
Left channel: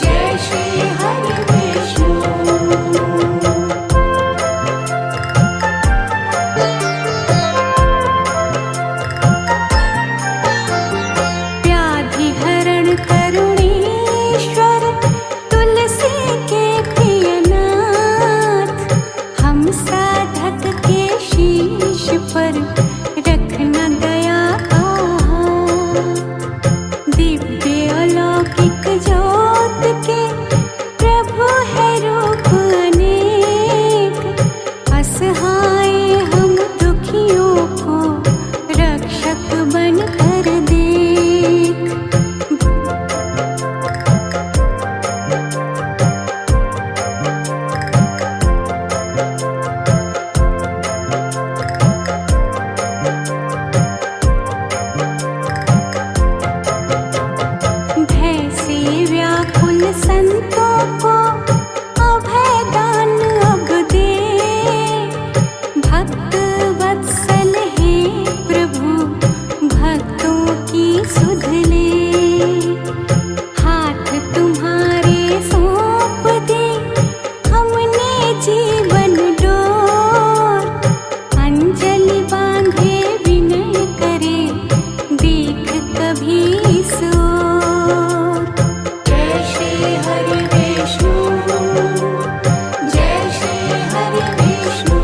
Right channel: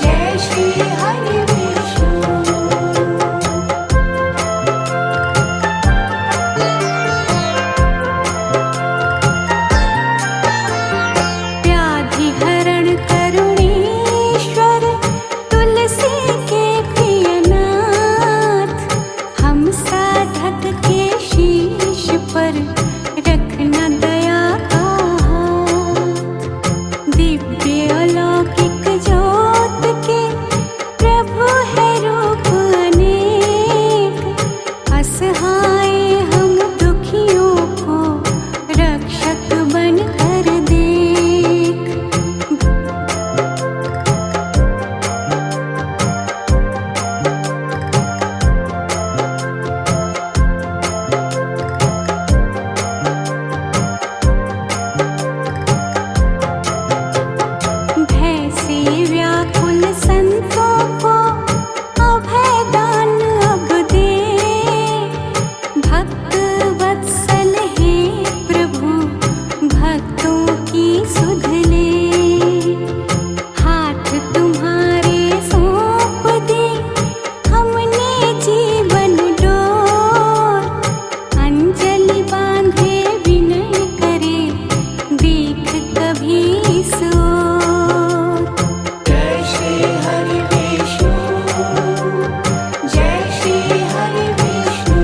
जय श्री हरि विष्णु। व्याधि हरण करुणेश्वर तुलसी के प्रियनाथ, हम साधक के शीश पर रखना दया का हाथ। दिव्य अलौकिक ज्योत के प्रभु है रूप अनेक, असहाय हम दुखियों को रक्षक बन कर देख। भय से व्याकुल संतों को अभय दान अब दे, भक्त वत्सल हे प्रभु भक्तों की सुध ले। हाथ तुम्हारे सौंप दे हमने जीवन डोर, अंजलि बांधे विनय करे देख कभी इस ओर। जय श्री हरि विष्णु, जय श्री हरि विष्णु,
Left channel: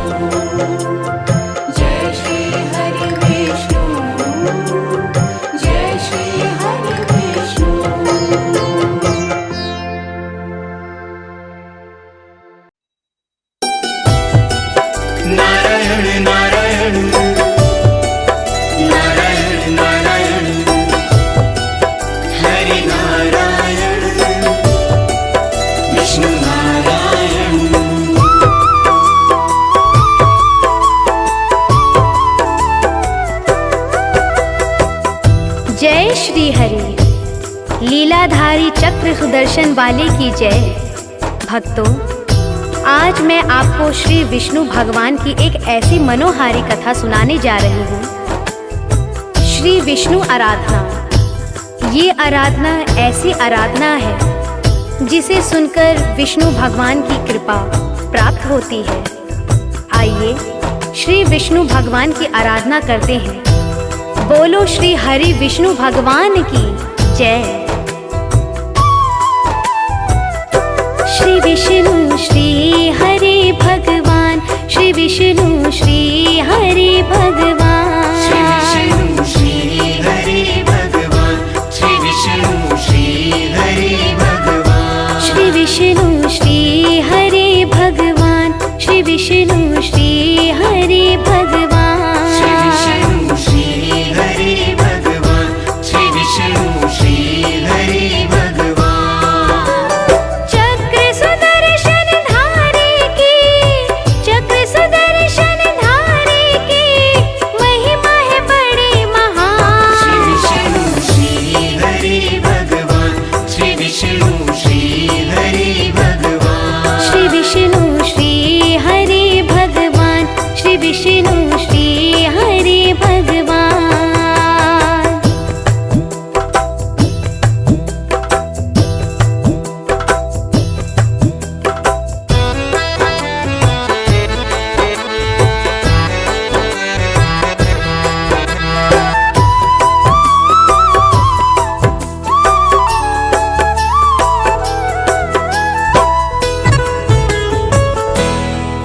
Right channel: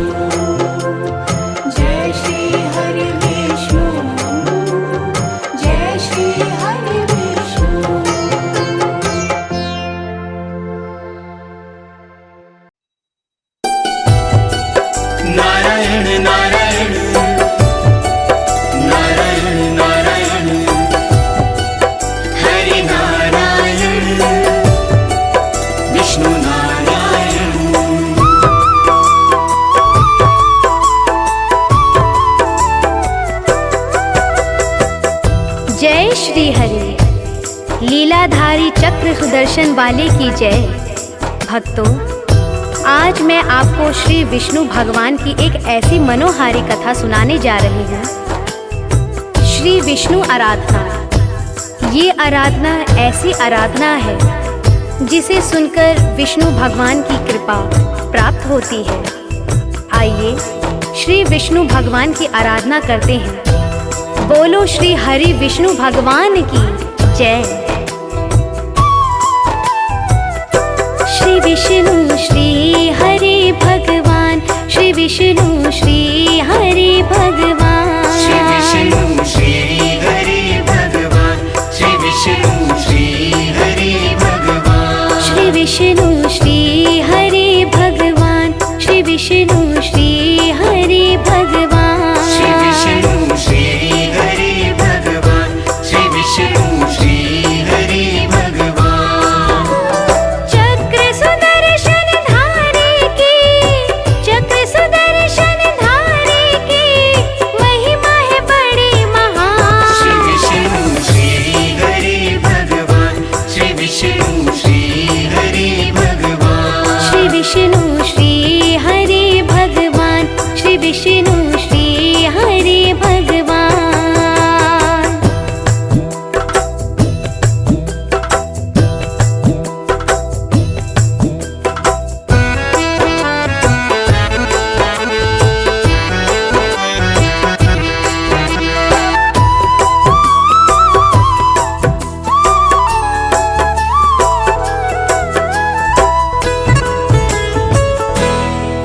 जय श्री हरि विष्णु, जय श्री हरि विष्णु। नारायण नारायण नारायण नारायण, हरि नारायण विष्णु नारायण। जय श्री हरि, लीलाधारी चक्र सुदर्शन वाले की जय। भक्तों, आज मैं आपको श्री विष्णु भगवान की एक ऐसी मनोहारी कथा सुनाने जा रही हूँ। श्री विष्णु आराधना। ये आराधना ऐसी आराधना है जिसे सुनकर विष्णु भगवान की कृपा प्राप्त होती है। आइए श्री विष्णु भगवान की आराधना करते हैं। बोलो श्री हरि विष्णु भगवान की जय। श्री विष्णु श्री हरि भगवान, श्री विष्णु श्री हरि भगवान, श्री हरि भगवान, श्री विष्णु श्री हरि भगवान, श्री विष्णु श्री विष्णु श्री हरि भगवान। श्री विष्णु श्री हरि भगवान, श्री विष्णु श्री हरि भगवान। चक्र सुदर्शन धारी की, चक्र सुदर्शन धारी की महिमा है बड़ी महान। श्री विष्णु श्री हरि भगवान, श्री विष्णु श्री हरि भगवान। श्री विष्णु श्री हरि भगवान, श्री विष्णु श्री हरि भगवान।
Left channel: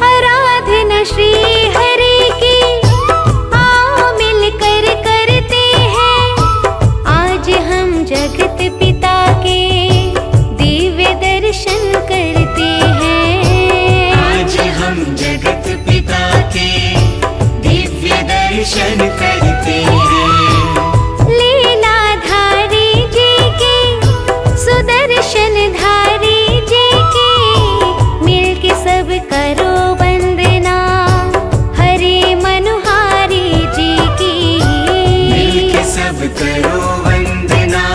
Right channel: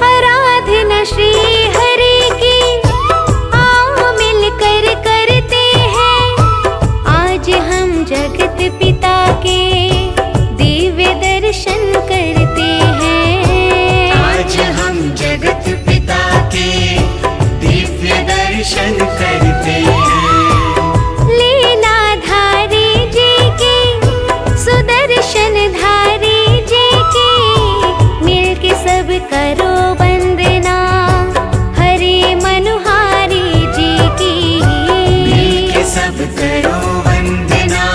आराधना श्री हरि की आओ मिलकर करते हैं, आज हम जगत पिता के दिव्य दर्शन करते हैं। आज हम जगत पिता के दिव्य दर्शन करते हैं। लीलाधारी जी की, सुदर्शन धारी जी की मिलके सब करो वंदना हरि मनोहारी जी की। मिलके सब करो वंदना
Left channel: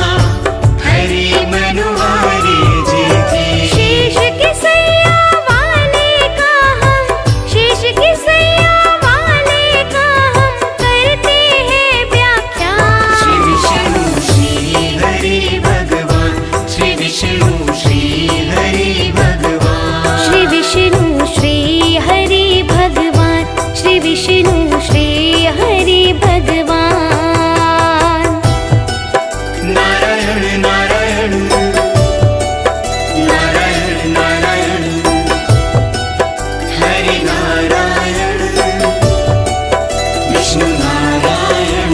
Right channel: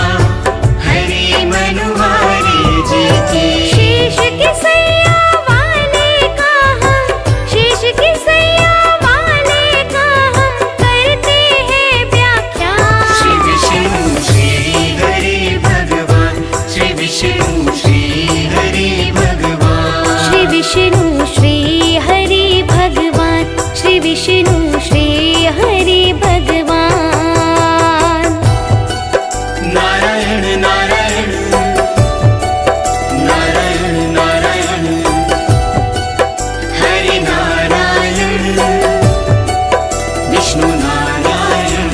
हरि मनोहारी जी की। शीश की सैया वाले का हम, शीश की सैया वाले का हम करते हैं व्याख्या। श्री विष्णु श्री हरि भगवान, श्री विष्णु श्री हरि भगवान। श्री विष्णु श्री हरि भगवान, श्री विष्णु श्री हरि भगवान। नारायण नारायण नारायण नारायण, हरि नारायण विष्णु नारायण।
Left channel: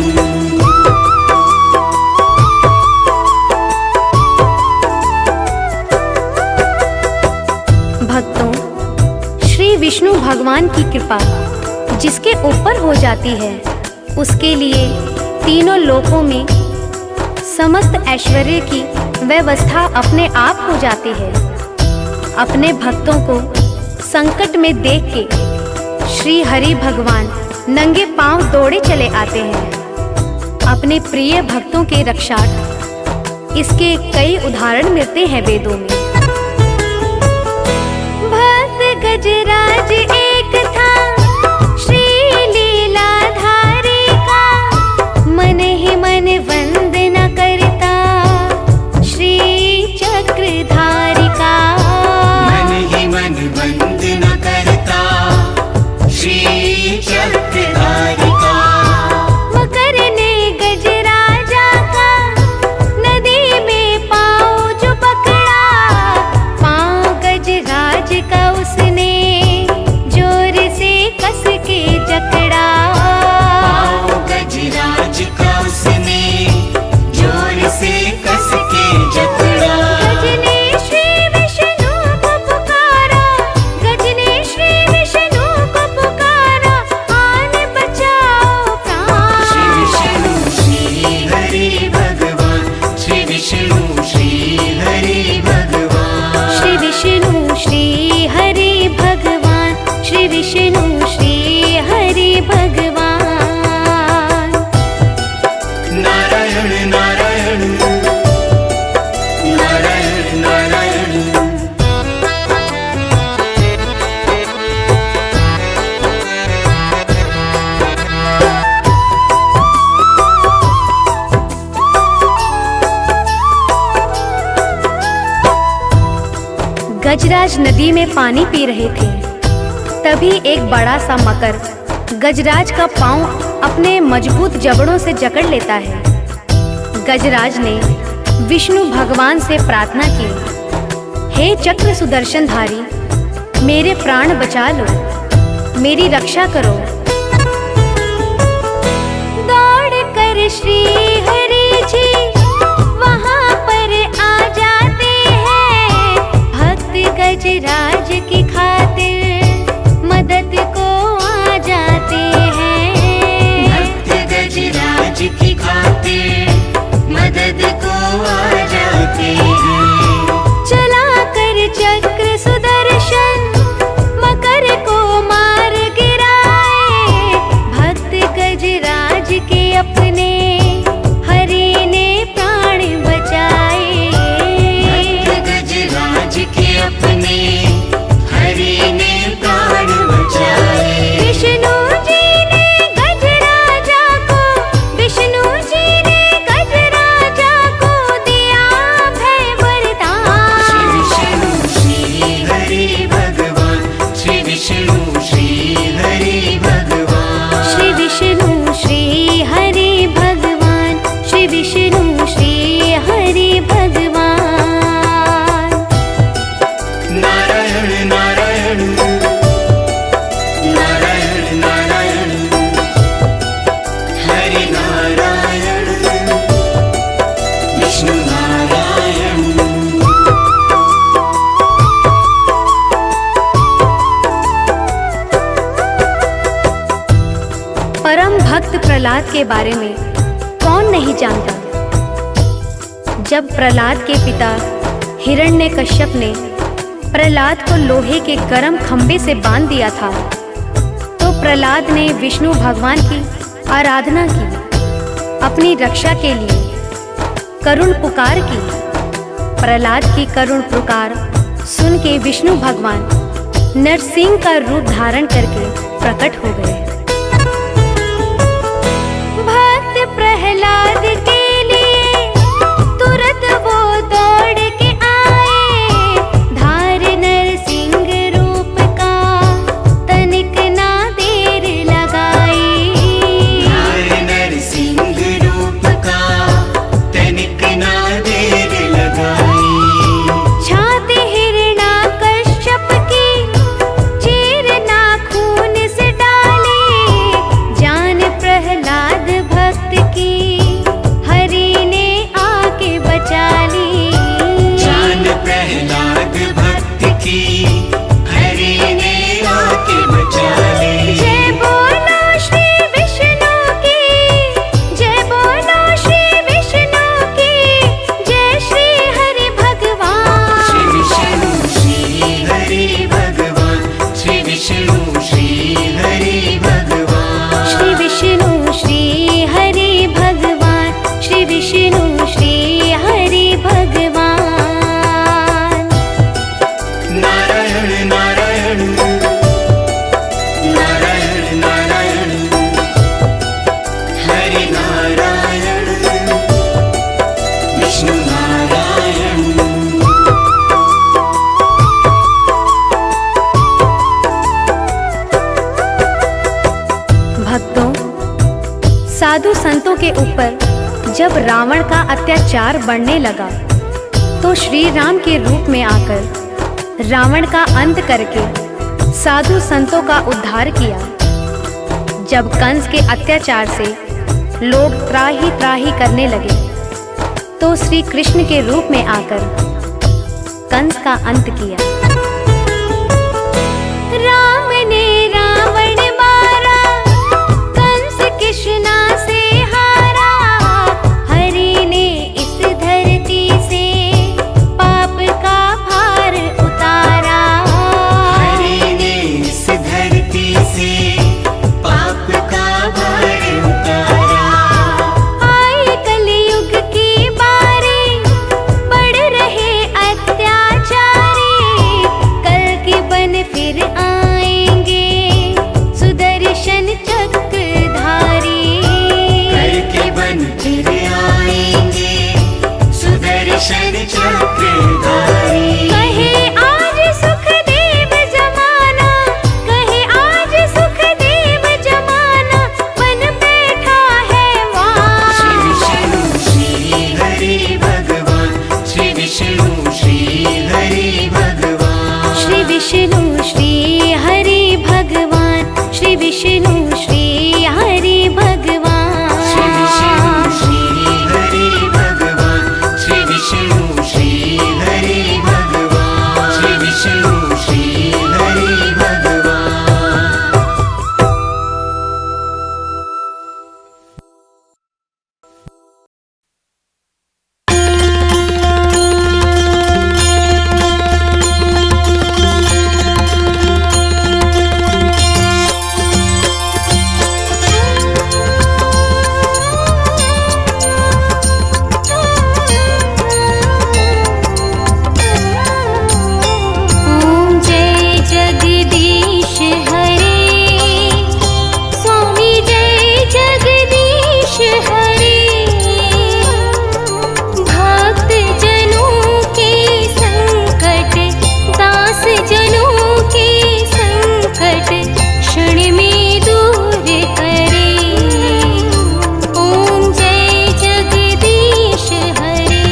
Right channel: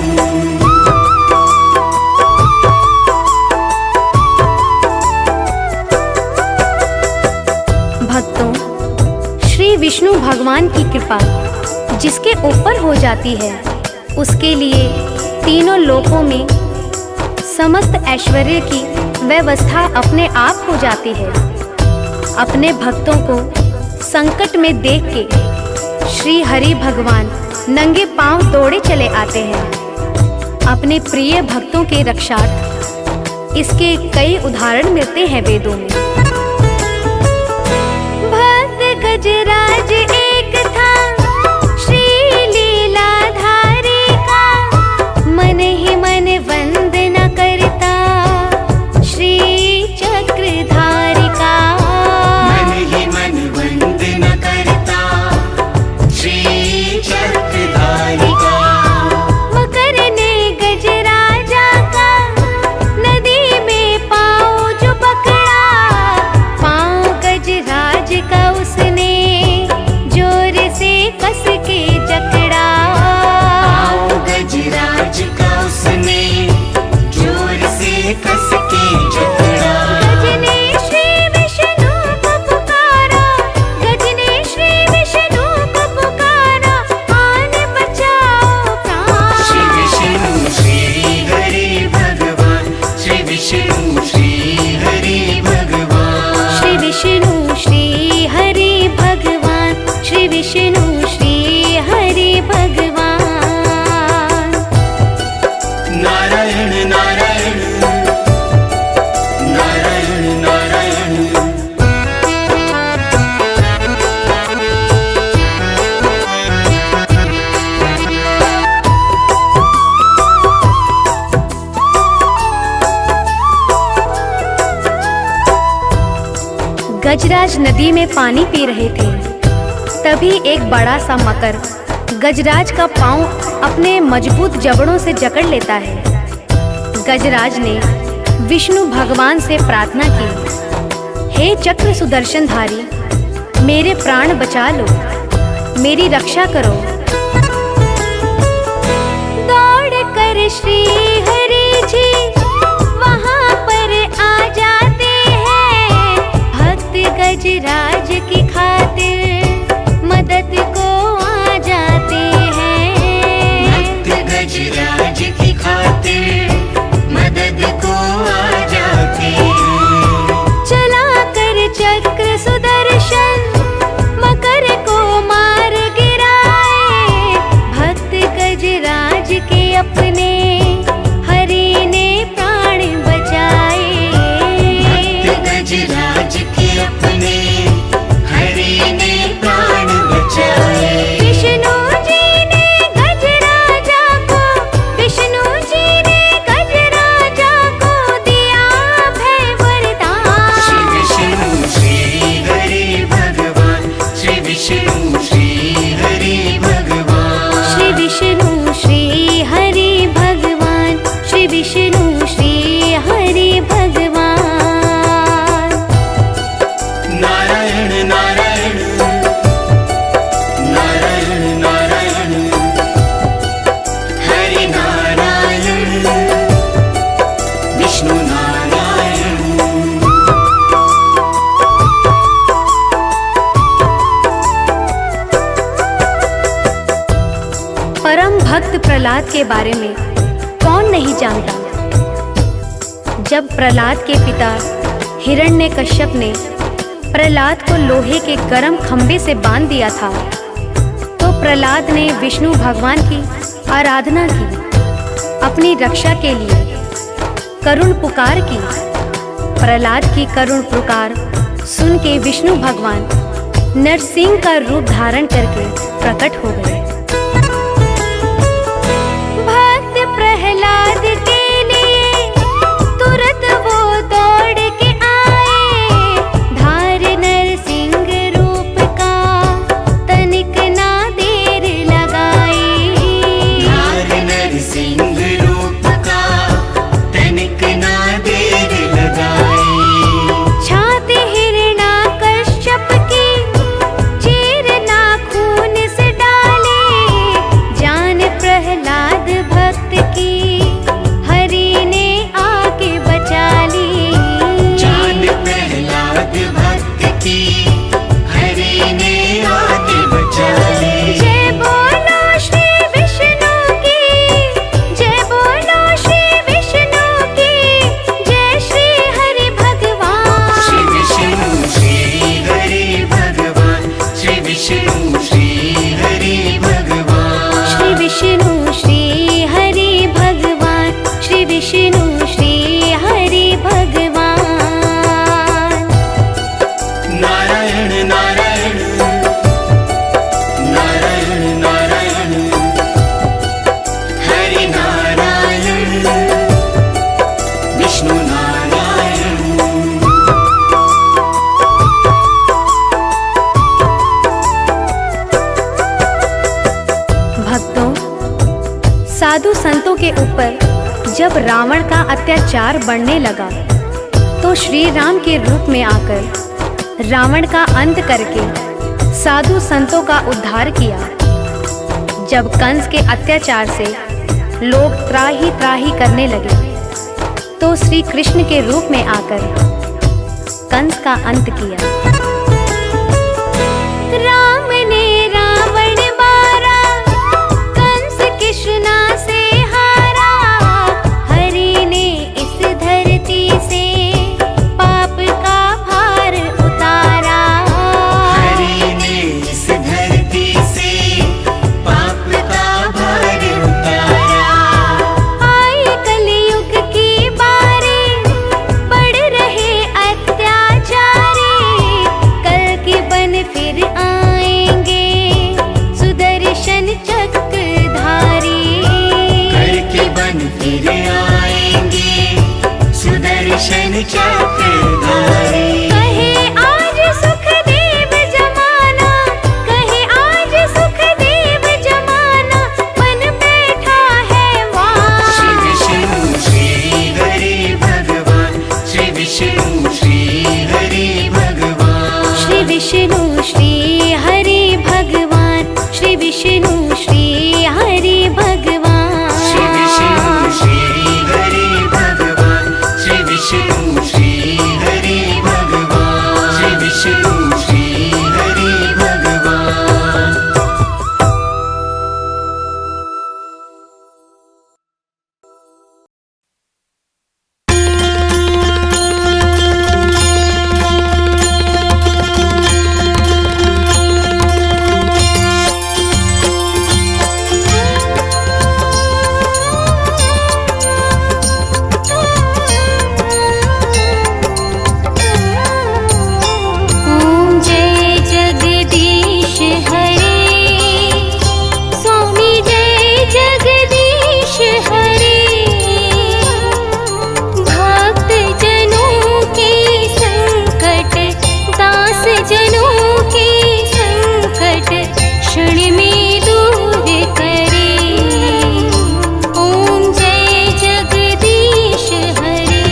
भक्तों, श्री विष्णु भगवान की कृपा जिसके ऊपर हो जाती है, उसके लिए तीनों लोकों में समस्त ऐश्वर्य की व्यवस्था अपने आप हो जाती है। अपने भक्तों को संकट में देख के श्री हरि भगवान नंगे पांव दौड़े चले आते हैं अपने प्रिय भक्तों के रक्षार्थ। इसके कई उदाहरण मिलते हैं वेदों में। भक्त गजराज एक था श्री लीलाधारी का, मन ही मन वंदना करता श्री चक्रधारी का। मन ही मन वंदना करता श्री चक्रधारी का। मकर ने गजराजा का नदी में पाँव जो पकड़ा, पाँव गजराज का उसने जोर से कस के जकड़ा। गजराज का उसने जोर से कस के जकड़ा। गज ने श्री विष्णु को पुकारा, गज ने श्री विष्णु को पुकारा, आन बचाओ प्राण। श्री विष्णु श्री हरि भगवान, श्री विष्णु श्री हरि भगवान। श्री विष्णु श्री हरि भगवान, श्री विष्णु श्री हरि भगवान। नारायण नारायण नारायण नारायण। गजराज नदी में पानी पी रहे थे, तभी एक बड़ा सा मकर गजराज का पांव अपने मजबूत जबड़ों से जकड़ लेता है। गजराज ने विष्णु भगवान से प्रार्थना की, हे चक्र सुदर्शनधारी, मेरे प्राण बचा लो, मेरी रक्षा करो। दौड़ कर श्री हरि जी वहाँ पर आ जाते हैं, भक्त गजराज की खातिर परम भक्त प्रहलाद के बारे में कौन नहीं जानता। जब प्रहलाद के पिता हिरण्यकश्यप ने प्रहलाद को लोहे के गर्म खंभे से बांध दिया था, तो प्रहलाद ने विष्णु भगवान की आराधना की, अपनी रक्षा के लिए करुण पुकार की। प्रहलाद की करुण पुकार सुन के विष्णु भगवान नरसिंह का रूप धारण करके प्रकट हो गए। भक्त प्रहलाद के लिए तुरंत वो दौड़ के आए, धार नरसिंह रूप का तनिक ना देर लगाई। धार नरसिंह रूप का तनिक ना देर लगाई। छाती हिरण्यकश्यप की चीर नाखून से डाली, जान प्रहलाद भक्त की हरि ने आके बचा ली। जान प्रहलाद भक्त की हरि ने आके बचा ली। जय बोलो श्री विष्णु की, जय बोलो श्री विष्णु की, जय श्री हरि भगवान। श्री विष्णु श्री हरि भगवान, श्री विष्णु श्री हरि भगवान। श्री विष्णु श्री हरि भगवान, श्री विष्णु श्री हरि भगवान। नारायण नारायण नारायण नारायण, हरि नारायण विष्णु नारायण। भक्तों, साधु संतों के ऊपर जब रावण का अत्याचार बढ़ने लगा, तो श्री राम के रूप में आकर रावण का अंत करके साधु संतों का उद्धार किया। जब कंस के अत्याचार से लोग त्राही त्राही करने लगे, तो श्री कृष्ण के रूप में आकर कंस का अंत किया। राम ने रावण मारा, कंस कृष्णा से हारा, हरि ने इस धरती से पाप का भार उतारा। हरि ने इस धरती से पाप का भार उतारा। आई कलयुग की बारी, बढ़ रहे अत्याचारी, कल की बन फिर आएंगे सुदर्शन चक्रधारी। करके बन फिर आएंगे सुदर्शन चक्रधारी। कहे आज सुखदेव जमाना, कहे आज सुखदेव जमाना, बन बैठा है श्री वहाँ। विष्णु श्री हरि भगवान, श्री विष्णु श्री हरि भगवान। श्री विष्णु श्री हरि भगवान, श्री विष्णु श्री हरि भगवान। श्री विष्णु श्री हरि भगवान, श्री विष्णु श्री हरि भगवान। श्री विष्णु श्री हरि भगवान। ओम जय जगदीश हरे, स्वामी जय जगदीश हरे। भक्त जनों के संकट, दास जनों के संकट, क्षण में दूर करे। ओम जय जगदीश हरे।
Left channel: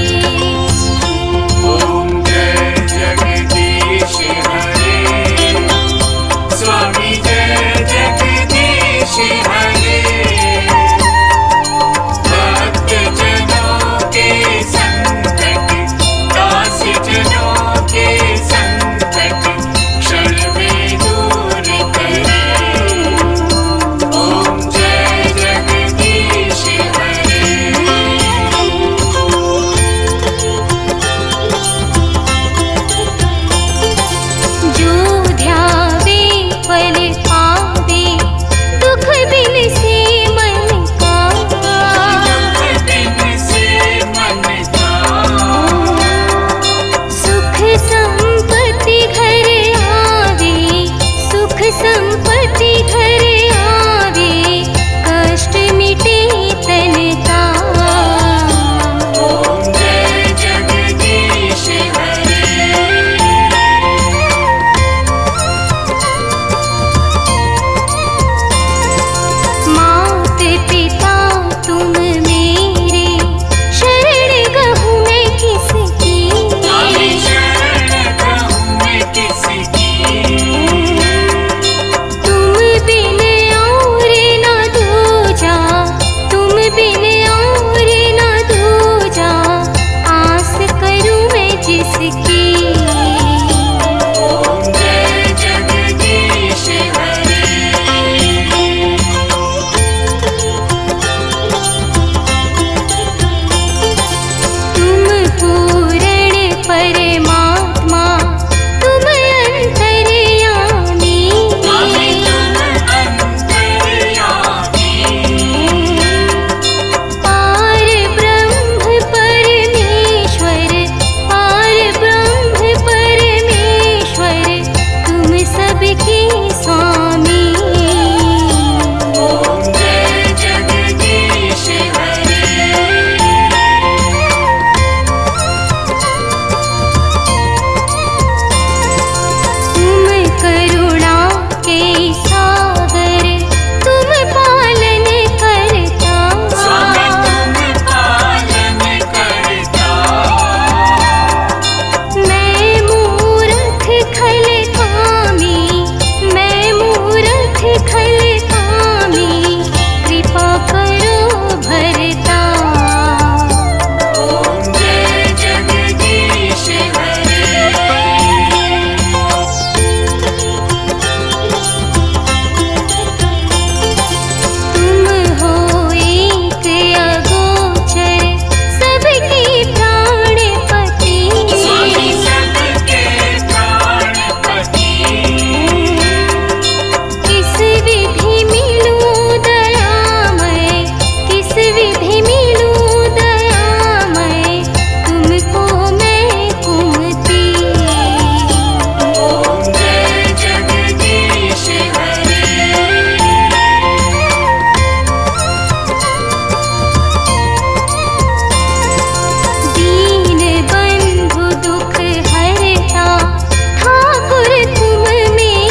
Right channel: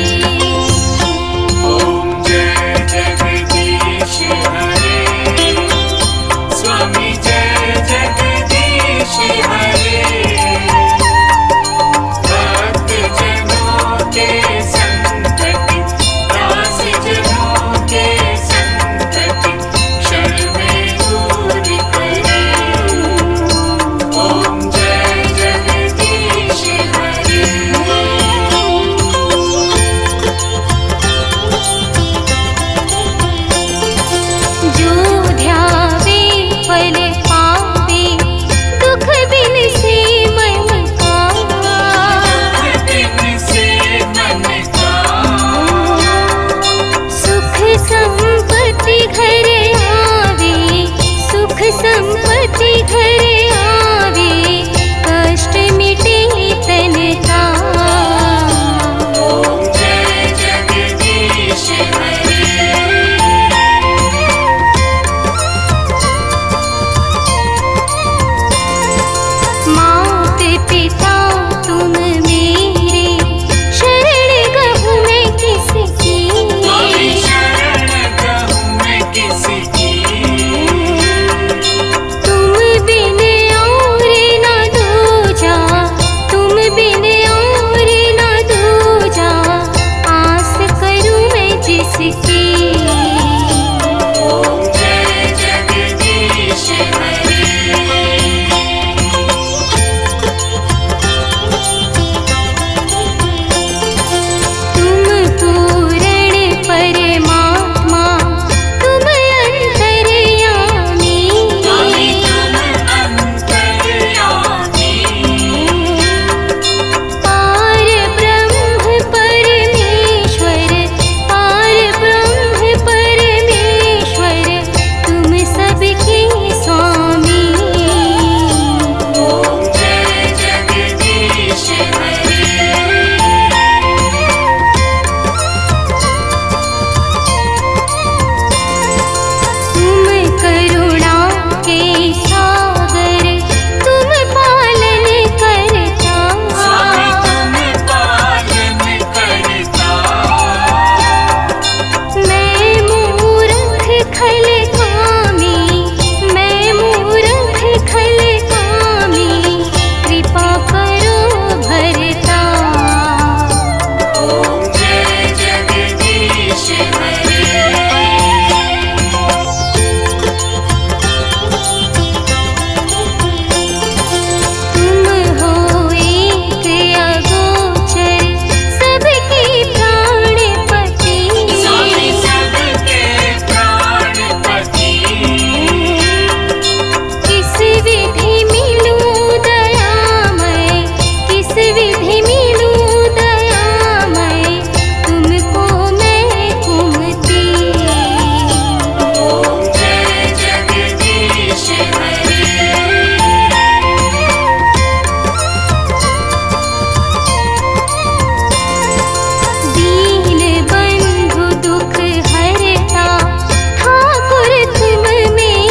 ओम जय जगदीश हरे, स्वामी जय जगदीश हरे। भक्त जनों के संकट, दास जनों के संकट, क्षण में दूर करे। घर आवे, कष्ट मिटे तन का। ओम जय जगदीश हरे। मात पिता तुम मेरे, शरण गहूँ मैं किसकी। तुम बिन और न दूजा, तुम बिन और न दूजा, आस करूँ मैं जिसकी। ओम जय जगदीश हरे। तुम पूर्ण परमात्मा, तुम अंतर्यामी। पार ब्रह्म परमेश्वर, पार ब्रह्म परमेश्वर, तुम सबके स्वामी। ओम जय जगदीश हरे। तुम करुणा के सागर, तुम पालन करता। मैं मूर्ख खल कामी, मैं मूर्ख खल कामी, कृपा करो भरता। ओम जय जगदीश हरे। तुम हो एक अगोचर, सबके प्राणपति। किस विधि मिलूं दयामय, किस विधि मिलूं दयामय, तुमको मैं कुमती। ओम जय जगदीश हरे। दीन बंधु दुख हरता, ठाकुर तुम मेरे।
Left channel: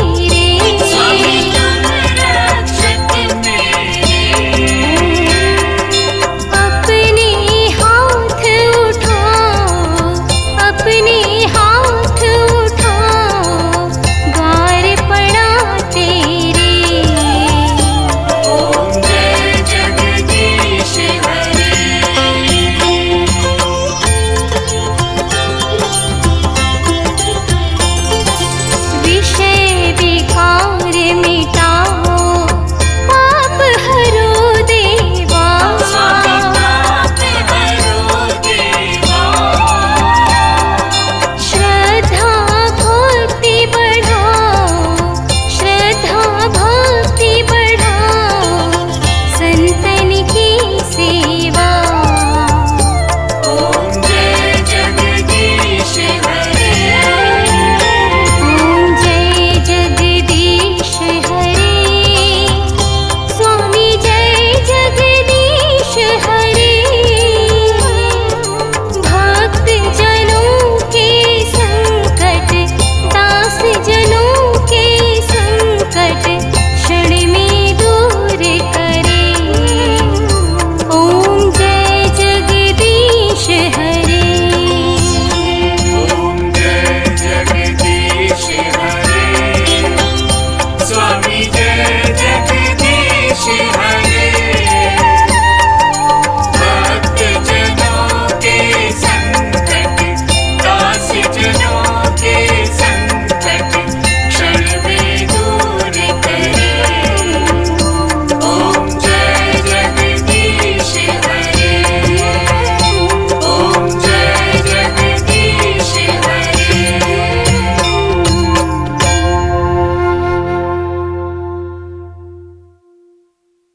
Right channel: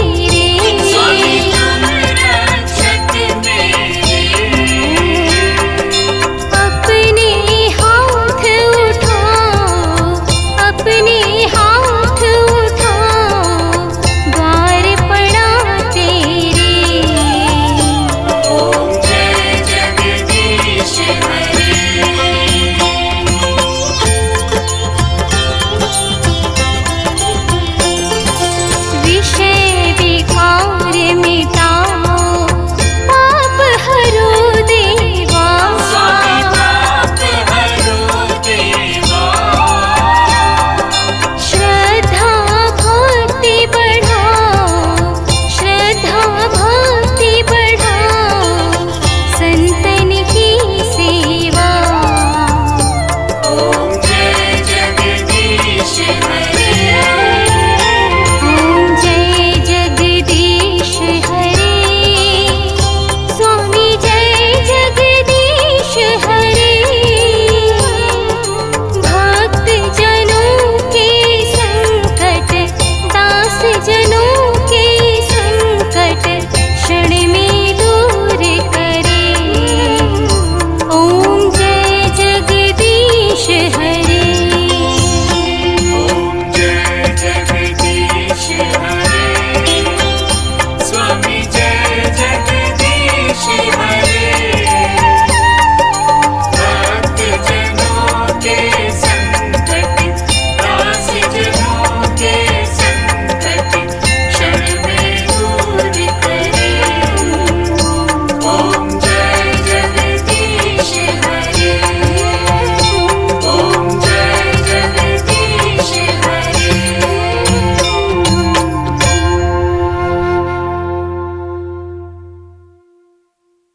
अपने हाथ उठाओ, अपने हाथ उठाओ, द्वार पड़ा तेरे। ओम जय जगदीश हरे। विषय विकार मिटा,